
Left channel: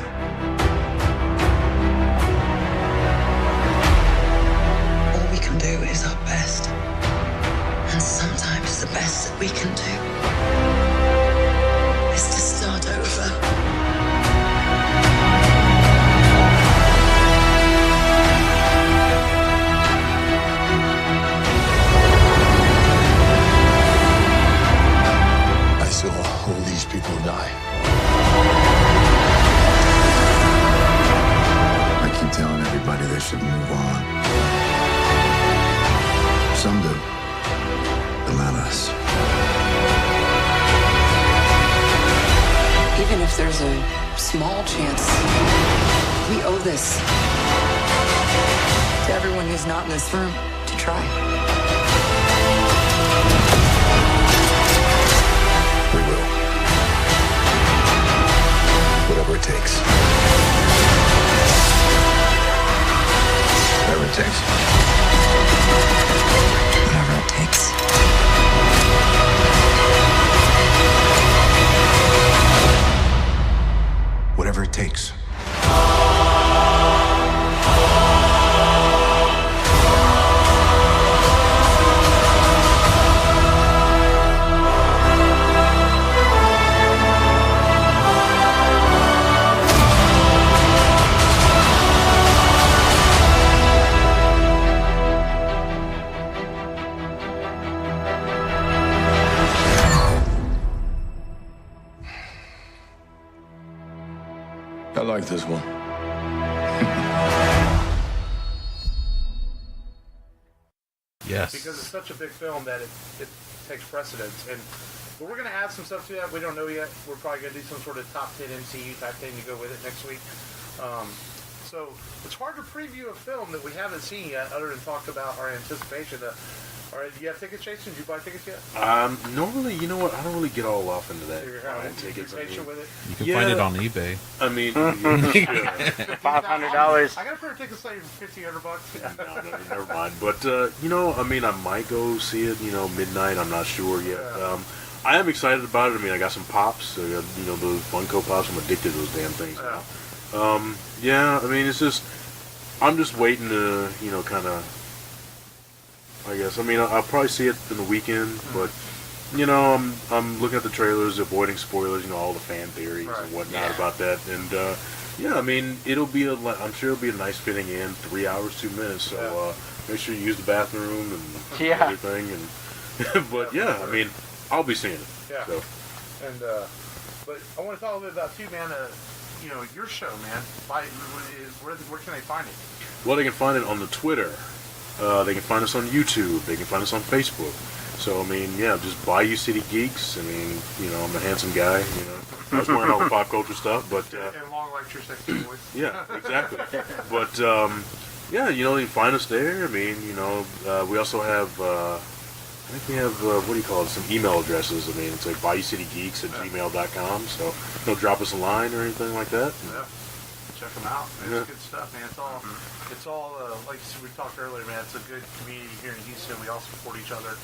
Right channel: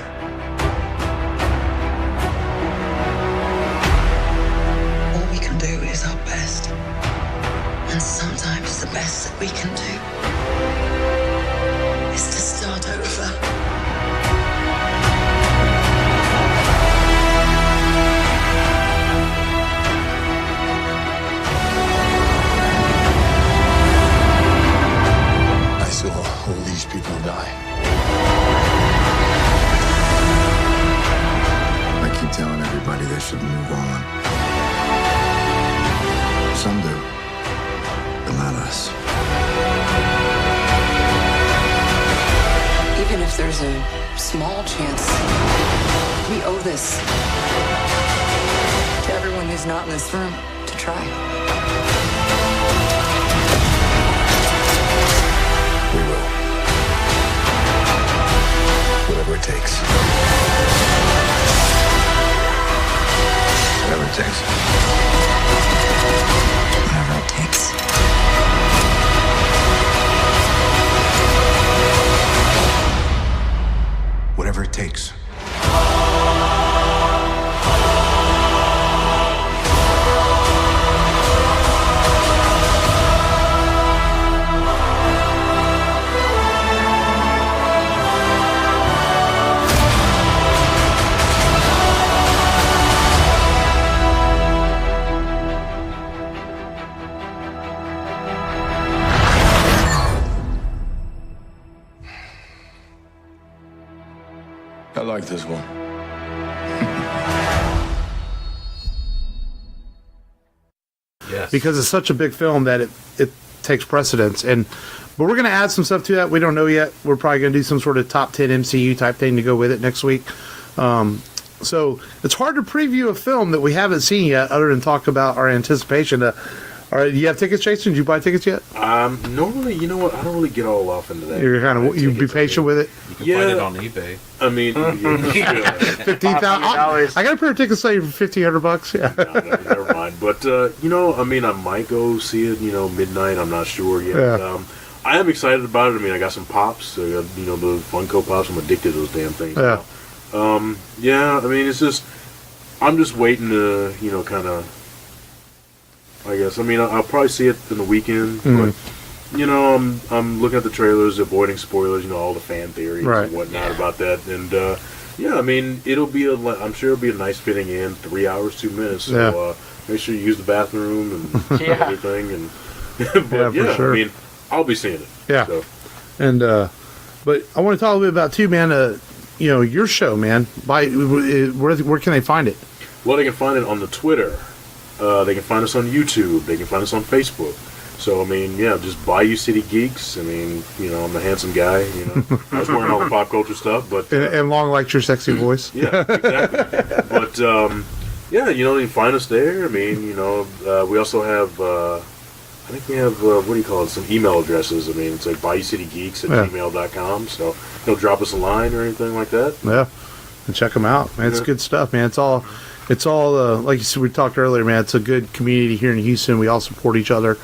All we can do is our best. And sometimes the best that we can do is to start over. I saw all these people die. I keep telling everybody they should move on. Some do, but not us. Even if there's a small chance, we owe this to everyone who's not in this room to try. We will. Whatever it takes. Whatever it takes. Whatever it takes. Whatever it takes. I like this one. Yes. Because it's such a big film that it takes precedence. But we're going to add some stuff to that. We don't know yet. We're probably going to do some sort of top 10 MCU type thing to go with it next week. So it's hard to preview a film that we haven't seen yet, other than talk about our anticipation. All right, do you have tickets, Jason? Did you buy tickets yet? Normally, you know what? I don't really get all off into that. You're kind of you be patient with it. You can find it on eBay. I mean, $15,000. I got a pair of tickets for $1,500. Yeah. No, never mind. But you know, I mean, I might go see it. You know, midnight. I'm not sure yet. Yeah. I am excited about it. I mean, I got some pops. I got, you know, the Funko Pops. I'm addicted to those damn things. Yeah. Yeah. I mean, it's just I'm just waiting to, you know, kind of. I guess. I mean, I'll probably see it in the weekend. But, you know, I'm looking at the trailers, avoiding spoilers. You know, all the fan theories and whatnot about that. And yeah, I mean, I'm sure it'll be a nice fitting in. 3 hours, 2 minutes. So make sure you use the bathroom and everything. And but yeah, sure. I mean, I'll be seeing it. Yeah. So. And but I want to talk a little bit about too, man. You know, your show, man. Where can they find it? Well, they can find it on the Twitter. They can find us on YouTube. They can find us on Facebook. So, I mean, yeah, just Bayou City Geeks. I mean, you know, I'm a handsome guy. You know, I was wearing all the pop culture stuff, but and long like your sexy voice. Yeah, exactly. But yeah, you know, they can find us there. I mean, you know, we also have. I think we have what do you call it? Some email addresses. I mean, it's like BayouCityGeeks@gmail.com. So, you know, drop us a line or anything like that. Yeah, and check them out. Man, it's good stuff, man. It's all like you said, we talked earlier, man. It's a good community here in Houston. We all support each other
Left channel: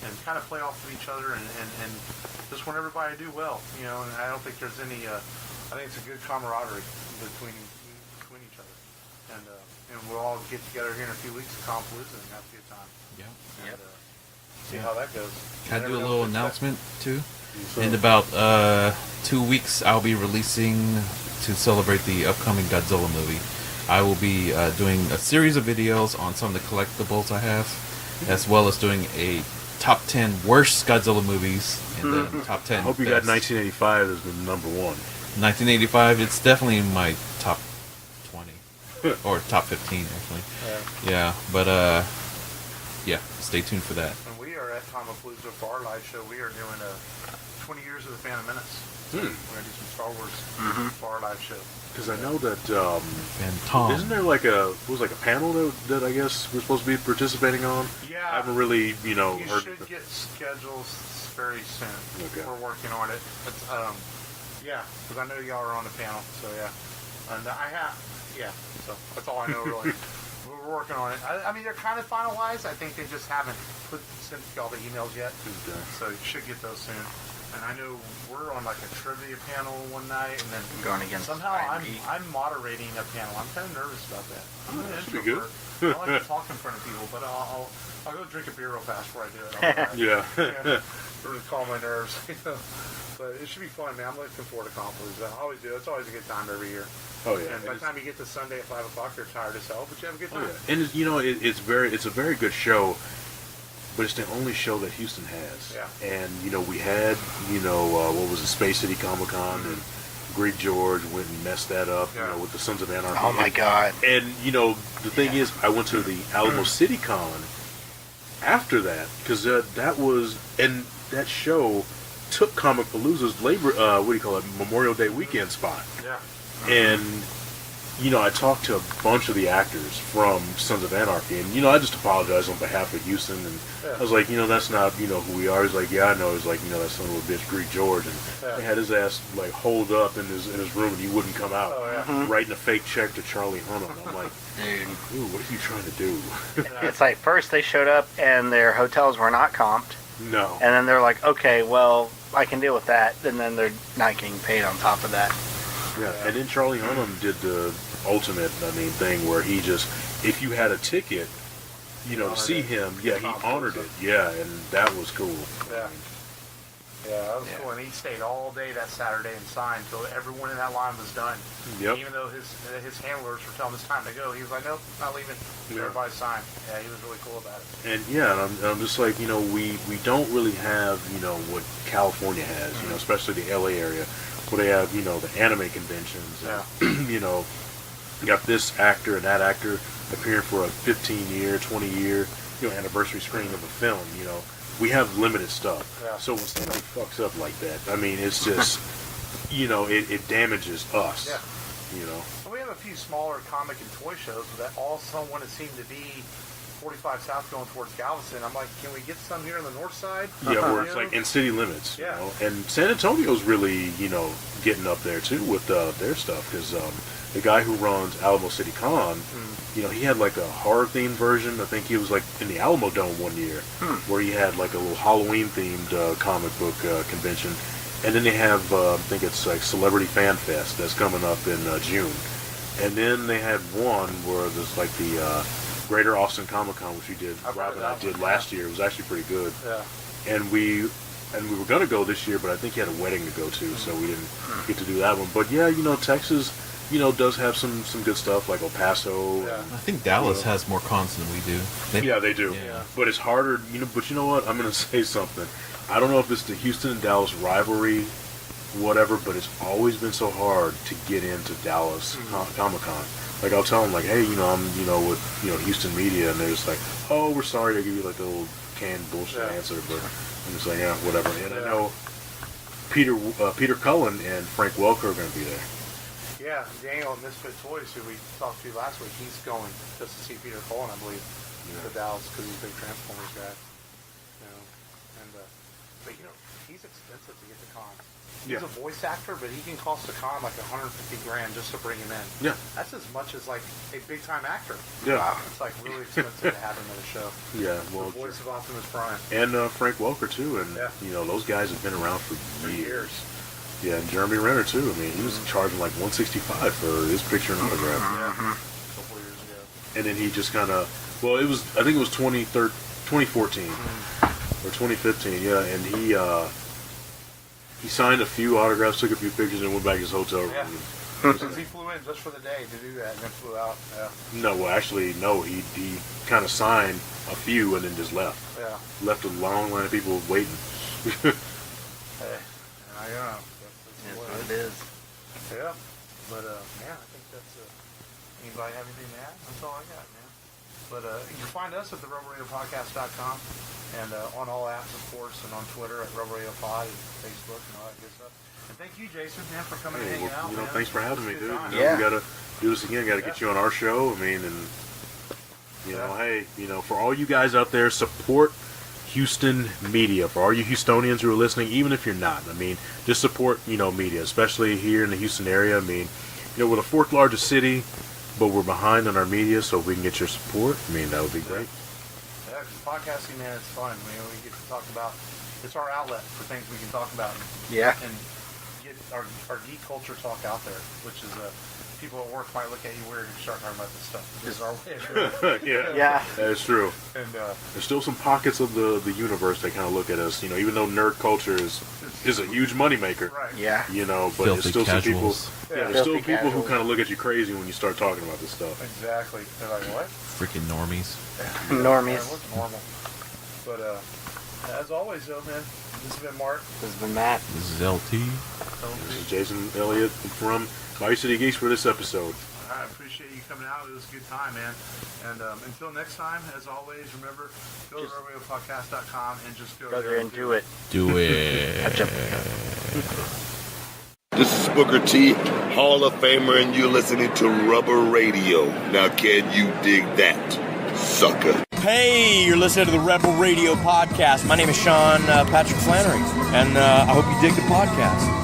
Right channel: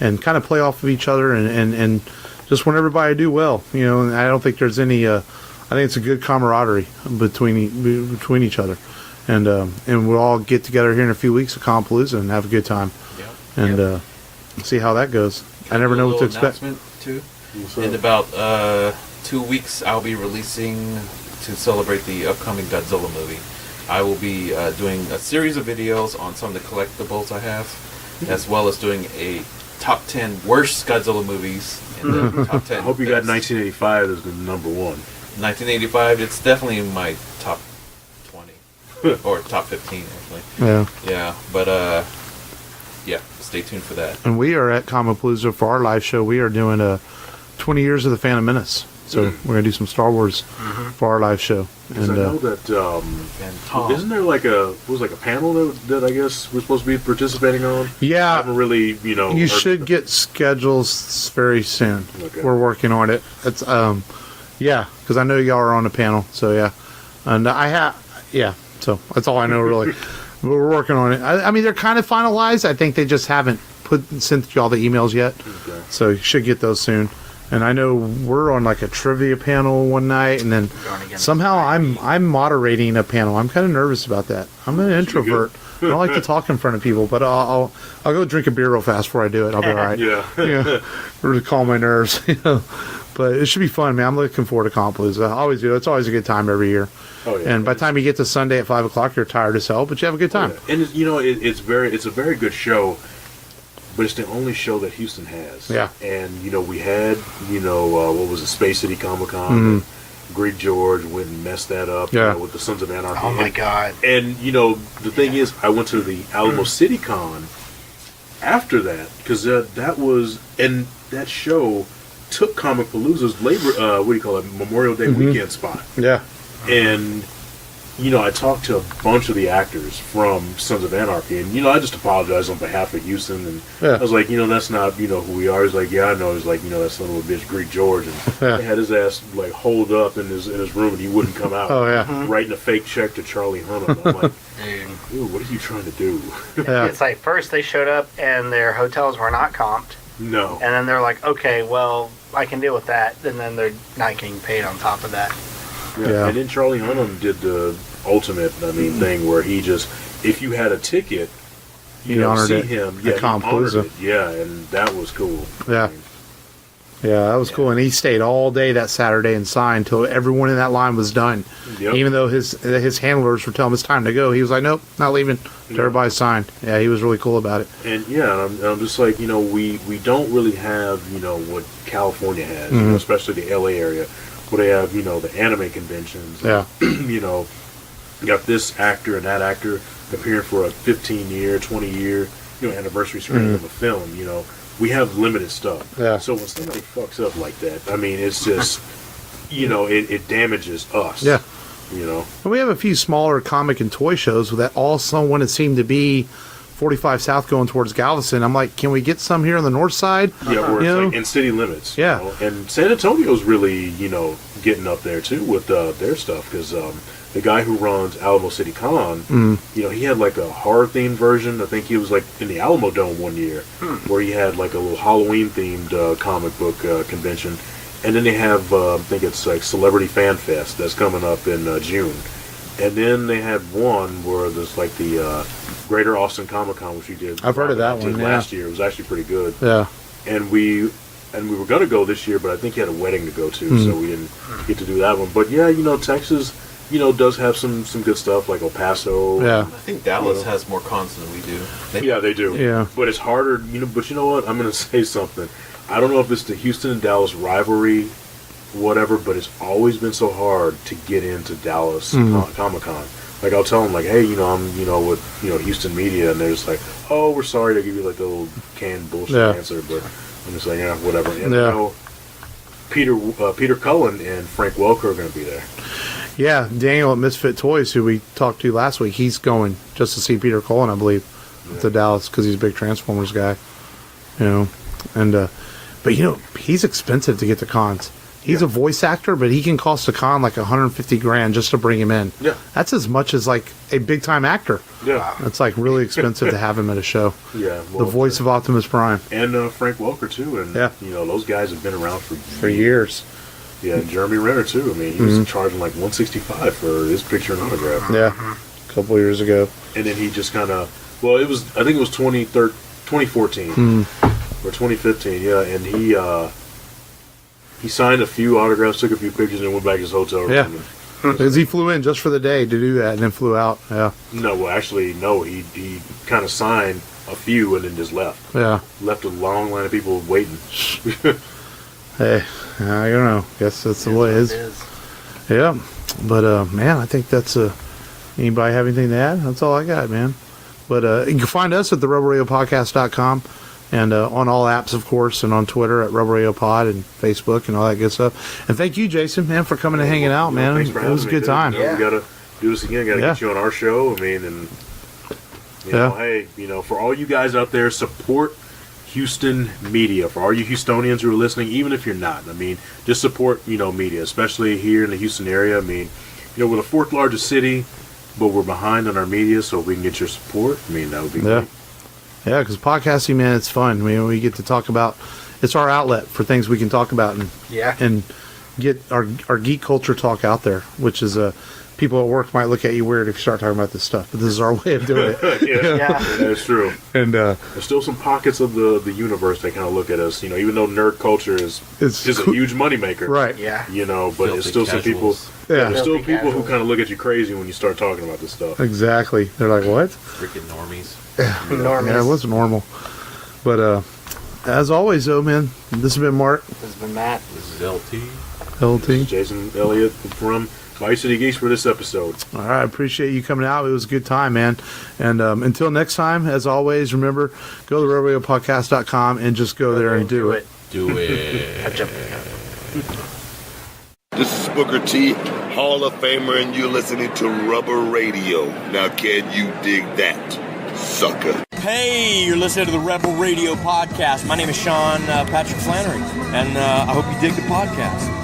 and kind of play off of each other and just want everybody to do well. You know, and I don't think there's any. I think it's a good camaraderie between each other, and we'll all get together here in a few weeks at Compalooza and have a good time. And see how that goes. I never know what to expect. Announcement too. In about 2 weeks, I'll be releasing to celebrate the upcoming Godzilla movie. I will be doing a series of videos on some of the collectibles I have, as well as doing a top 10 worst Godzilla movies in the top 10. I hope you got 1985 as the number one. 1985, it's definitely in my top 20 or top 15 actually. Yeah, but yeah, stay tuned for that. And we are at Compalooza for our live show. We are doing 20 years of the Phantom Menace. So we're gonna do some Star Wars for our live show. Because I know that isn't there like a panel that I guess we're supposed to be participating on? Yeah, I haven't really, you know. You should get schedules very soon. Okay. We're working on it. It's yeah, because I know y'all are on the panel. So yeah, and so that's all I know really. We're working on it. I mean, they're kind of finalized. I think they just haven't sent y'all the emails yet. Okay. So you should get those soon. And I know we're on like a trivia panel one night, and then somehow I'm moderating a panel. I'm kind of nervous about that. I'm an introvert. I don't like to talk in front of people, but I'll go drink a beer real fast before I do it. I'll be all right. Yeah. Or to calm my nerves. You know. But it should be fun, man. I'm looking forward to Compalooza. I always do. It's always a good time every year. Oh yeah. And by the time you get to Sunday at 5 o'clock, you're tired as hell, but you have a good time. Oh, yeah. And you know, it's a very good show. But it's the only show that Houston has. Yeah. And, you know, we had, you know, what was it, Space City Comic-Con. Greek George went and messed that up, you know, with the Sons of Anarchy. Oh, my God. And, you know, the thing is, I went to the Alamo City Con after that, because and that show took Comicpalooza's Memorial Day weekend spot. Yeah. And I talked to a bunch of the actors from Sons of Anarchy, and I just apologized on behalf of Houston, and I was like, that's not who we are. He's like, yeah, I know. He's like, that son of a bitch, Greek George, and they had his ass like holed up in his room, and he wouldn't come out. Oh yeah, writing a fake check to Charlie Hunnam. I'm like, dude, what are you trying to do? It's like first they showed up and their hotels were not comped. No. And then they're like, okay, well, I can deal with that. And then they're not getting paid on top of that. Yeah. And then Charlie Hunnam did the ultimate, thing where he just, if you had a ticket, see him, he honored it. Yeah, and that was cool. Yeah. Yeah, that was cool. And he stayed all day that Saturday and signed till everyone in that line was done. Yep. Even though his handlers were telling him it's time to go, he was like, nope, not leaving. Everybody signed. Yeah, he was really cool about it. And I'm just like, we don't really have, what California has, especially the LA area, where they have, the anime conventions. Yeah. You got this actor and that actor appearing for a 15-year, 20-year, anniversary screening of a film, We have limited stuff. Yeah. So when somebody fucks up like that, it's just, it damages us. Yeah. And we have a few smaller comic and toy shows that all someone it seemed to be 45 South going towards Galveston. I'm like, can we get some here on the north side? Yeah, where it's like in city limits. Yeah. And San Antonio's really, getting up there too with their stuff, because the guy who runs Alamo City Con, he had like a horror-themed version. I think he was like in the Alamo Dome one year, where he had like a little Halloween-themed comic book convention. And then they have, I think it's like Celebrity Fan Fest that's coming up in June. And then they had one where there's like the Greater Austin Comic Con, which we did. I've heard of that one. Last year. It was actually pretty good. Yeah. And we were going to go this year, but I think he had a wedding to go to, so we didn't get to do that one. But yeah, Texas, does have some good stuff like El Paso. Yeah. I think Dallas has more cons than we do. They do. Yeah. But it's harder, but you know what? I'm going to say something. I don't know if it's the Houston and Dallas rivalry, whatever, but it's always been so hard to get into Dallas Comic-Con. Like, I'll tell them, like, hey, I'm, with, Houston media, and they're just like, oh, we're sorry to give you, like, a little canned bullshit answer, but I'm just like, yeah, whatever. And, Peter Cullen and Frank Welker are going to be there. Yeah, Daniel at Misfit Toys, who we talked to last week, he's going just to see Peter Cullen, I believe, to Dallas, because he's a big Transformers guy, and, but, he's expensive to get to cons. He's a voice actor, but he can cost a con like $150,000 just to bring him in. Yeah. That's as much as like a big time actor. Yeah. It's like really expensive to have him at a show. Yeah. Well, the voice of Optimus Prime. And Frank Welker, too. And, those guys have been around for years. Yeah, and Jeremy Renner, too. He was charging like $165 for his picture and autograph. Yeah. A couple years ago. And then he just kind of, I think it was 2014 or 2015, yeah, and he signed a few autographs, took a few pictures, and went back to his hotel room. Yeah. Because he flew in just for the day to do that and then flew out. Yeah. No, well, actually, no. He kind of signed a few and then just left. Yeah. Left a long line of people waiting. Hey, I don't know. Guess that's the way it is. Yeah. But, man, I think that's anybody have anything to add? That's all I got, man. But you can find us at the RebelRadioPodcast.com. And on all apps, of course, and on Twitter at Rebel Radio Pod and Facebook and all that good stuff. And thank you, Jason, man, for coming and hanging out, man. Thanks for having me. It was a good time. We got to do this again. Got to get you on our show. And hey, for all you guys out there, support Houston media. For all you Houstonians who are listening, even if you're not, just support, media, especially here in the Houston area. We're the fourth largest city, but we're behind on our media, so if we can get your support, that would be great. Yeah, because podcasting, man, it's fun. We get to talk about, it's our outlet for things we can talk about and get our geek culture talk out there, which is people at work might look at you weird if you start talking about this stuff, but this is our way of doing it. Yeah, that's true. And there's still some pockets of the universe that kind of look at us, even though nerd culture is a huge moneymaker. Right. Yeah. But there's still some people. Yeah. There's still people who kind of look at you crazy when you start talking about this stuff. Exactly. They're like, what? Freaking normies. Normies. Yeah, it was normal. But as always, though, man, this has been Mark. This has been Matt. This is LT. LT. This is Jason Elliot from Bayou City Geeks for this episode. All right, I appreciate you coming out. It was a good time, man. And until next time, as always, remember, go to RebelRadioPodcast.com and just go there and do it. Do it. This is Booker T, Hall of Famer, and you're listening to Rubber Radio. Now, can you dig that, sucker? Hey, you're listening to the Rebel Radio Podcast. My name is Sean Patrick Flannery, and I hope you dig the podcast.